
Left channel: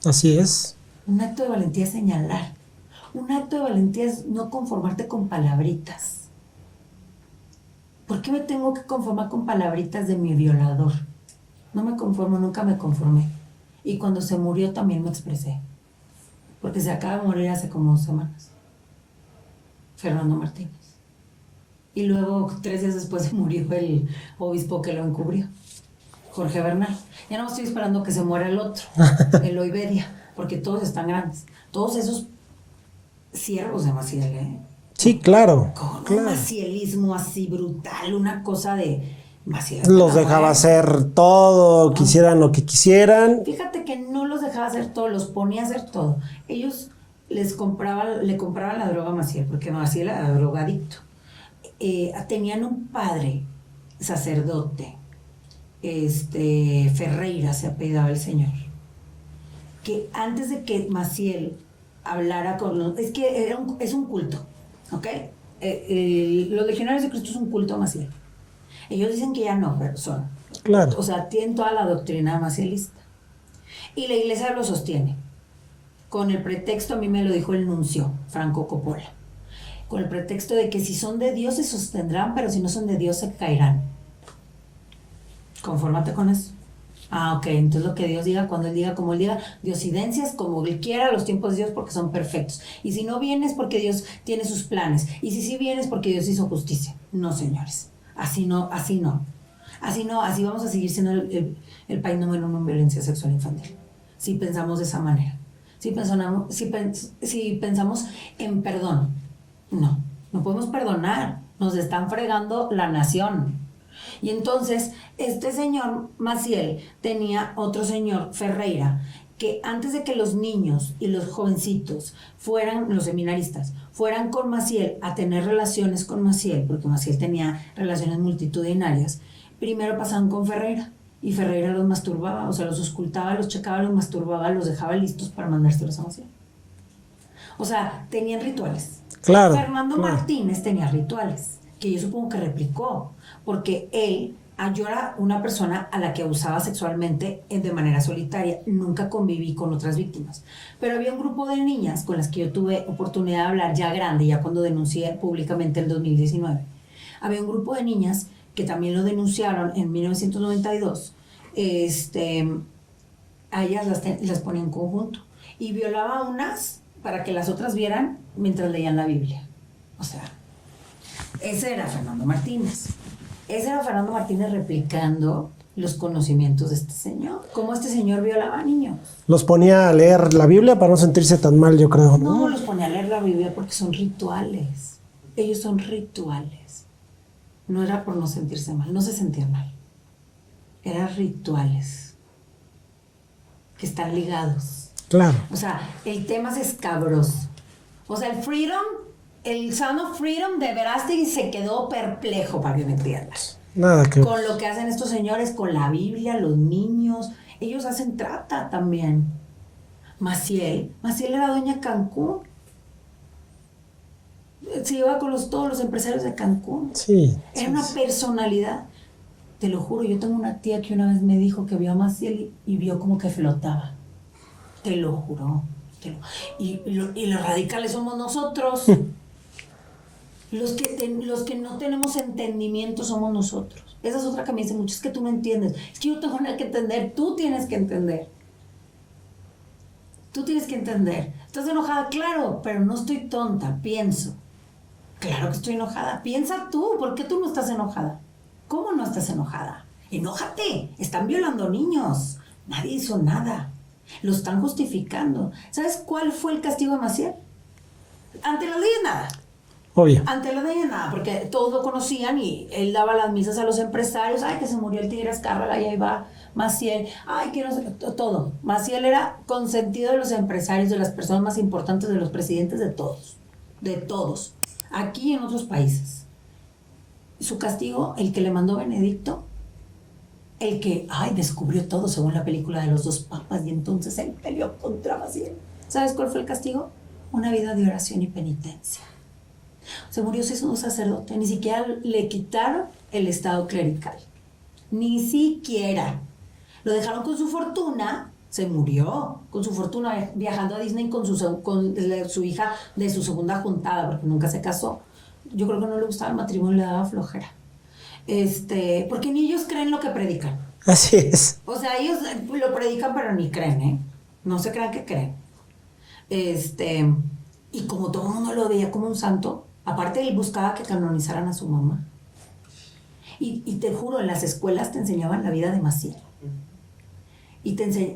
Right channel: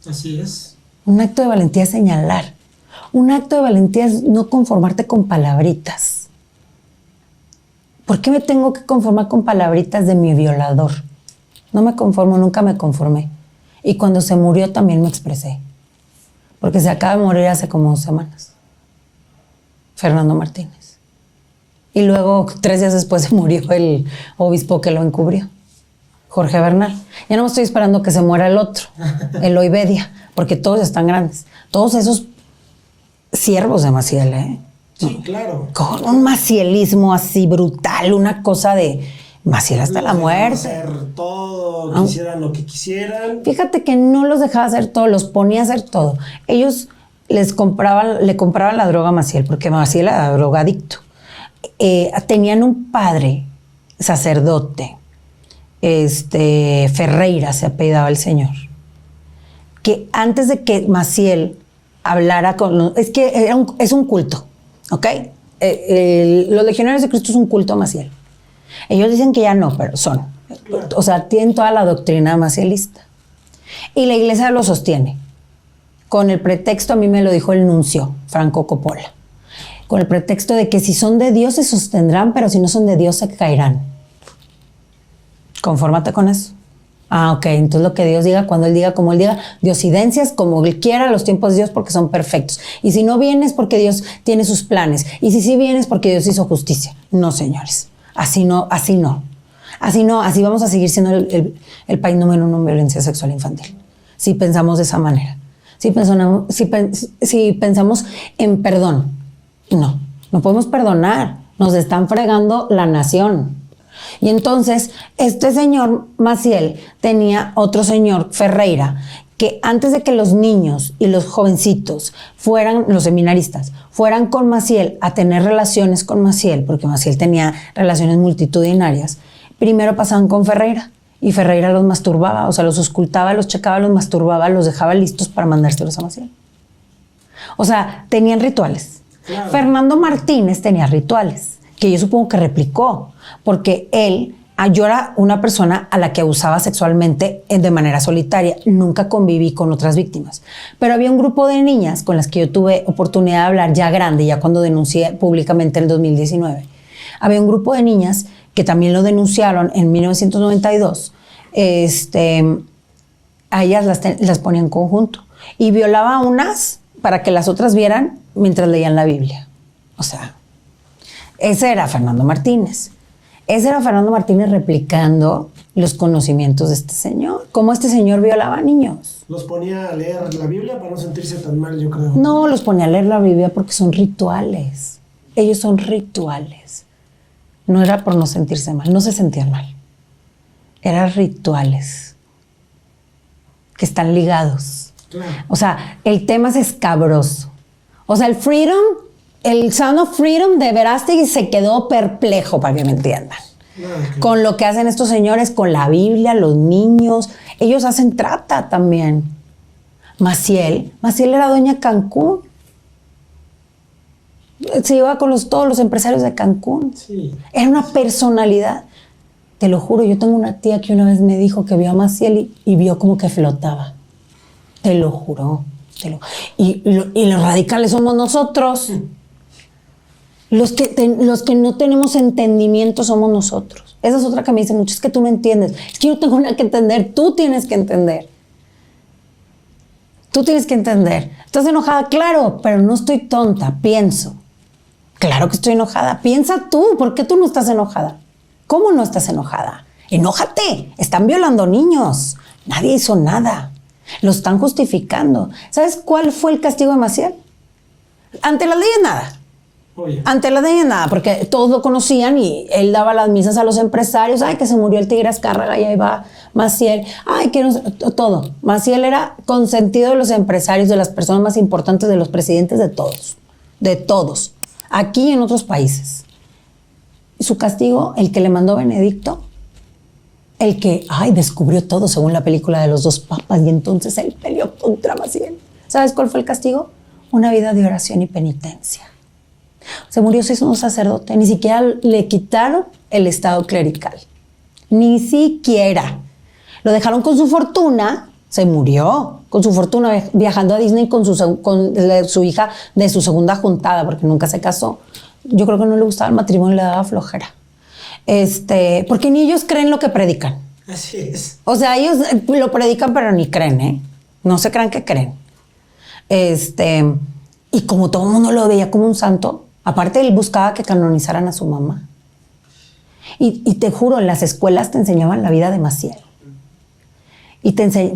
Así es. Un acto de valentía es señalar. Un acto de valentía es no conformarte con palabritas. ¿Por qué me tengo que conformar con palabritas de mi violador? No me conformo, nunca me conformé. Y cuando se murió también me expresé. Porque se acaba de morir hace como 2 semanas. Fernando Martínez. Y luego, 3 días después, se murió el obispo que lo encubrió, Jorge Bernal. Ya no me estoy esperando que se muera el otro, el Oibedia, porque todos están grandes. Todos esos siervos de Maciel, ¿eh? Sí, claro. Con un macielismo así brutal, una cosa de Maciel hasta la muerte. Los dejaba hacer todo, quisieran lo que quisieran. Fíjate que no los dejaba hacer todo, los ponía a hacer todo. Ellos le compraban la droga a Maciel, porque Maciel era drogadicto. Tenían un padre, sacerdote, Ferreira se apellidaba el señor, que antes de que Maciel hablara con... es un culto, ¿ok? Los legionarios de Cristo es un culto a Maciel. Ellos dicen que ya no, pero son. Claro. O sea, tienen toda la doctrina macielista. Y la iglesia lo sostiene. Con el pretexto, a mí me lo dijo el nuncio, Franco Coppola, con el pretexto de que si son de Dios se sostendrán, pero si no son de Dios se caerán. Confórmate con eso. Ok, entonces lo que Dios diga, cuando Él diga, como Él diga, diosidencias como Él quiera, los tiempos de Dios porque son perfectos. Y si no vienes porque Dios tiene sus planes. Y si sí vienes porque Dios hizo justicia. No, señores. Así no. Así vamos a seguir siendo el país número 1 en violencia sexual infantil. Si pensamos de esa manera. si pensamos en perdón. No podemos perdonar. Nos están fregando la nación. Y entonces, este señor Maciel tenía otro señor, Ferreira, que antes de que los niños y los jovencitos los seminaristas, fueran con Maciel a tener relaciones con Maciel, porque Maciel tenía relaciones multitudinarias, primero pasaban con Ferreira. Y Ferreira los masturbaba, o sea, los auscultaba, los checaba, los masturbaba, los dejaba listos para mandárselos a Maciel. O sea, tenían rituales. Claro. Fernando Martínez tenía rituales, que yo supongo que replicó, porque yo era una persona a la que abusaba sexualmente de manera solitaria. Nunca conviví con otras víctimas. Pero había un grupo de niñas con las que yo tuve oportunidad de hablar ya grande, ya cuando denuncié públicamente en el 2019. Había un grupo de niñas que también lo denunciaron en 1992. A ellas las ponía en conjunto. Y violaba a unas para que las otras vieran mientras leían la Biblia. O sea, ese era Fernando Martínez. Ese era Fernando Martínez replicando los conocimientos de este señor. Cómo este señor violaba a niños. Los ponía a leer la Biblia para no sentirse tan mal, yo creo. No, los ponía a leer la Biblia porque son rituales. Ellos son rituales. No era por no sentirse mal, no se sentían mal. Eran rituales que están ligados. Claro. O sea, el tema es escabroso. O sea, el Sound of Freedom de Verástegui se quedó perplejo, para que me entiendan. Nada que Con lo que hacen estos señores, con la Biblia, los niños. Ellos hacen trata también. Maciel era dueña Cancún. Se iba con todos los empresarios de Cancún. Sí. Era una personalidad. Te lo juro, yo tengo una tía que una vez me dijo que vio a Maciel y vio como que flotaba. Te lo juro. Y los radicales somos nosotros. Los que no tenemos entendimiento somos nosotros. Esa es otra que me dice mucho. Es que tú no entiendes. Es que yo no tengo nada que entender. Tú tienes que entender. Tú tienes que entender. ¿Estás enojada? Claro, pero no estoy tonta. Pienso. Claro que estoy enojada. Piensa tú. ¿Por qué tú no estás enojada? ¿Cómo no estás enojada? Enójate. Están violando niños. Nadie hizo nada. Lo están justificando. ¿Sabes cuál fue el castigo de Maciel? Ante las leyes, nada. Obvio. Ante las leyes, nada, porque todos lo conocían y él daba las misas a los empresarios. Ay, que se murió el Tigre Azcárraga y ahí va Maciel. Ay, que no, todo. Maciel era consentido de los empresarios, de las personas más importantes, de los presidentes, de todos. De todos. Aquí y en otros países. Su castigo, el que le mandó Benedicto, el que, descubrió todo según la película de los dos papas y entonces él peleó contra Maciel. ¿Sabes cuál fue el castigo? Una vida de oración y penitencia. Se murió siendo un sacerdote, ni siquiera le quitaron el estado clerical. Ni siquiera. Lo dejaron con su fortuna, se murió con su fortuna viajando a Disney con su hija de su segunda juntada, porque nunca se casó. Yo creo que no le gustaba el matrimonio, le daba flojera. Porque ni ellos creen lo que predican. Así es. O sea, ellos lo predican, pero ni creen, ¿eh? No se crean que creen. Y como todo el mundo lo veía como un santo, aparte él buscaba que canonizaran a su mamá. Y te juro, en las escuelas te enseñaban la vida de Maciel.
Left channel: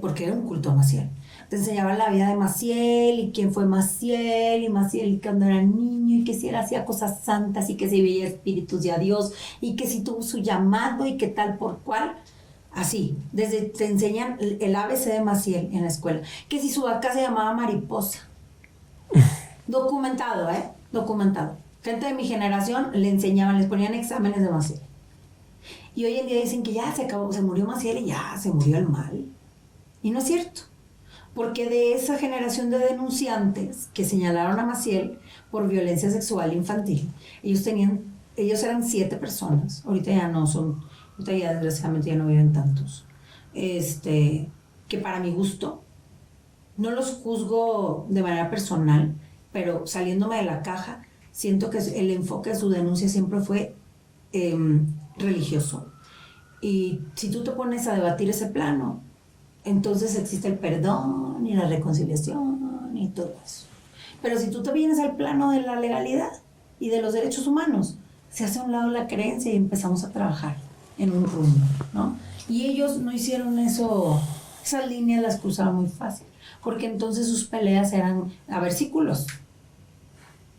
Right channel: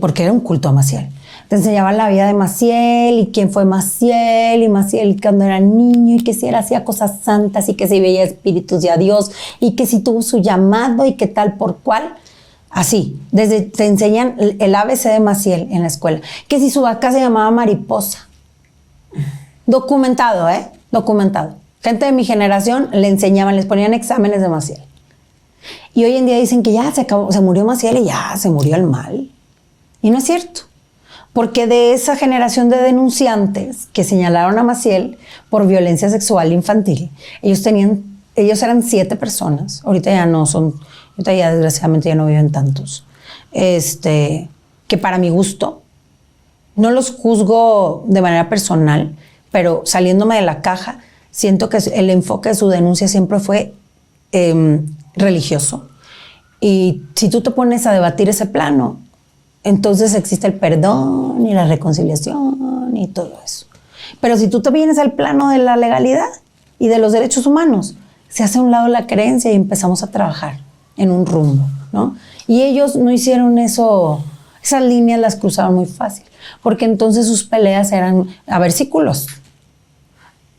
Porque era un culto a Maciel. Te enseñaban la vida de Maciel y quién fue Maciel, y Maciel cuando era niño, y que si él hacía cosas santas, y que si veía espíritus de a Dios, y que si tuvo su llamado, y que tal por cual. Así, te enseñan el ABC de Maciel en la escuela. Que si su vaca se llamaba Mariposa. Documentado, Documentado. Gente de mi generación le enseñaban, les ponían exámenes de Maciel. Y hoy en día dicen que ya se murió Maciel y ya se murió el mal. Y no es cierto. Porque de esa generación de denunciantes que señalaron a Maciel por violencia sexual infantil, ellos eran 7 personas. Ahorita ya no son, ahorita ya desgraciadamente ya no viven tantos. Que para mi gusto, no los juzgo de manera personal, pero saliéndome de la caja, siento que el enfoque de su denuncia siempre fue religioso. Y si tú te pones a debatir ese plano, entonces existe el perdón y la reconciliación y todo eso. Pero si tú te vienes al plano de la legalidad y de los derechos humanos, se hace a un lado la creencia y empezamos a trabajar en un rumbo, ¿no? Y ellos no hicieron eso, esas líneas las cruzaron muy fácil. porque entonces sus peleas eran a versículos.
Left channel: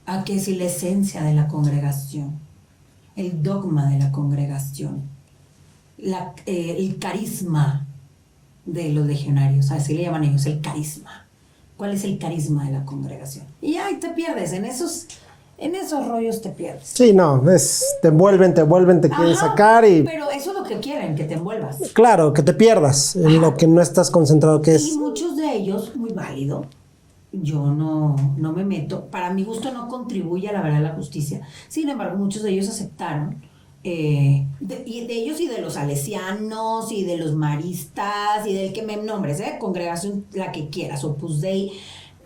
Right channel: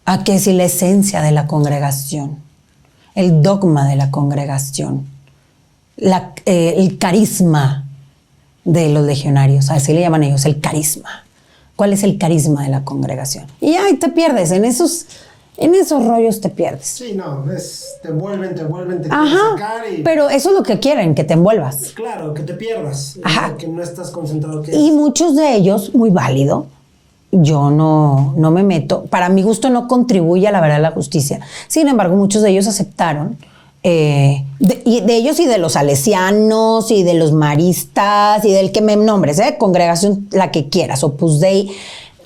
A que si la esencia de la congregación, el dogma de la congregación, el carisma de los legionarios, así le llaman ellos, el carisma. ¿Cuál es el carisma de la congregación? Y ahí te pierdes, en esos rollos te pierdes. Sí, no, te envuelven, te quieren sacar y... Pero eso es lo que quieren, que te envuelvas. Claro, que te pierdas en lo que no estás concentrado, que es... Y muchos de ellos, muy válido, yo no me meto, para mi gusto no contribuye a la verdad de la justicia. Sin embargo, muchos de ellos aceptaron, de ellos y de los salesianos y de los maristas y del que me nombres, congregación, la que quieras, Opus Dei,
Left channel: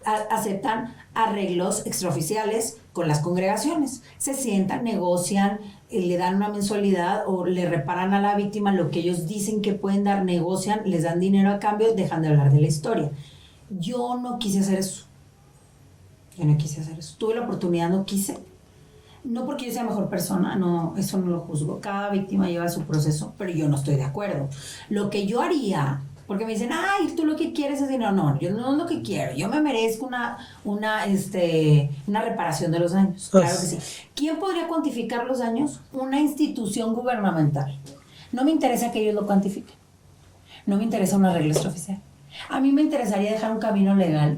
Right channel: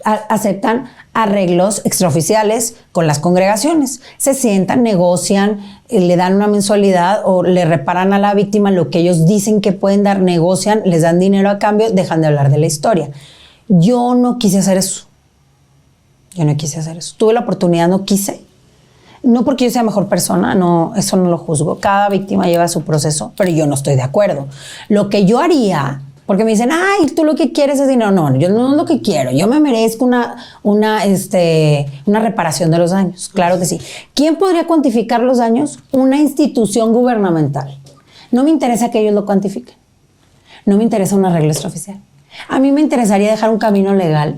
aceptan arreglos extraoficiales con las congregaciones. Se sientan, negocian, le dan una mensualidad o le reparan a la víctima lo que ellos dicen que pueden dar, negocian, les dan dinero a cambio, dejan de hablar de la historia. Yo no quise hacer eso. Tuve la oportunidad, no quise. No porque yo sea mejor persona, no, eso no lo juzgo. Cada víctima lleva su proceso, pero yo no estoy de acuerdo. Lo que yo haría, porque me dicen, ay, tú lo que quieres es dinero. No, yo no es lo que quiero. Yo me merezco una reparación de los daños. Claro que sí. ¿Quién podría cuantificar los daños? Una institución gubernamental. No me interesa que ellos lo cuantifiquen. No me interesa un arreglo extraoficial. A mí me interesaría dejar un camino legal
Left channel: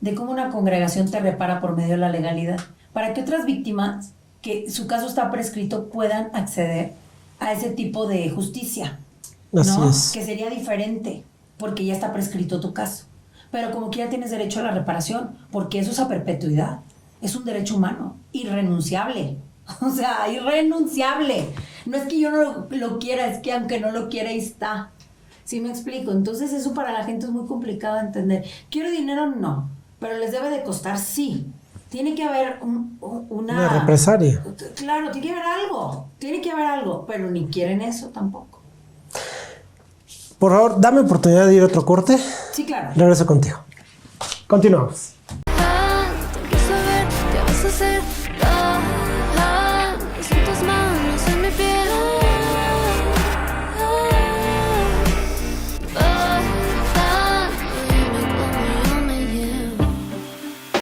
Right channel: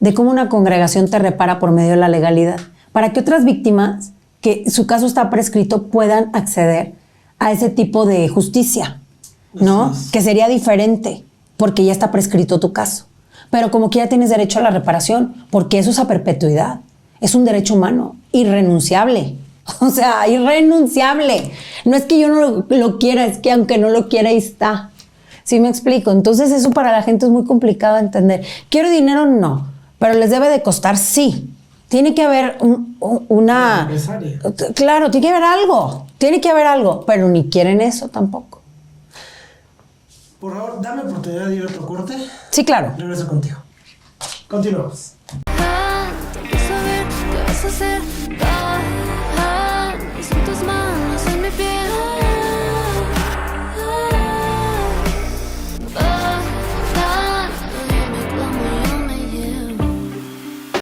de cómo una congregación te repara por medio de la legalidad, para que otras víctimas, que su caso está prescrito, puedan acceder a ese tipo de justicia, ¿no? Que sería diferente, porque ya está prescrito tu caso. Pero como quiera tienes derecho a la reparación, porque eso es a perpetuidad. Es un derecho humano, irrenunciable. O sea, irrenunciable. No es que yo no lo quiera, es que aunque no lo quiera, ahí está. ¿Sí me explico? Entonces eso para la gente es muy complicado de entender. ¿Quiero dinero? No. ¿Pero les debe de costar? Sí. Tiene que haber una represalia. Claro, tiene que haber algo. Tiene que haber algo. Pero ni quieren eso tampoco. Por favor, dame oportunidad de ir a otro corte. Sí, claro. Regreso contigo. Continuamos. Te empiezo a ver, ¿qué vas a hacer?